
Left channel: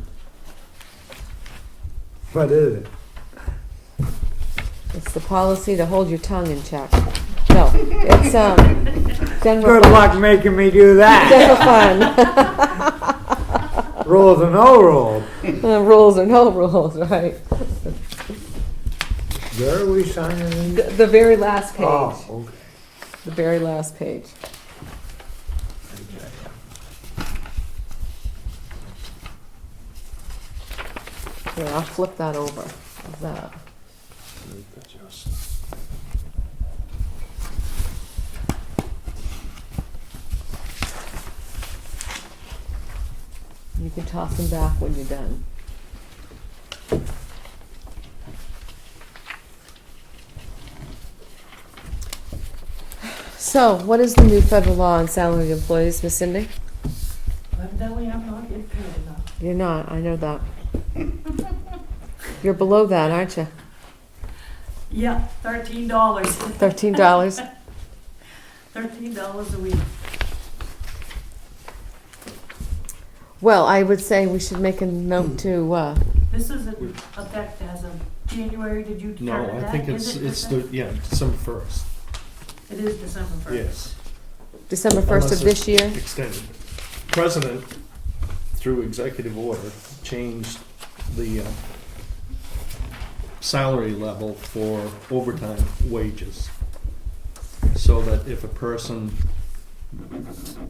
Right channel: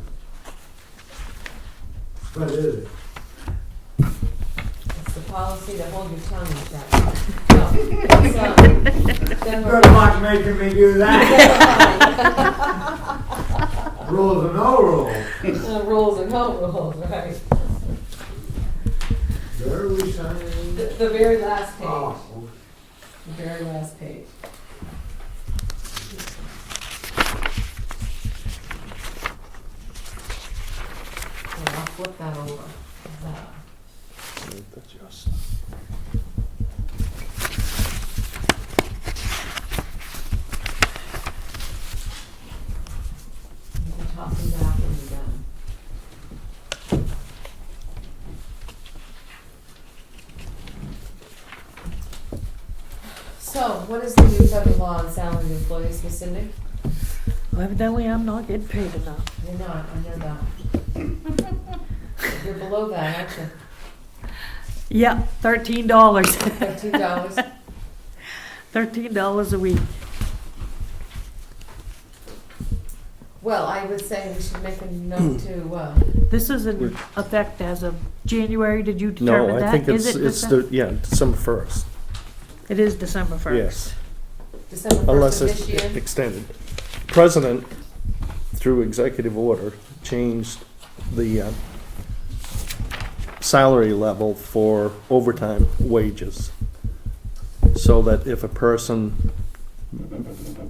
What is it? It's the policy to hold your tongue in check. No, it's, general Good luck making me do that. fund. Rules or no rules. Rules or no rules, right? Where are we signing these? The very last page. Oh, okay. The very last page. Here, I'll flip that over. How's that? You can toss them back when you're done. So, what is the new federal law on salaried employees, Miss Cindy? Well, evidently I'm not getting paid enough. You're not, I know that. You're below that, aren't you? Yeah, $13. $13? $13 a week. Well, I would say we should make a note to, This is in effect as of January, did you determine No, that? I think Is it's, it it's December? December 1st. It is December 1st. Yes. December 1st Unless of it's this year? extended. President, through executive order, changed the salary level for overtime wages. So that if a person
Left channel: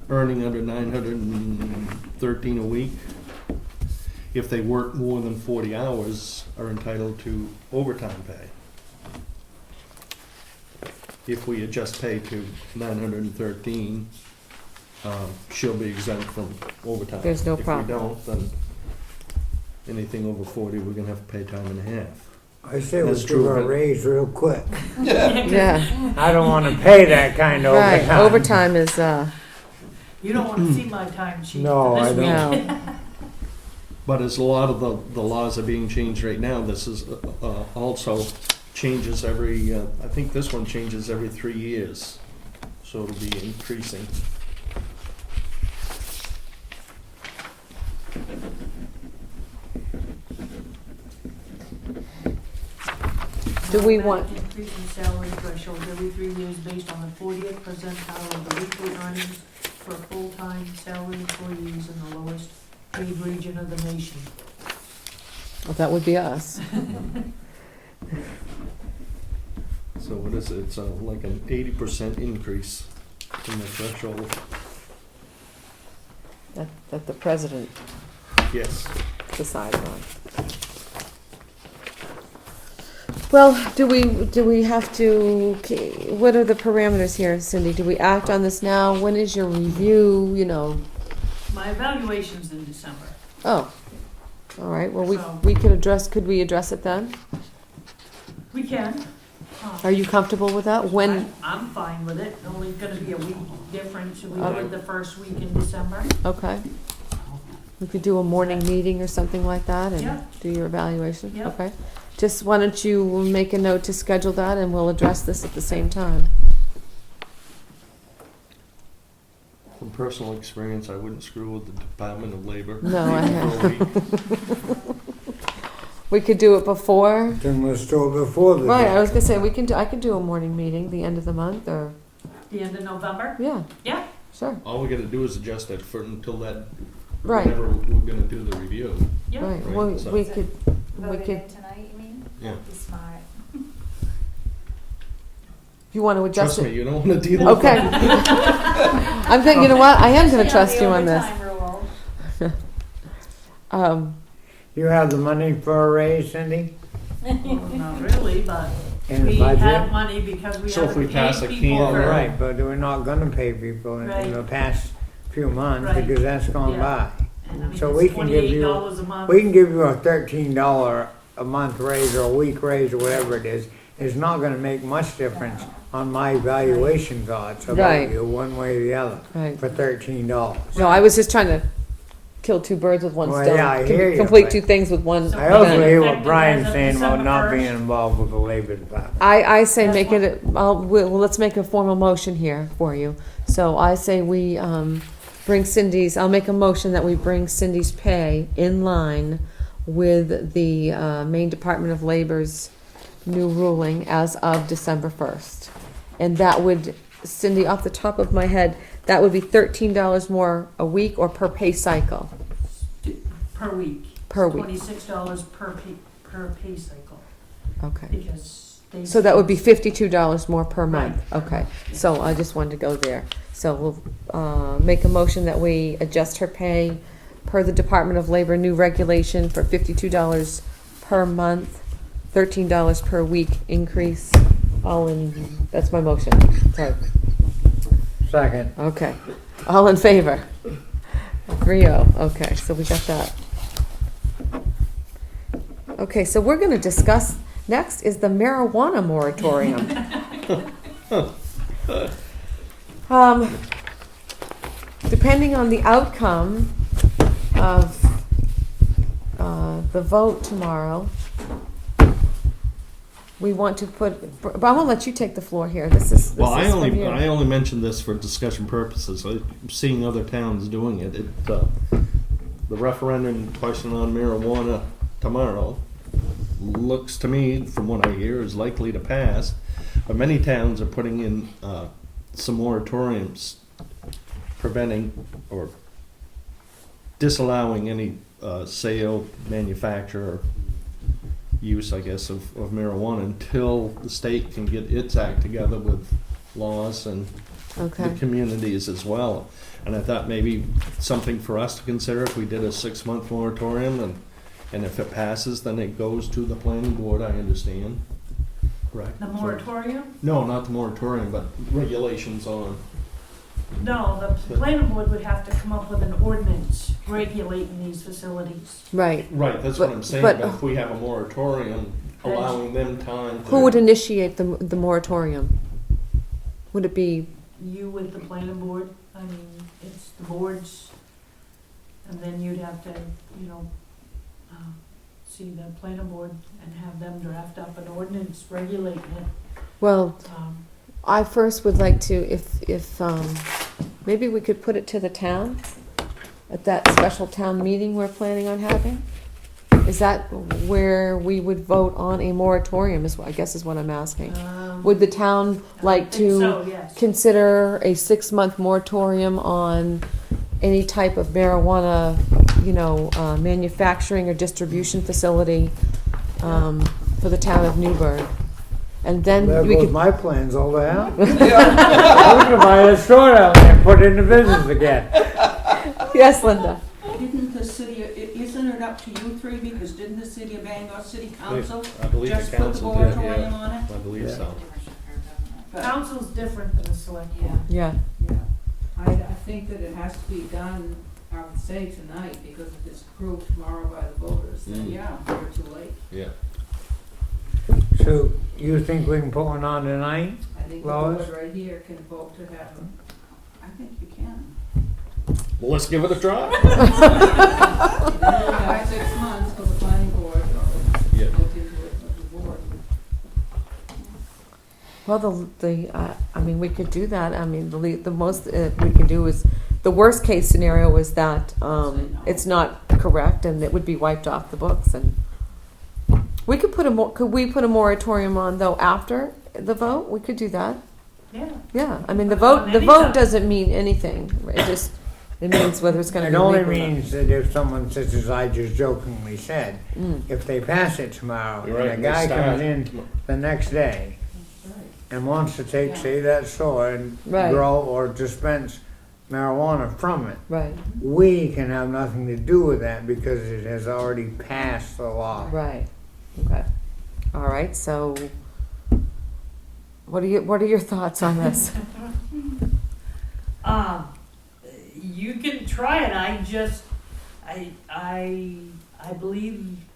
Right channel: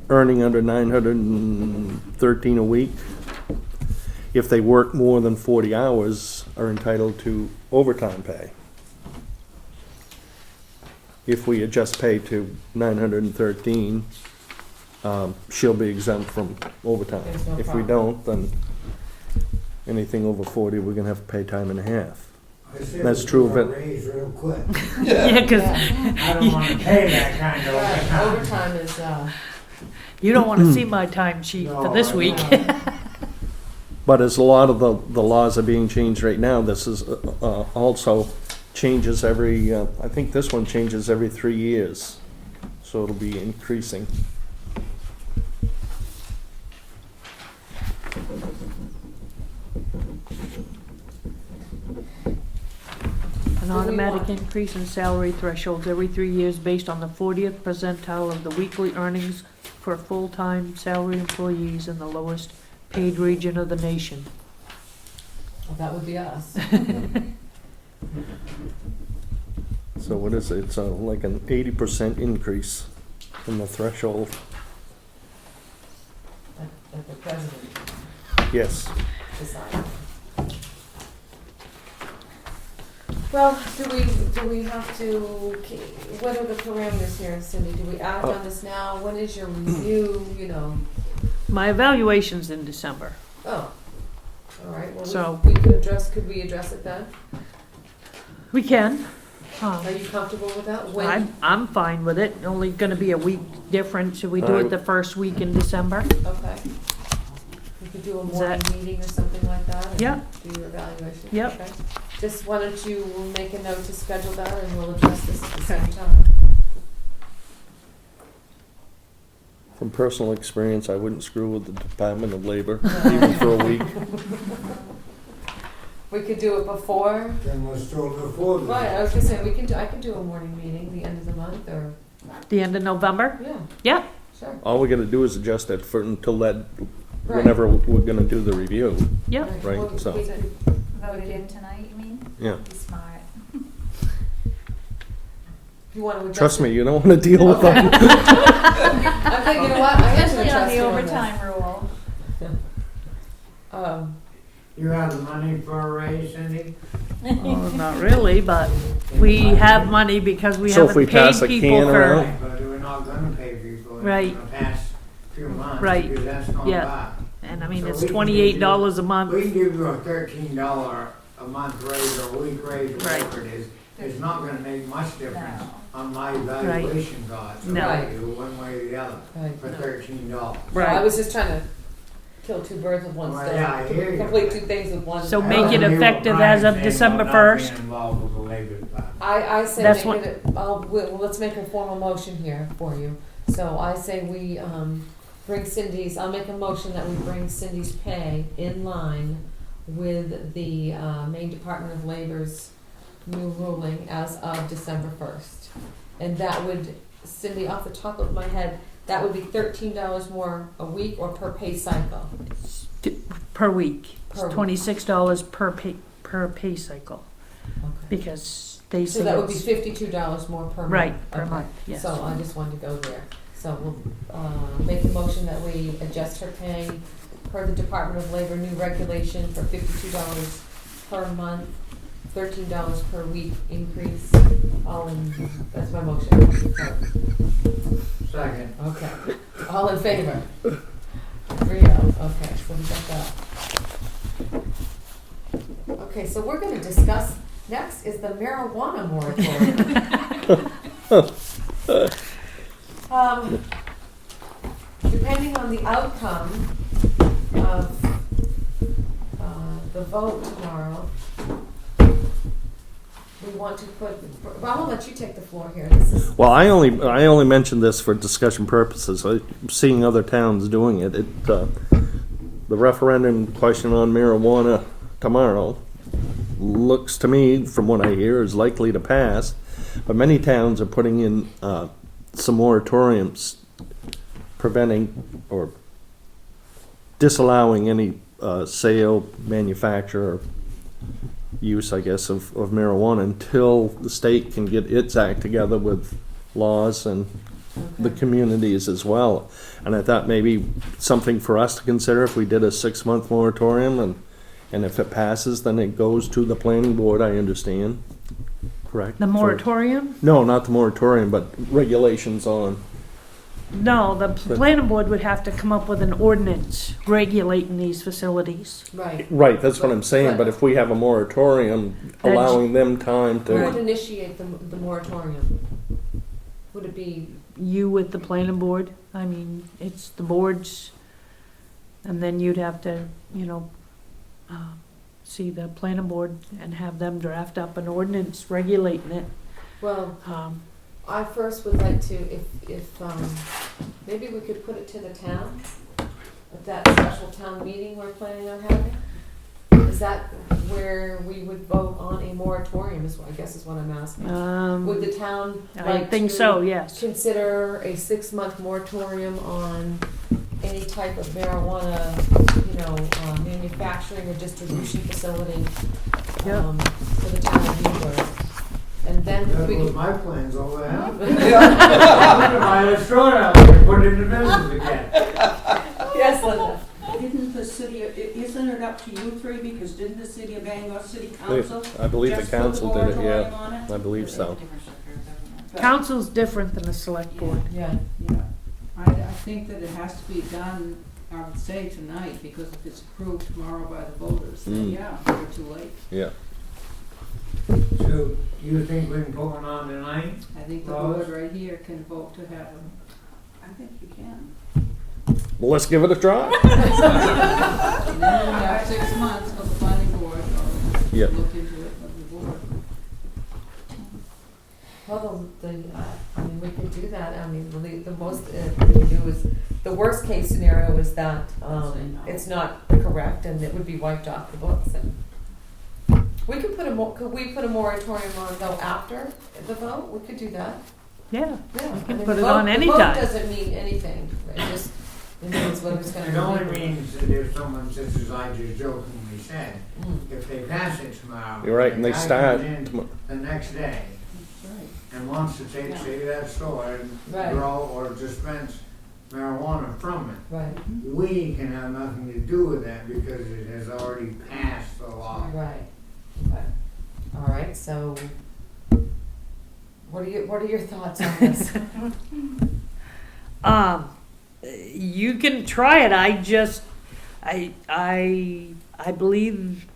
earning under 913 a week, if they work more than 40 hours, are entitled to overtime pay. If we adjust pay to 913, she'll be exempt from overtime. There's no If we problem. don't, then anything over 40, we're gonna have to pay time and a half. I say That's we true give of a it. raise real quick. Yeah, 'cause Yeah, I don't wanna pay that kind of right, overtime. overtime is, you don't want to see my time sheet No, for this I week. no. But as a lot of the laws are being changed right now, this is also changes every, I think this one changes every 3 years. So it'll be increasing. An Do we automatic want- increase in salary thresholds every 3 years based on the 40th percentile of the weekly earnings for full-time salary employees in the lowest paid region of the nation. Well, that would be us. So what is it? It's like an 80% increase in the threshold. That the president Yes. decide on. Well, do we have to, okay, what are the parameters here, Cindy? Do we act on this now? When is your review, you know? My evaluation's in December. Oh, all right, well, So- we could we address it then? We can. Are you comfortable with that? When, I'm fine with it. Only gonna be a week difference. Should we do it the first week in December? okay. We could do a morning meeting or something like that Yeah. and do your evaluation? Yep. Okay. Just why don't you make a note to schedule that and we'll address this at the same time. From personal experience, I wouldn't screw with the Department of Labor No, I even for know. a week. We could do it before. Then we're still before the. Right, I was gonna say, I can do a morning meeting, the end of the month, or, The end of November? yeah. Yeah. Sure, All we gotta do is adjust it for until that, right. whenever we're gonna do the review. Yeah. Right, Well, so- we could, Voted can- in tonight, you mean? Yeah. Be smart. if you wanna adjust Trust it. me, you don't wanna deal with Okay. that. I'm thinking, you know what, I am gonna Especially trust you on the this. overtime rule. You have the money for a raise, Cindy? Oh, not really, but In the we budget? have money because we So if we haven't paid pass a people can for. around- Right, but we're not gonna pay people in Right. the past few months Right. because that's gone Yeah. by. And I mean, So we it's can give $28 a month. We can give you a $13 a month raise or a week raise or whatever it is. It's not gonna make much difference on my evaluation cards Right. about you, one way or the other, Right. for $13. No, I was just trying to kill two birds with one Well, stone. yeah, I hear you, Complete but- two things with one. So I make also it hear what effective Brian's as of saying about December not 1st. being involved with the labor department. I say That's make what- it, let's make a formal motion here for you. So I say we, bring Cindy's, I'll make a motion that we bring Cindy's pay in line with the, Maine Department of Labor's new ruling as of December 1st. And that would, Cindy, off the top of my head, that would be $13 more a week or per pay cycle? Per week. Per week. $26 per pay cycle, Okay. because they. So say that would be it's- $52 more per month? Right, per Okay, month, yes. so I just wanted to go there. So we'll make a motion that we adjust her pay per the Department of Labor new regulation for $52 per month, $13 per week increase. That's my motion. Sorry. Second. Okay. All in favor? 3-0. Okay, so we got that. Okay, so we're gonna discuss, next is the marijuana moratorium. Depending on the outcome of the vote tomorrow, we want to put, but I'm gonna let you take the floor here. Well, I only yeah. mentioned this for discussion purposes. I'm seeing other towns doing it. The referendum question on marijuana tomorrow looks to me, from what I hear, is likely to pass. But many towns are putting in some moratoriums preventing or disallowing any sale, manufacture, or use, I guess, of marijuana until the state can get its act together with laws and the Okay. communities as well. And I thought maybe something for us to consider if we did a 6-month moratorium, and if it passes, then it goes to the planning board, I understand. Correct? The moratorium? No, not the moratorium, but regulations on. No, the planning board would have to come up with an ordinance regulating these facilities. Right. Right, that's what But- I'm saying, but- but if we have a moratorium Then- allowing them time Who would to. initiate the moratorium? Would it be, You with the planning board, I mean, it's the boards, and then you'd have to, see the planning board and have them draft up an ordinance regulating it. well, Um, I first would like to, if maybe we could put it to the town at that special town meeting we're planning on having? Is that where we would vote on a moratorium, I guess is what I'm asking? Would the town I like think so, to yes. consider a 6-month moratorium on any type of marijuana, manufacturing or distribution facility for the town of Newburgh? And then There we goes could, my plans over there. I'm gonna buy a store out there and put it into business again. yes, Linda? Didn't the city, isn't it up to you three, because didn't the city of Bangor City Council I believe just the put the council did it, moratorium yeah, on it? I believe so. But- Council's different than the select board. Yeah. Yeah, I think that it has to be done, I would say tonight, because if it's approved tomorrow by the voters, then Mm. Yeah, we're too late. Yeah. So you think we can put one on tonight? I think the Lois? board right here can vote to have them. I think you can. Well, let's give it a try. And then we have 6 months for the planning board or Yeah. look into it with the board. Well, I mean, we could do that. I mean, the most we can do is, the worst case scenario is that Say no. it's not correct and it would be wiped off the books. And we could could we put a moratorium on though after the vote? We could do that. Yeah. Yeah, I mean, put the it on vote anytime. doesn't mean anything. It means whether it's going to It be only legal. means that if someone says, as I just jokingly said, Mm. if they pass it tomorrow, You're right, and and the they guy start. comes in the next day That's right. and wants to take, Yeah. say, that store and Right. grow or dispense marijuana from it, Right, we can have nothing to do with that because it has already passed the law. right. Okay. All right. So, what are your thoughts on this? You can try it. I believe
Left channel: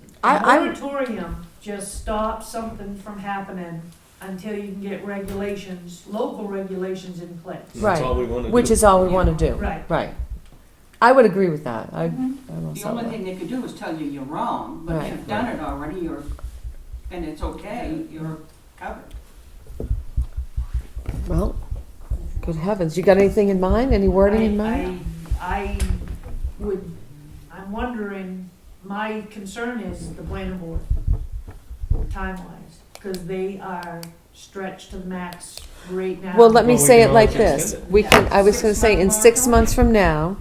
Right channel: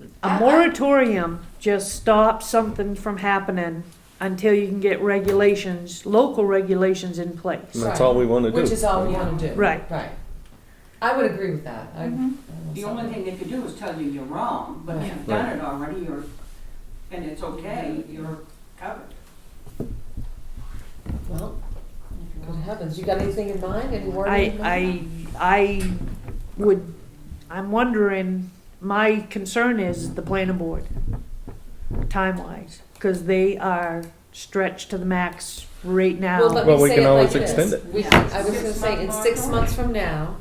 the I- moratorium just stops something from happening until you can get local regulations in place. And that's all we want to do. Which is all we Yeah. want to do. Right. Right. I would agree with that. I don't The know, only so- thing they could do is tell you you're wrong, but Right. you've done it already, and it's okay, you're covered. Well, good heavens! You got anything in mind? Any wording in mind? I'm wondering, my concern is the planning board. time-wise, because they are stretched to the max right now. Well, let me Well, we say can it like always extend this. it. We Yeah. can, I was gonna say, in 6 months from now,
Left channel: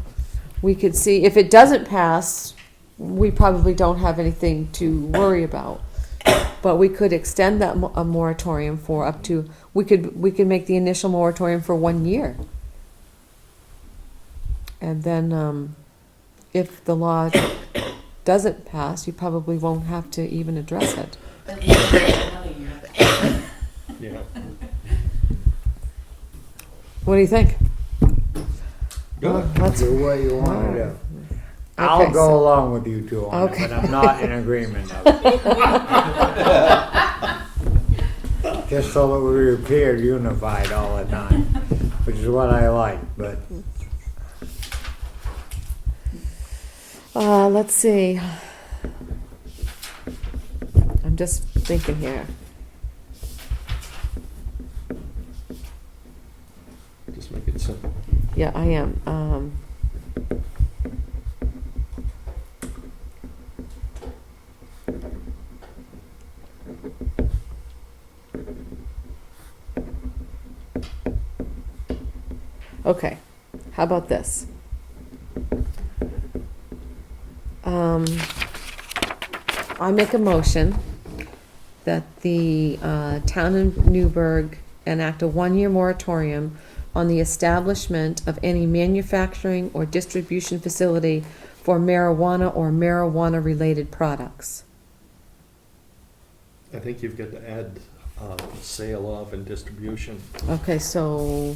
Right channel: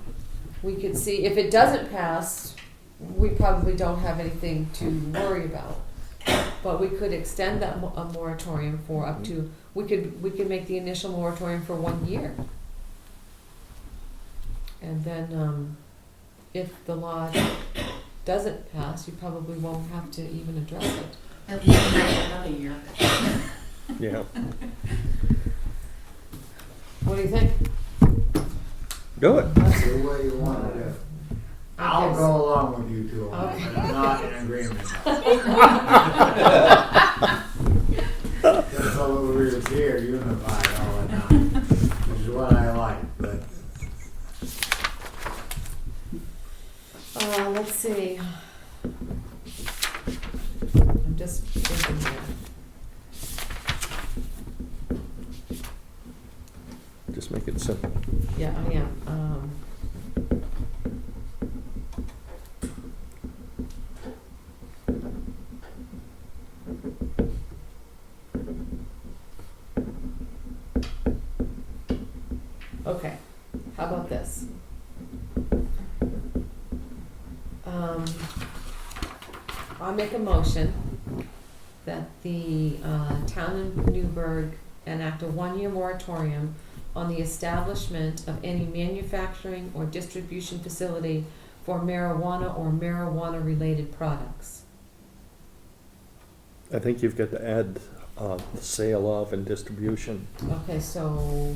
we could see, if it doesn't pass, we probably don't have anything to worry about. But we could extend that a moratorium for up to, we could make the initial moratorium for 1 year. And then, if the law doesn't pass, you probably won't have to even address it. At least another year, but Yeah. What do you think? Do it. That's- Do what you want to do. Okay, I'll so- go along with you two on it, Okay. but I'm not in agreement. Just so that we appear unified all the time, which is what I like, but Let's see. I'm just thinking here. Just make it simple. Yeah, I am. Okay, how about this? I make a motion that the town of Newburgh enact a 1-year moratorium on the establishment of any manufacturing or distribution facility for marijuana or marijuana-related products. I think you've got to add sale of and distribution Okay, so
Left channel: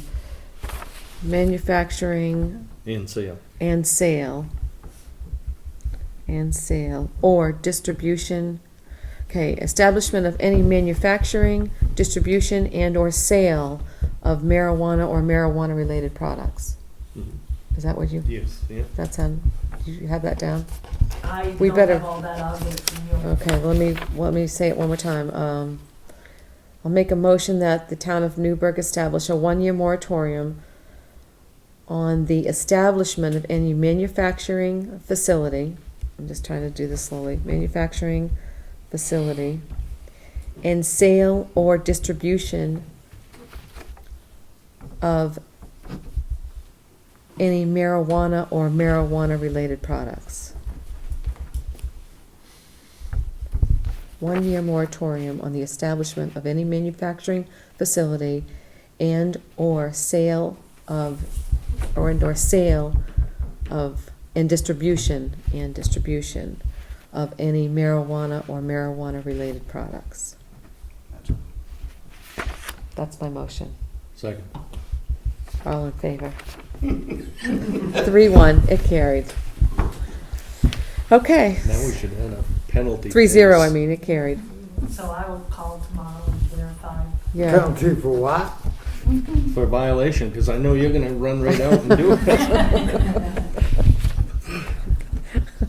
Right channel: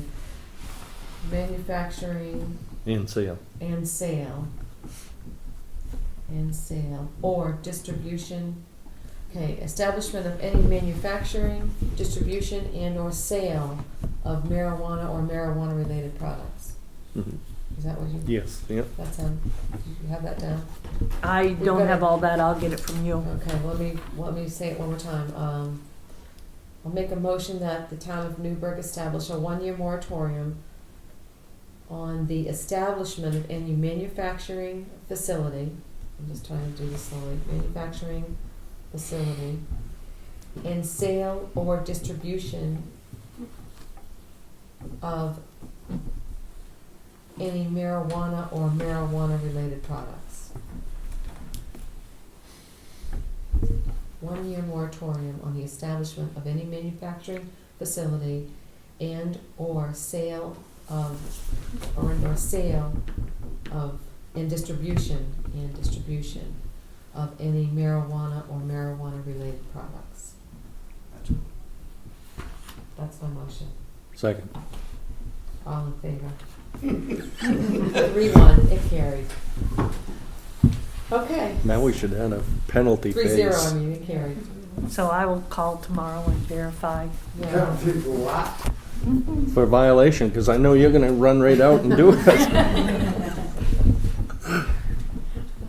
manufacturing and sale. and sale or distribution. Okay, establishment of any manufacturing, distribution, and or sale of marijuana or marijuana related products. Mhm. Is that what you, Yes, yeah. that's you have that down? I We don't better- have all that, I'll get it from you. Okay, let me say it one more time. I'll make a motion that the town of Newburgh establish a 1-year moratorium on the establishment of any manufacturing facility. I'm just trying to do this slowly. Manufacturing facility and sale or distribution of any marijuana or marijuana related products. 1-year moratorium on the establishment of any manufacturing facility and or sale of and distribution of any marijuana or marijuana related products. That's my motion. Second. All in favor? 3-1, it carried. Okay. Now we should add a penalty. 3-0, phase. I mean, it carried. So I will call tomorrow and verify. Yeah. penalty for what? For violation, because I know you're gonna run right out and do it.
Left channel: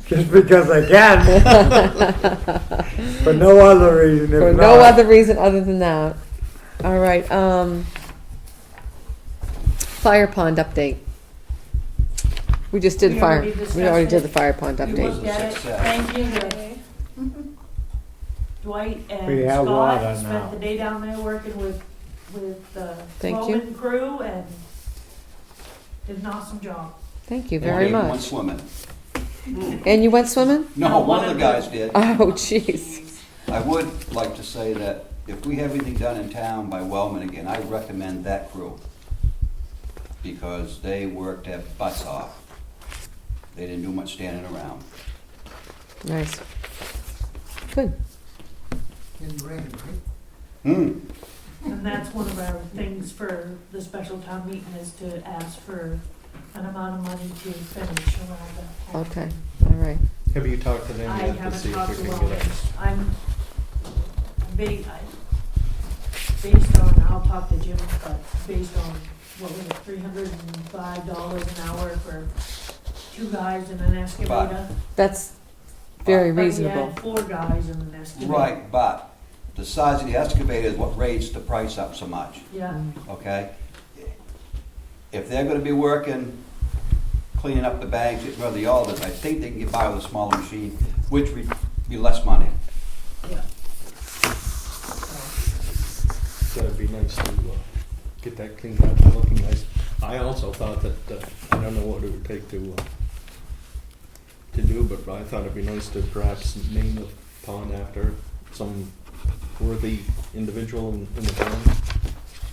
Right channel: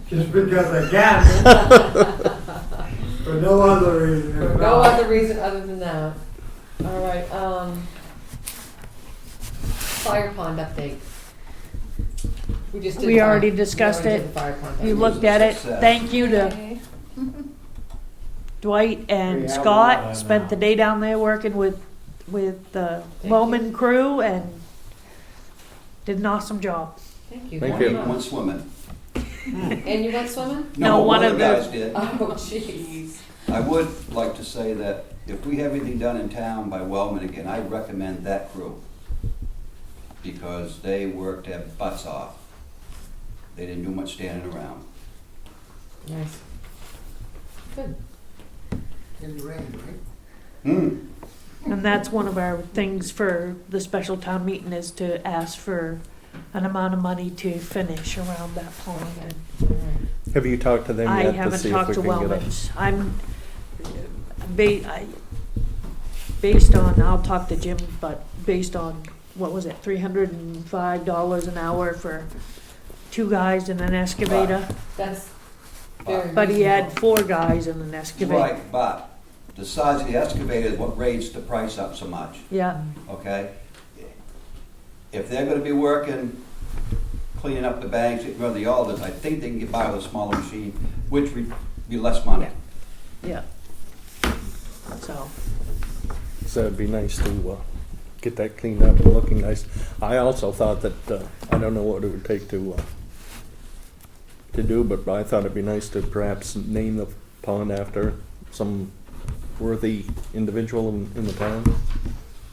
Just because I can. For no other reason For if no not. other reason other than that. All right, fire pond update. We just did. We fire- already discussed We already it. did the fire pond We update. looked at it, Success. thank you to Okay. Dwight We and have Scott, water spent now. the day down there working with the Thank Bowman crew and did an awesome job. Thank you Thank very you. Went much. swimming. And you went swimming? No, one one of of the the- guys did. Oh, jeez. I would like to say that if we have anything done in town by Wellman again, I recommend that crew. Because they worked their butts off. They didn't do much standing around. Nice. Good. In the rain, right? And that's one of our things for the special town meeting is to ask for an amount of money to finish around that pond. Okay, all right. Have you talked to them I yet to haven't see if talked we to can get a? Wellness. Based on, I'll talk to Jim, but based on, what was it, $305 an hour for 2 guys and an excavator? That's very But he reasonable. had 4 guys and an excavator. Right, but the size of the excavator is what raised the price up so much, Yeah, okay? If they're gonna be working, cleaning up the banks, getting rid of the alders, I think they can get by with a smaller machine, which would be less money. yeah. said, it'd be nice to get that cleaned up and looking nice. I also thought that, I don't know what it would take to do, but I thought it'd be nice to perhaps name the pond after some worthy individual in the town.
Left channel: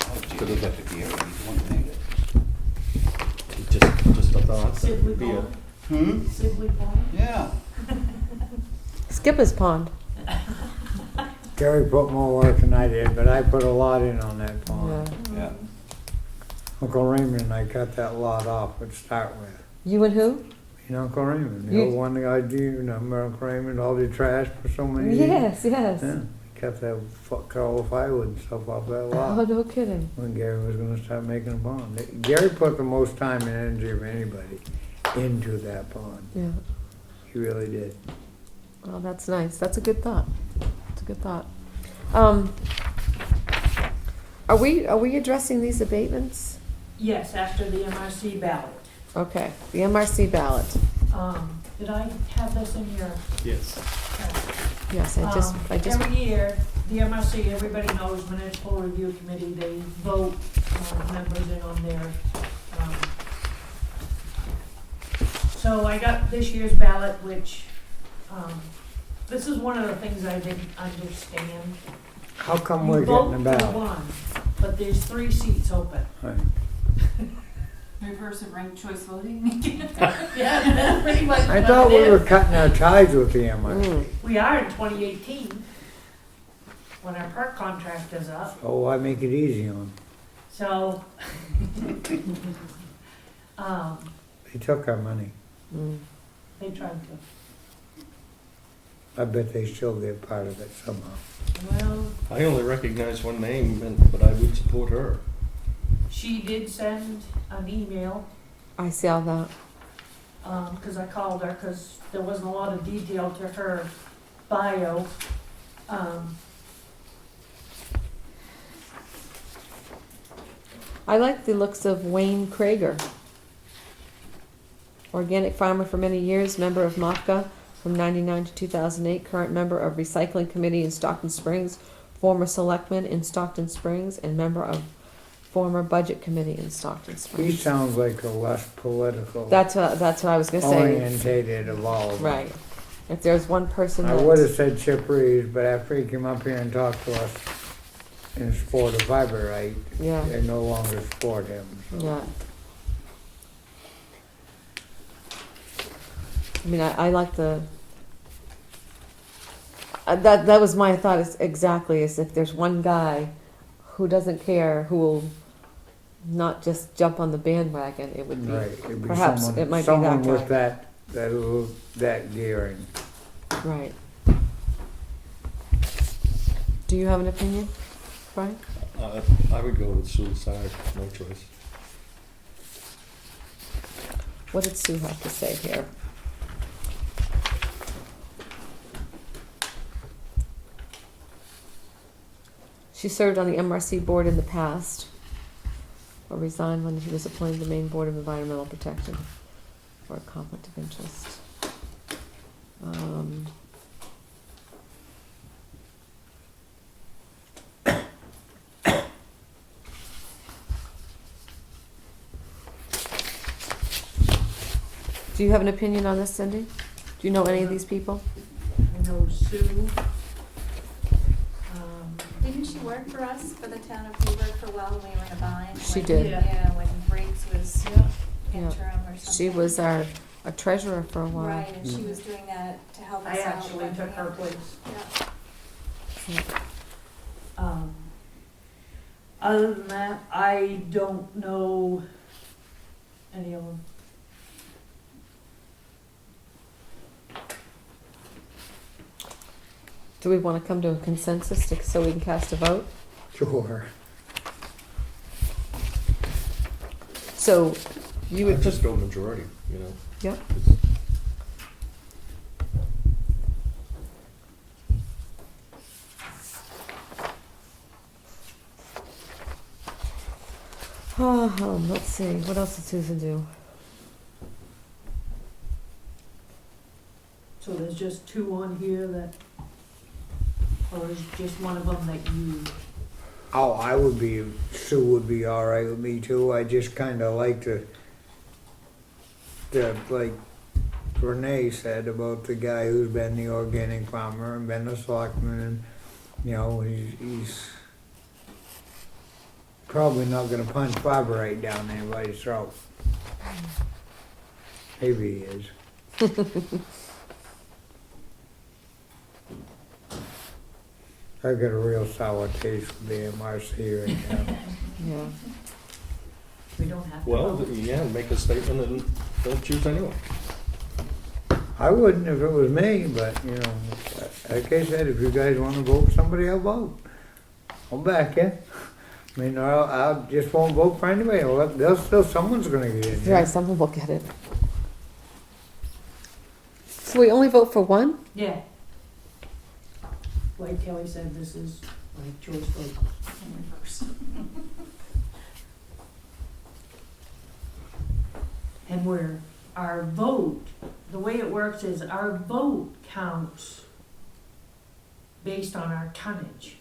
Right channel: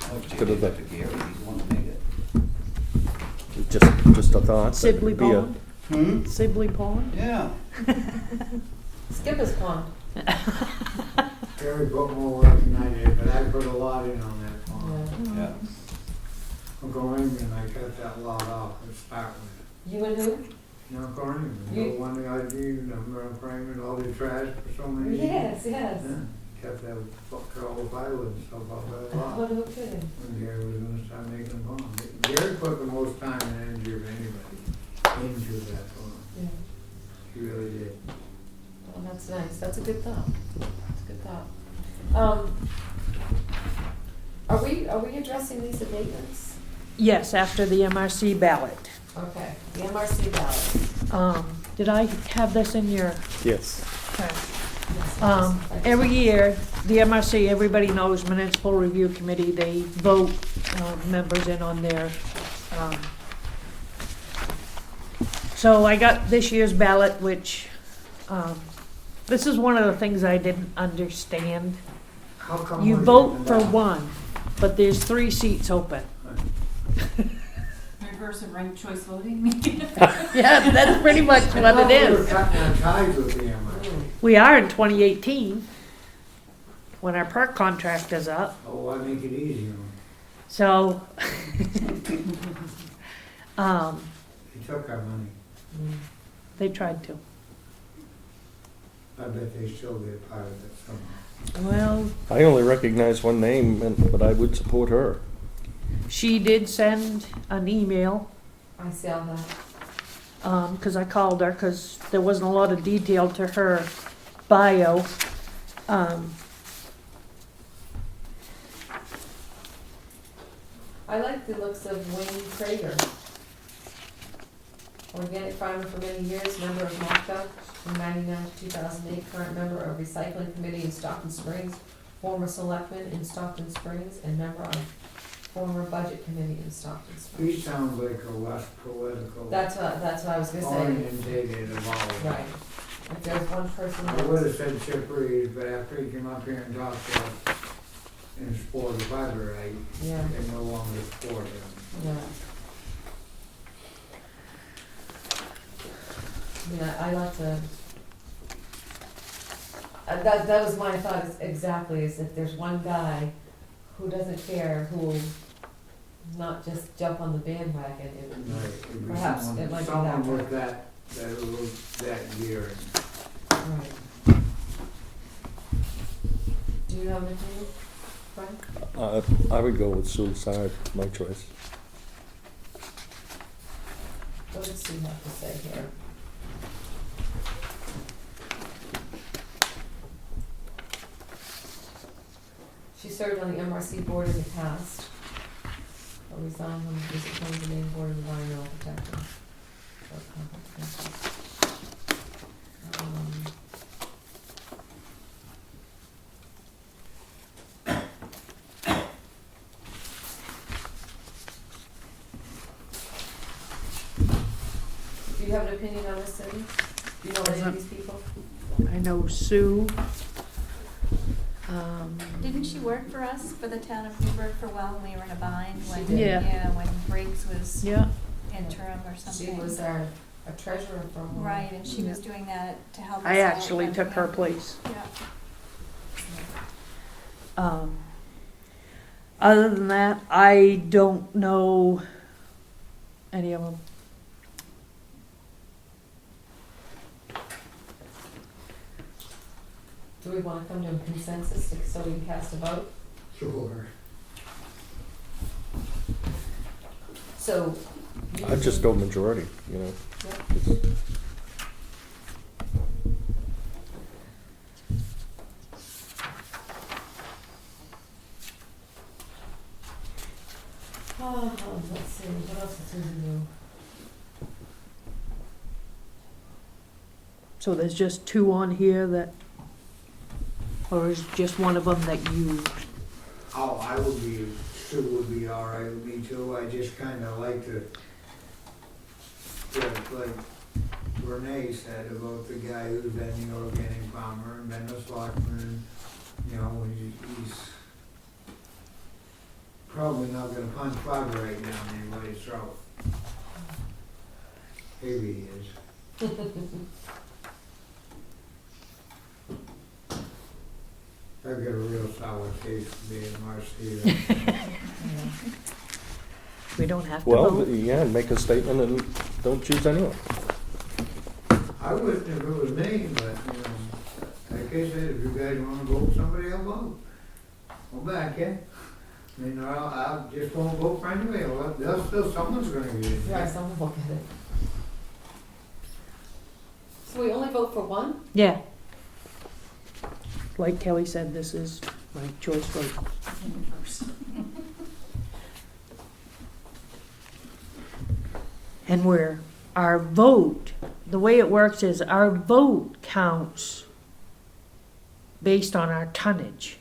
Oh, gee, you'd have to be here, he's the one that made it. Just a thought. Sibley Be a- Pond? Sibley Pond? Yeah. Skipper's Pond. Gary put more work than I did, but I put a lot in on that pond. Yeah. Yeah. Uncle Raymond and I cut that lot off to start with. You and who? You know Uncle Raymond, the You- old one that I do, you remember Uncle Raymond, all the trash for so many years? Yes, yes. Yeah, kept that all firewood and stuff off that lot. Oh, no kidding. When Gary was gonna start making a pond. Gary put the most time and energy of anybody into that pond. Yeah. He really did. Well, that's nice. That's a good thought. That's a good thought. Are we addressing these abatements? Yes, after the MRC ballot. Okay, the MRC ballot. Did I have this in your? Yes. Okay. Yes, Every year, the MRC, everybody knows Municipal Review Committee, they vote members in on their, so I got this year's ballot, which, this is one of the things I didn't understand. How come You we're vote getting the for ballot? one, but there's 3 seats open. Reverse of ranked choice voting? Yeah, that's pretty much I what thought it we were is. cutting our ties with the MRC. We are in 2018, when our park contract is up. Oh, I make it easy on 'em. So, They took our money. they tried to. I bet they still get part of it somehow. Well, I only recognize one name, but I would support her. she did send an email, I see all that. 'cause I called her, 'cause there wasn't a lot of detail to her bio. I like the looks of Wayne Krager. Organic farmer for many years, member of MACA from 99 to 2008, current member of Recycling Committee in Stockton Springs, former selectman in Stockton Springs, and member of former Budget Committee in Stockton He Springs. sounds like a less political That's what I was gonna say. orientated of all of them. Right. If there's one person I that's. would have said Chip Reeves, but after he came up here and talked to us in support of fiber right, Yeah, they no longer support him. yeah. I mean, I like the, that was my thought is exactly, is if there's one guy who doesn't care, who will not just jump on the bandwagon, it would be, Right, it'd be perhaps someone, it might be someone that with guy. that gearing. Right. Do you have an opinion, Brian? I would go with suicide, my choice. What did Sue have to say here? She served on the MRC board in the past, but resigned when she was appointed to the Maine Board of Environmental Protection for a conflict of interest. Do you have an opinion on this, Cindy? Do you know any of these people? I know Sue. Didn't she work for us, for the town of Newburgh for a while when we were in a bind? She When- did. Yeah. Yeah, when Briggs was Yeah. interim or something. She was our a treasurer for a while. Right, and she was doing that to help us out. I actually when- took her place. Yeah. Other than that, I don't know any of them. Do we want to come to a consensus so we can cast a vote? Sure. So you would I'd just go majority, you know. Yep. Let's see, what else did Susan do? So there's just 2 on here that, or is just one of them that you, Oh, I would be, Sue would be all right with me too. I just kind of like to, like Renee said about the guy who's been the organic farmer and been the selectman, and you know, he's probably not gonna punch Barbara right down anybody's throat. Maybe he is. I got a real sour taste for being Marcy right now. Yeah. We don't have to Well, vote. yeah, make a statement and don't choose anyone. I wouldn't if it was me, but, you know, like I said, if you guys wanna vote somebody, I'll vote. I'll back you. I mean, I'll just won't vote for anybody. Well, there's still someone's gonna get in Right, there. someone will get it. So we only vote for one? Yeah. Like Kelly said, this is my choice vote. In first. And where our vote, the way it works is our vote counts based on our tonnage.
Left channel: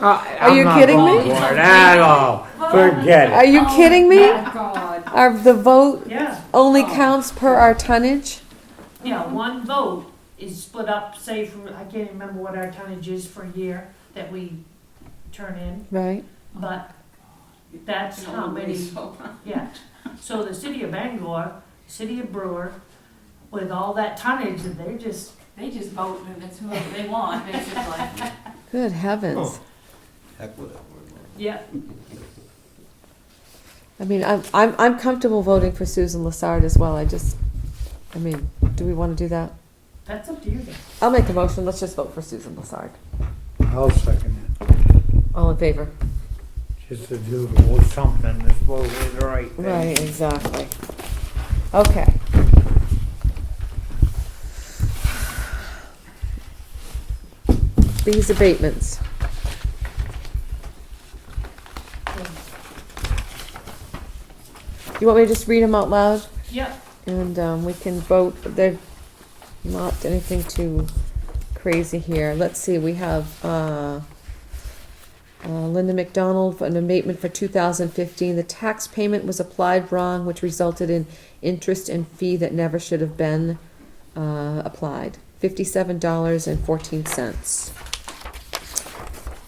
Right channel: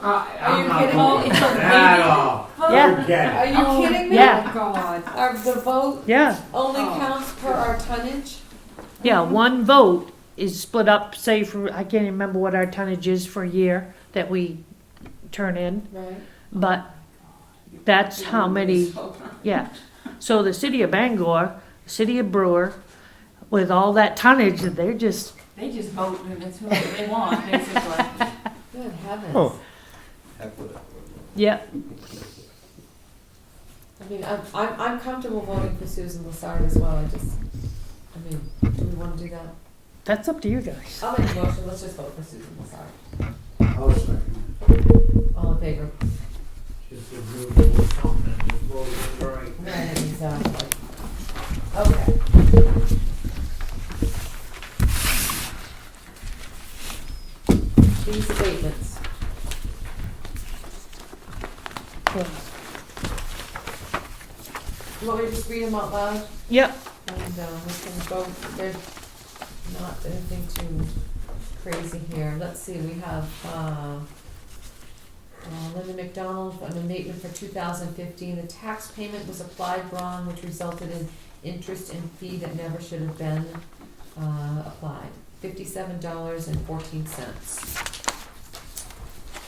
Are you kidding me? At all. Forget Are it. you kidding me? Yeah. God. The vote Yeah, only Oh. counts per our tonnage? yeah, one vote is split up, say for, I can't remember what our tonnage is for a year that we turn in, Right. but that's how many, yeah. So the city of Bangor, city of Brewer, with all that tonnage, they're just, They just vote and it's whoever they want, basically. Good heavens. Oh. Heck with it. yeah, I mean, I'm comfortable voting for Susan Lassard as well. I mean, do we want to do that? that's up to you guys. I'll make the motion. Let's just vote for Susan Lassard. I'll second it. All in favor? Just to do a little something that's supposed to be the right thing. Right, exactly. Okay. These abatements. You want me to just read them out loud? Yep, And we can vote. They're not anything too crazy here. Let's see, we have Linda McDonald for an abatement for 2015. The tax payment was applied wrong, which resulted in interest and fee that never should have been applied. $57.14.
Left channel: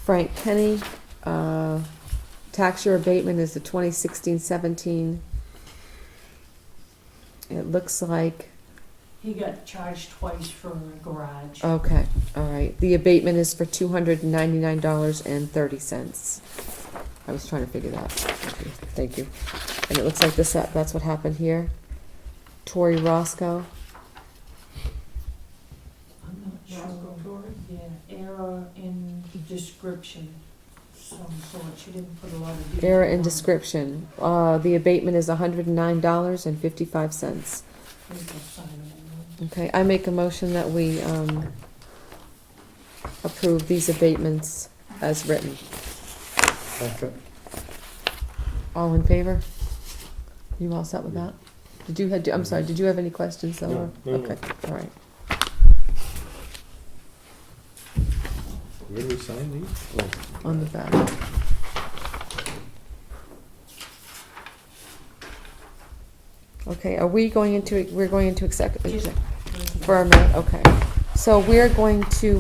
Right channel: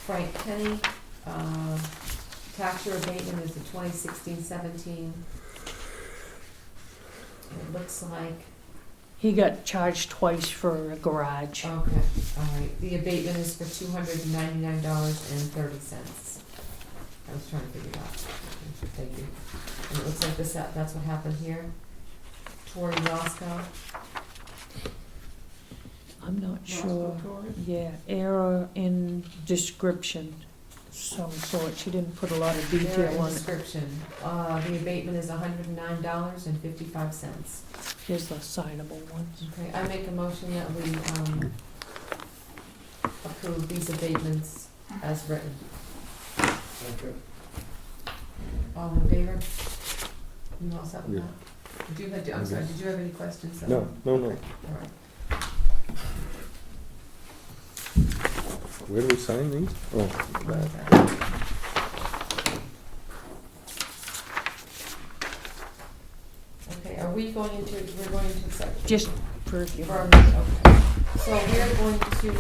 Frank Kenny, tax year abatement is the 2016-17. It looks like, he got charged twice for a garage. okay, all right. The abatement is for $299.30. I was trying to figure that out. Thank you. And it looks like that's what happened here. Tori Roscoe. I'm not sure. Yeah, error in description, some sort. She didn't put a lot of detail Error in on it. description. The abatement is $109.55. Here's the signable ones. Okay, I make a motion that we approve these abatements as written. Okay. All in favor? You all set with Yeah. that? I'm sorry, did you have any questions? though? No, no, no. Okay, all right. Where do we sign these? Oh, On the that. back. Okay, we're going into executive. Just for review. For a minute, okay. So we are going to, I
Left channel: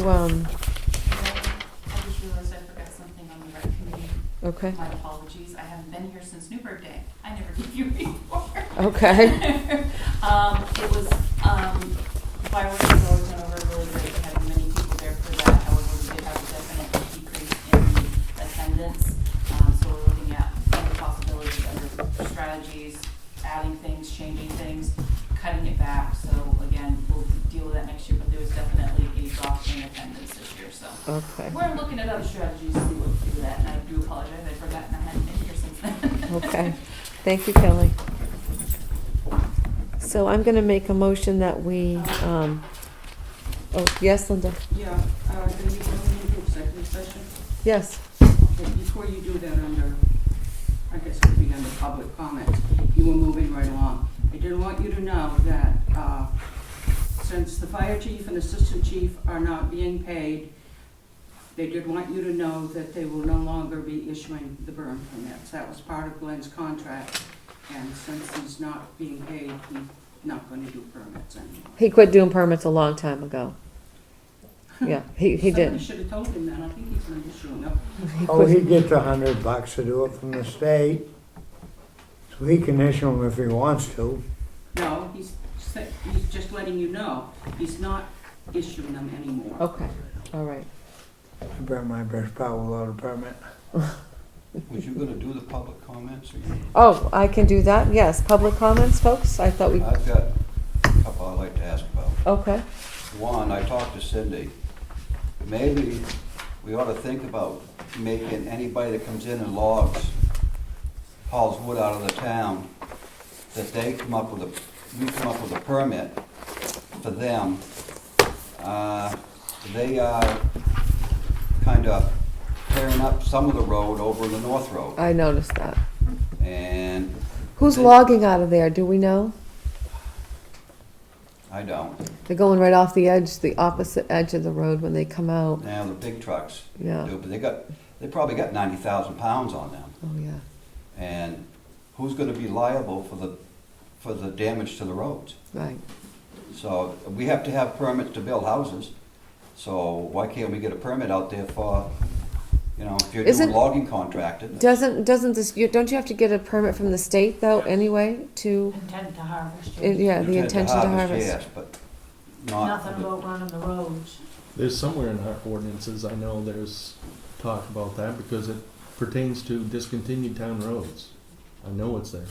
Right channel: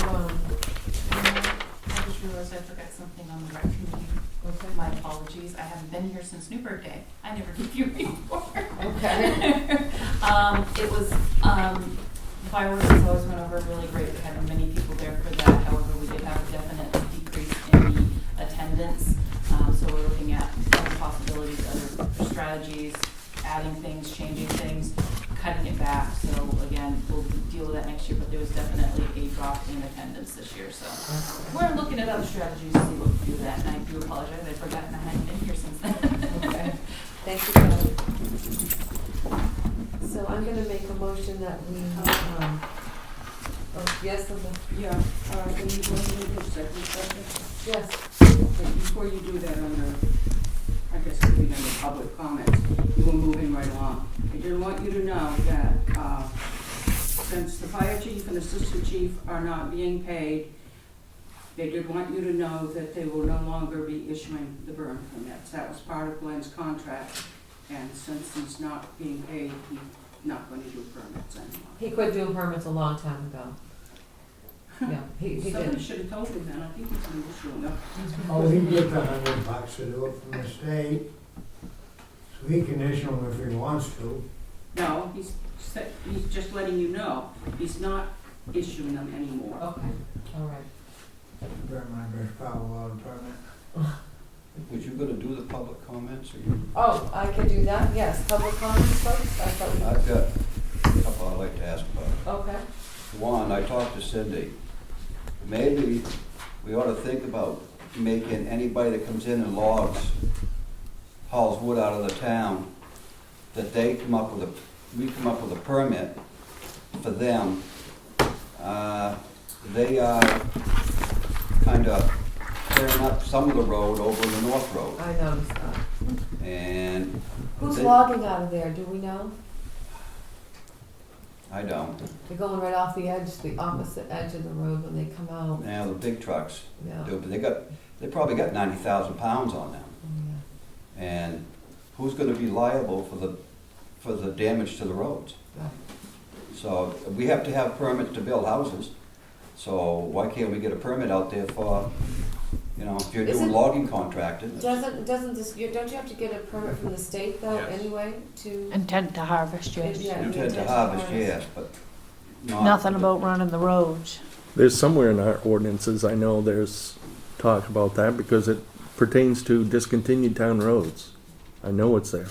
just realized I forgot something on the rec committee. okay, My apologies, I haven't been here since Newburgh Day. I never gave you a report. okay, It was, fireworks has always went over really great, we had many people there for that, however, we did have a definite decrease in attendance. So we're looking at other possibilities, other strategies, adding things, changing things, cutting it back. So again, we'll deal with that next year, but there was definitely a drop in attendance this year, so. okay, We're looking at other strategies to see what we do with that, and I do apologize, I've forgotten I hadn't been here since then. okay. Thank you, Kelly. So I'm gonna make a motion that we, oh, yes, Linda? Yeah, can you go into executive session? Yes. Okay, before you do that I guess it could be under public comments, you were moving right along. I did want you to know that, since the fire chief and assistant chief are not being paid, They did want you to know that they will no longer be issuing the burn permits. That was part of Glenn's contract, and since he's not being paid, he's not going to do permits anymore. He quit doing permits a long time ago. Yeah, he Somebody did. should have told him that. I think he's going to issue them. Oh, he gets $100 to do it from the state, so he can issue them if he wants to. No, he's just letting you know. He's not issuing them anymore. Okay, all right. I burnt my brush pile without a permit. Was you gonna do the public comments, or you? Oh, I can do that, yes. Public comments, folks? I thought we, I've got a couple I'd like to ask about. okay. One, I talked to Cindy. Maybe we ought to think about making anybody that comes in and logs, hauls wood out of the town, that they come up with we come up with a permit for them. They are kind of clearing up some of the road over in the North Road. I noticed that. And Who's They- logging out of there, do we know? I don't. They're going right off the edge, the opposite edge of the road when they come out. Now, the big trucks Yeah, do, but they probably got 90,000 pounds on them. oh, yeah, And who's gonna be liable for the damage to the roads? right. So we have to have permits to build houses, so why can't we get a permit out there for, if you're Isn't- doing logging contracting? Doesn't this, don't you have to get a permit from the state though, Yes. anyway, to, Intent to harvest, yes. yeah, the Intent intention to harvest? yes, but not. Nothing about running the roads. There's somewhere in our ordinances, I know there's talk about that because it pertains to discontinued town roads. I know it's there.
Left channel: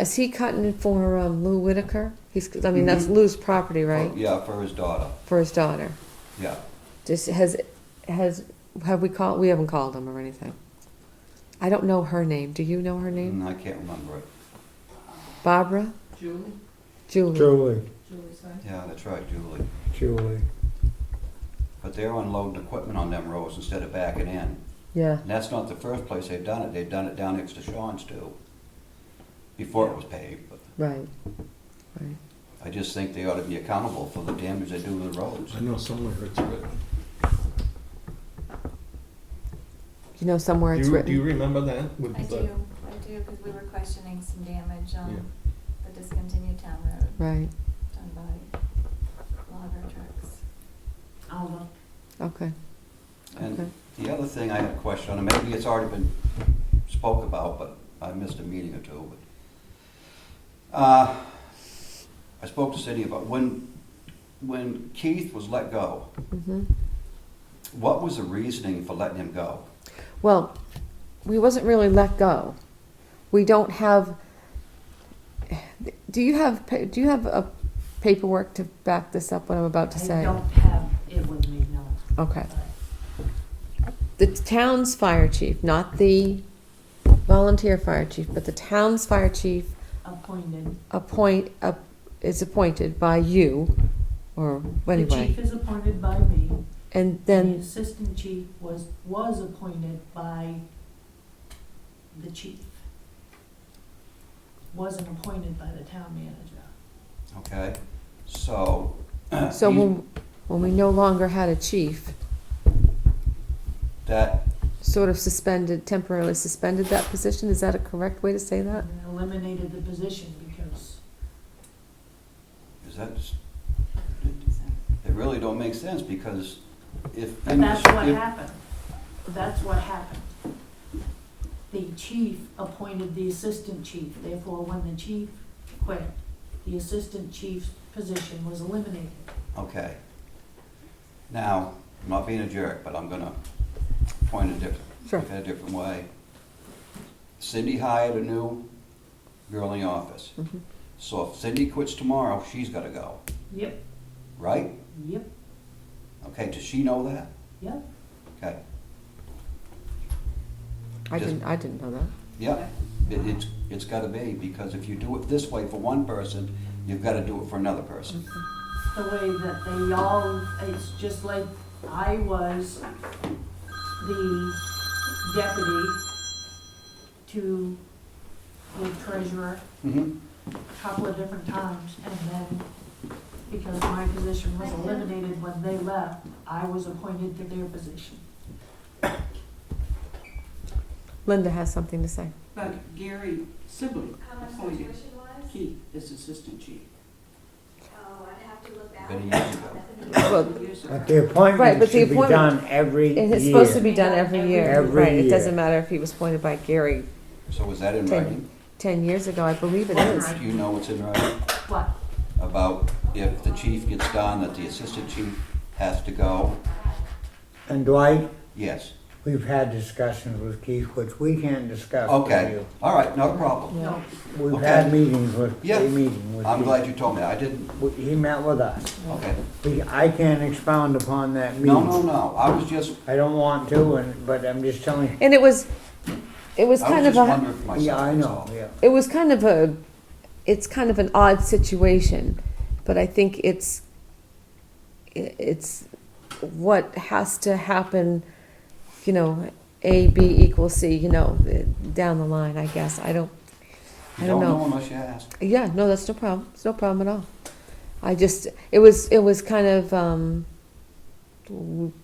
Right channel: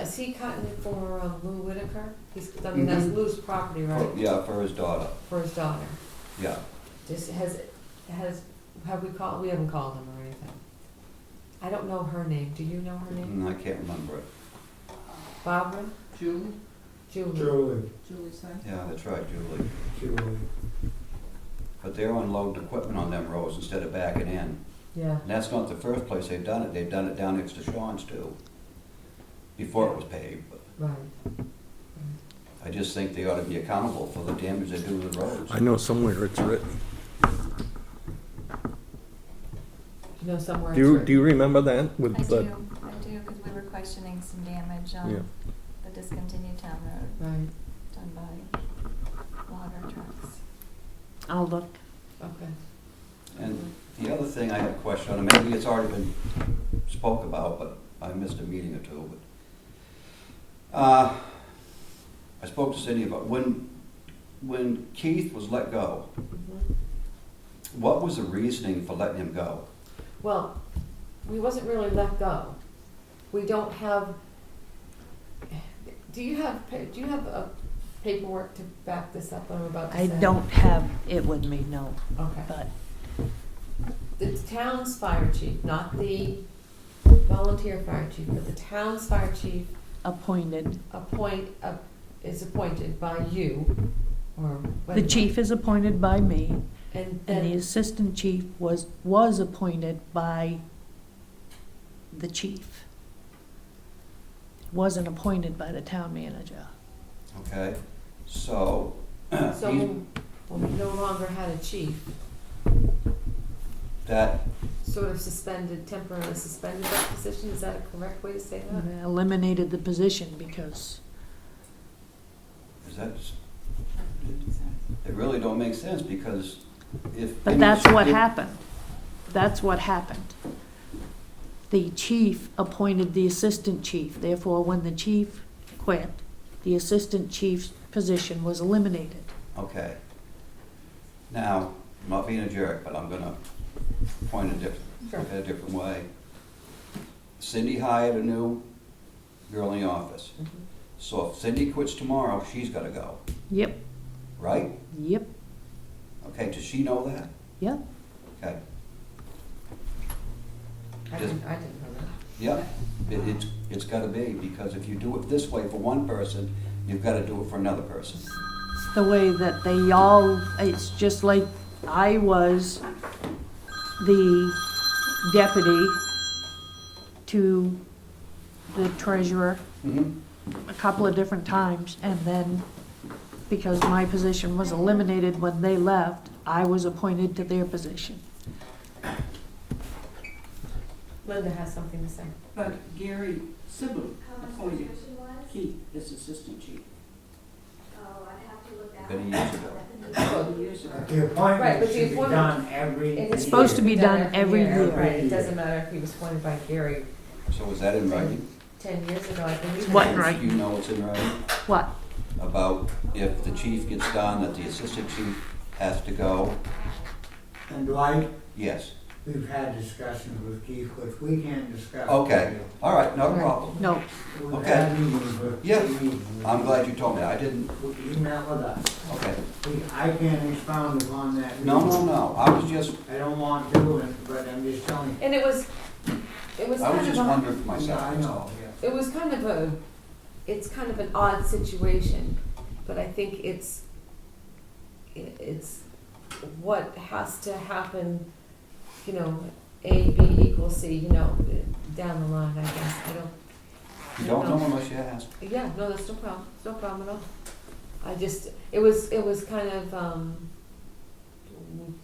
Is he cutting it for Lou Whitaker? That's Mhm. Lou's property, right? Yeah, for his daughter, For his daughter. yeah. Just have we called, we haven't called him or anything. I don't know her name. Do you know her name? I can't remember it. Barbara? Julie? Julie? Julie, Julie's son? Yeah, that's right, Julie. Julie. But they're unloading equipment on them roads instead of backing in. Yeah. And that's not the first place they've done it. They've done it down next to Sean's too, before it was paved. But Right. I just think they ought to be accountable for the damage they do to the roads. I know somewhere it's written. You know somewhere Do it's you, written. do you remember that with I the? do, because we were questioning some damage Yeah. on the discontinued town road Right. done by logger trucks. I'll look. Okay. And the other thing I had a question on, and maybe it's already been spoke about, but I missed a meeting or two, but I spoke to Cindy about when Keith was let go, hmm what was the reasoning for letting him go? Well, we wasn't really let go. We don't have. Do you have a paperwork to back this up? What I'm about to I say. don't have it with me, no, Okay. but The town's fire chief, not the volunteer fire chief, but the town's fire chief appointed. is appointed by you, or The anybody. chief is appointed by me, and and the then assistant chief was appointed by the chief. Wasn't appointed by the town manager. Okay, so. so he's- when we no longer had a chief, That, sort of temporarily suspended that position. Is that a correct way to say that? And eliminated the position because is that, it really don't make sense, because if. But that's what happened. That's what happened. The chief appointed the assistant chief. Therefore, when the chief quit, the assistant chief's position was eliminated. Okay. Now, I'm not being a jerk, but I'm gonna point Sure. look at a different way. Cindy hired a new girl in the office. Mhm. So if Cindy quits tomorrow, she's gotta go, Yep, right? yep, Okay, does she know that? yep. Okay, I Just- didn't know that. yep. It's gotta be, because if you do it this way for one person, you've gotta do it for another person. The way that they all, it's just like I was the deputy to the treasurer Mm-hmm. a couple of different times, and then because my position was eliminated when they left, I was appointed to their position. Linda has something to say. But Gary Sibley appointed Keith as assistant chief. Many years ago. Well, Years ago. But the appointment Right, but the should be appointment- done every year. and it's supposed to be Be done done every year, every right, it year. doesn't matter if he was appointed by Gary So is that in writing? 10 years ago, I believe it What is. right? You know what's in writing? What? About if the chief gets done, that the assistant chief has to go? And Dwight, Yes. we've had discussions with Keith, which we can't discuss with Okay, you. all right, no problem. No, We've Okay. had meetings with, Yeah. a meeting with. I'm Keith. glad you told me. I didn't, He met with us. okay. I can't expound upon that meeting. No, I was just, I don't want to, but I'm just telling you. And it was I was kind of just a, wondering for myself. Yeah, I that's know, all. yeah. it was kind of a, it's kind of an odd situation, but I think it's what has to happen, you know, A, B equals C, you know, down the line, I guess. I don't You know. don't know unless you ask. Yeah, no, that's no problem. It's no problem at all. I just, it was kind of,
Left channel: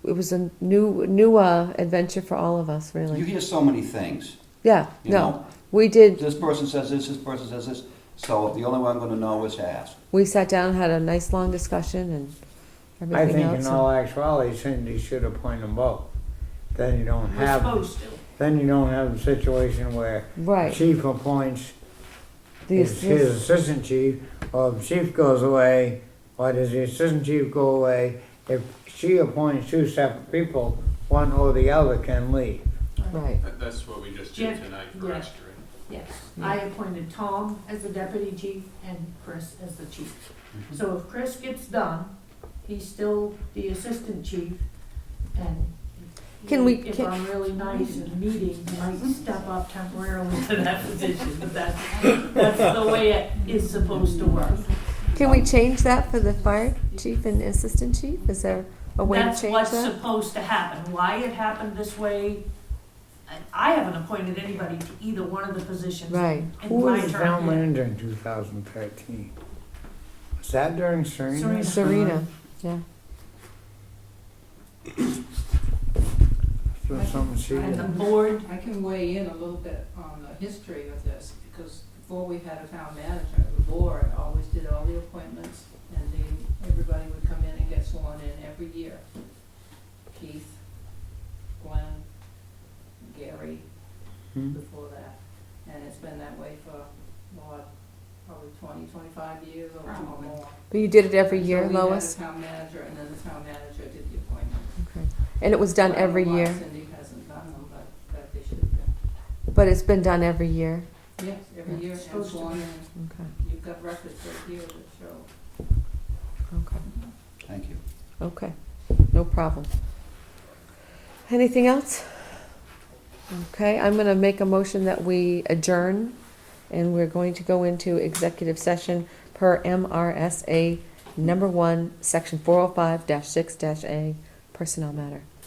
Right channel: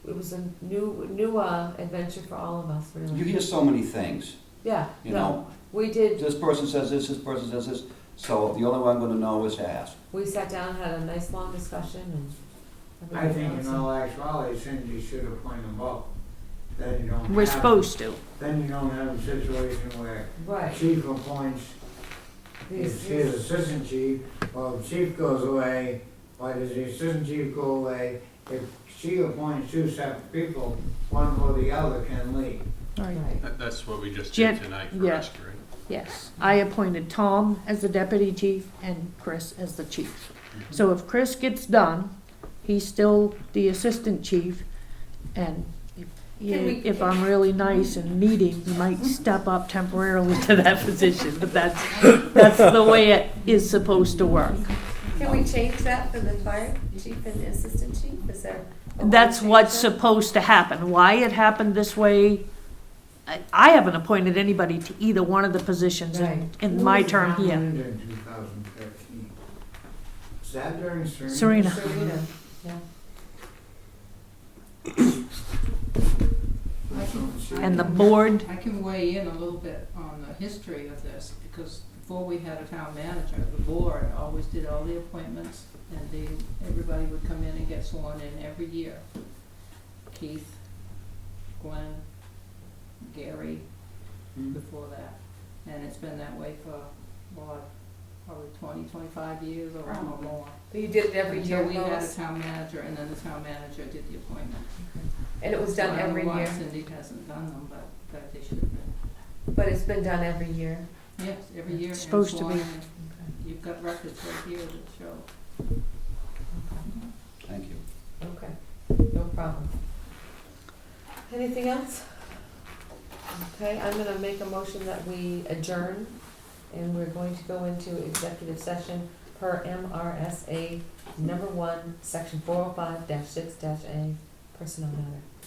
it was a new adventure for all of us, You really. hear so many things, Yeah, you no, know? we did. This person says this person says this, so the only way I'm gonna know is to ask. We sat down, had a nice long discussion, and I everything think else. in all actuality, Cindy should appoint them both. Then you don't have. we're supposed to. Then you don't have a situation where the Right. chief appoints These- his assistant chief, or if the chief goes away, why does the assistant chief go away? If she appoints two separate people, one or the other can leave. Right. That's what we just Jen- did tonight for yeah. rescue, right? Yes, I appointed Tom as the deputy chief and Chris as the chief. So if Chris gets done, he's still the assistant chief, and if I'm really nice and needing, he might step up temporarily to that position, but that's the way it is supposed to work. Can we change that for the fire chief and the assistant chief? Is there a way to That's change what's that? supposed to happen. Why it happened this way, I haven't appointed anybody to either one of the positions Right. in my term yet. Who was in 2013? Was that during Serena? Serena. Serena, yeah. Was something she And the did? board, I can weigh in a little bit on the history of this, because before we had a town manager, the board always did all the appointments, and everybody would come in and get sworn in every year. Keith, Glenn, Gary, Hmm. before that. And it's been that way for, what, probably 25 years or Probably. more. But you did it every year, Until we had Lois? a town manager, and then the town manager did the appointment. And it was done I don't know every why year, Cindy hasn't done them, but they should have been. but it's been done every year. Yes, every year. It's and supposed to sworn be. in. Okay, You've got records right here that show. okay, Thank you. okay, no problem. Anything else? Okay, I'm gonna make a motion that we adjourn, and we're going to go into executive session per MRSA number 1, section 405-6-A, personnel matter.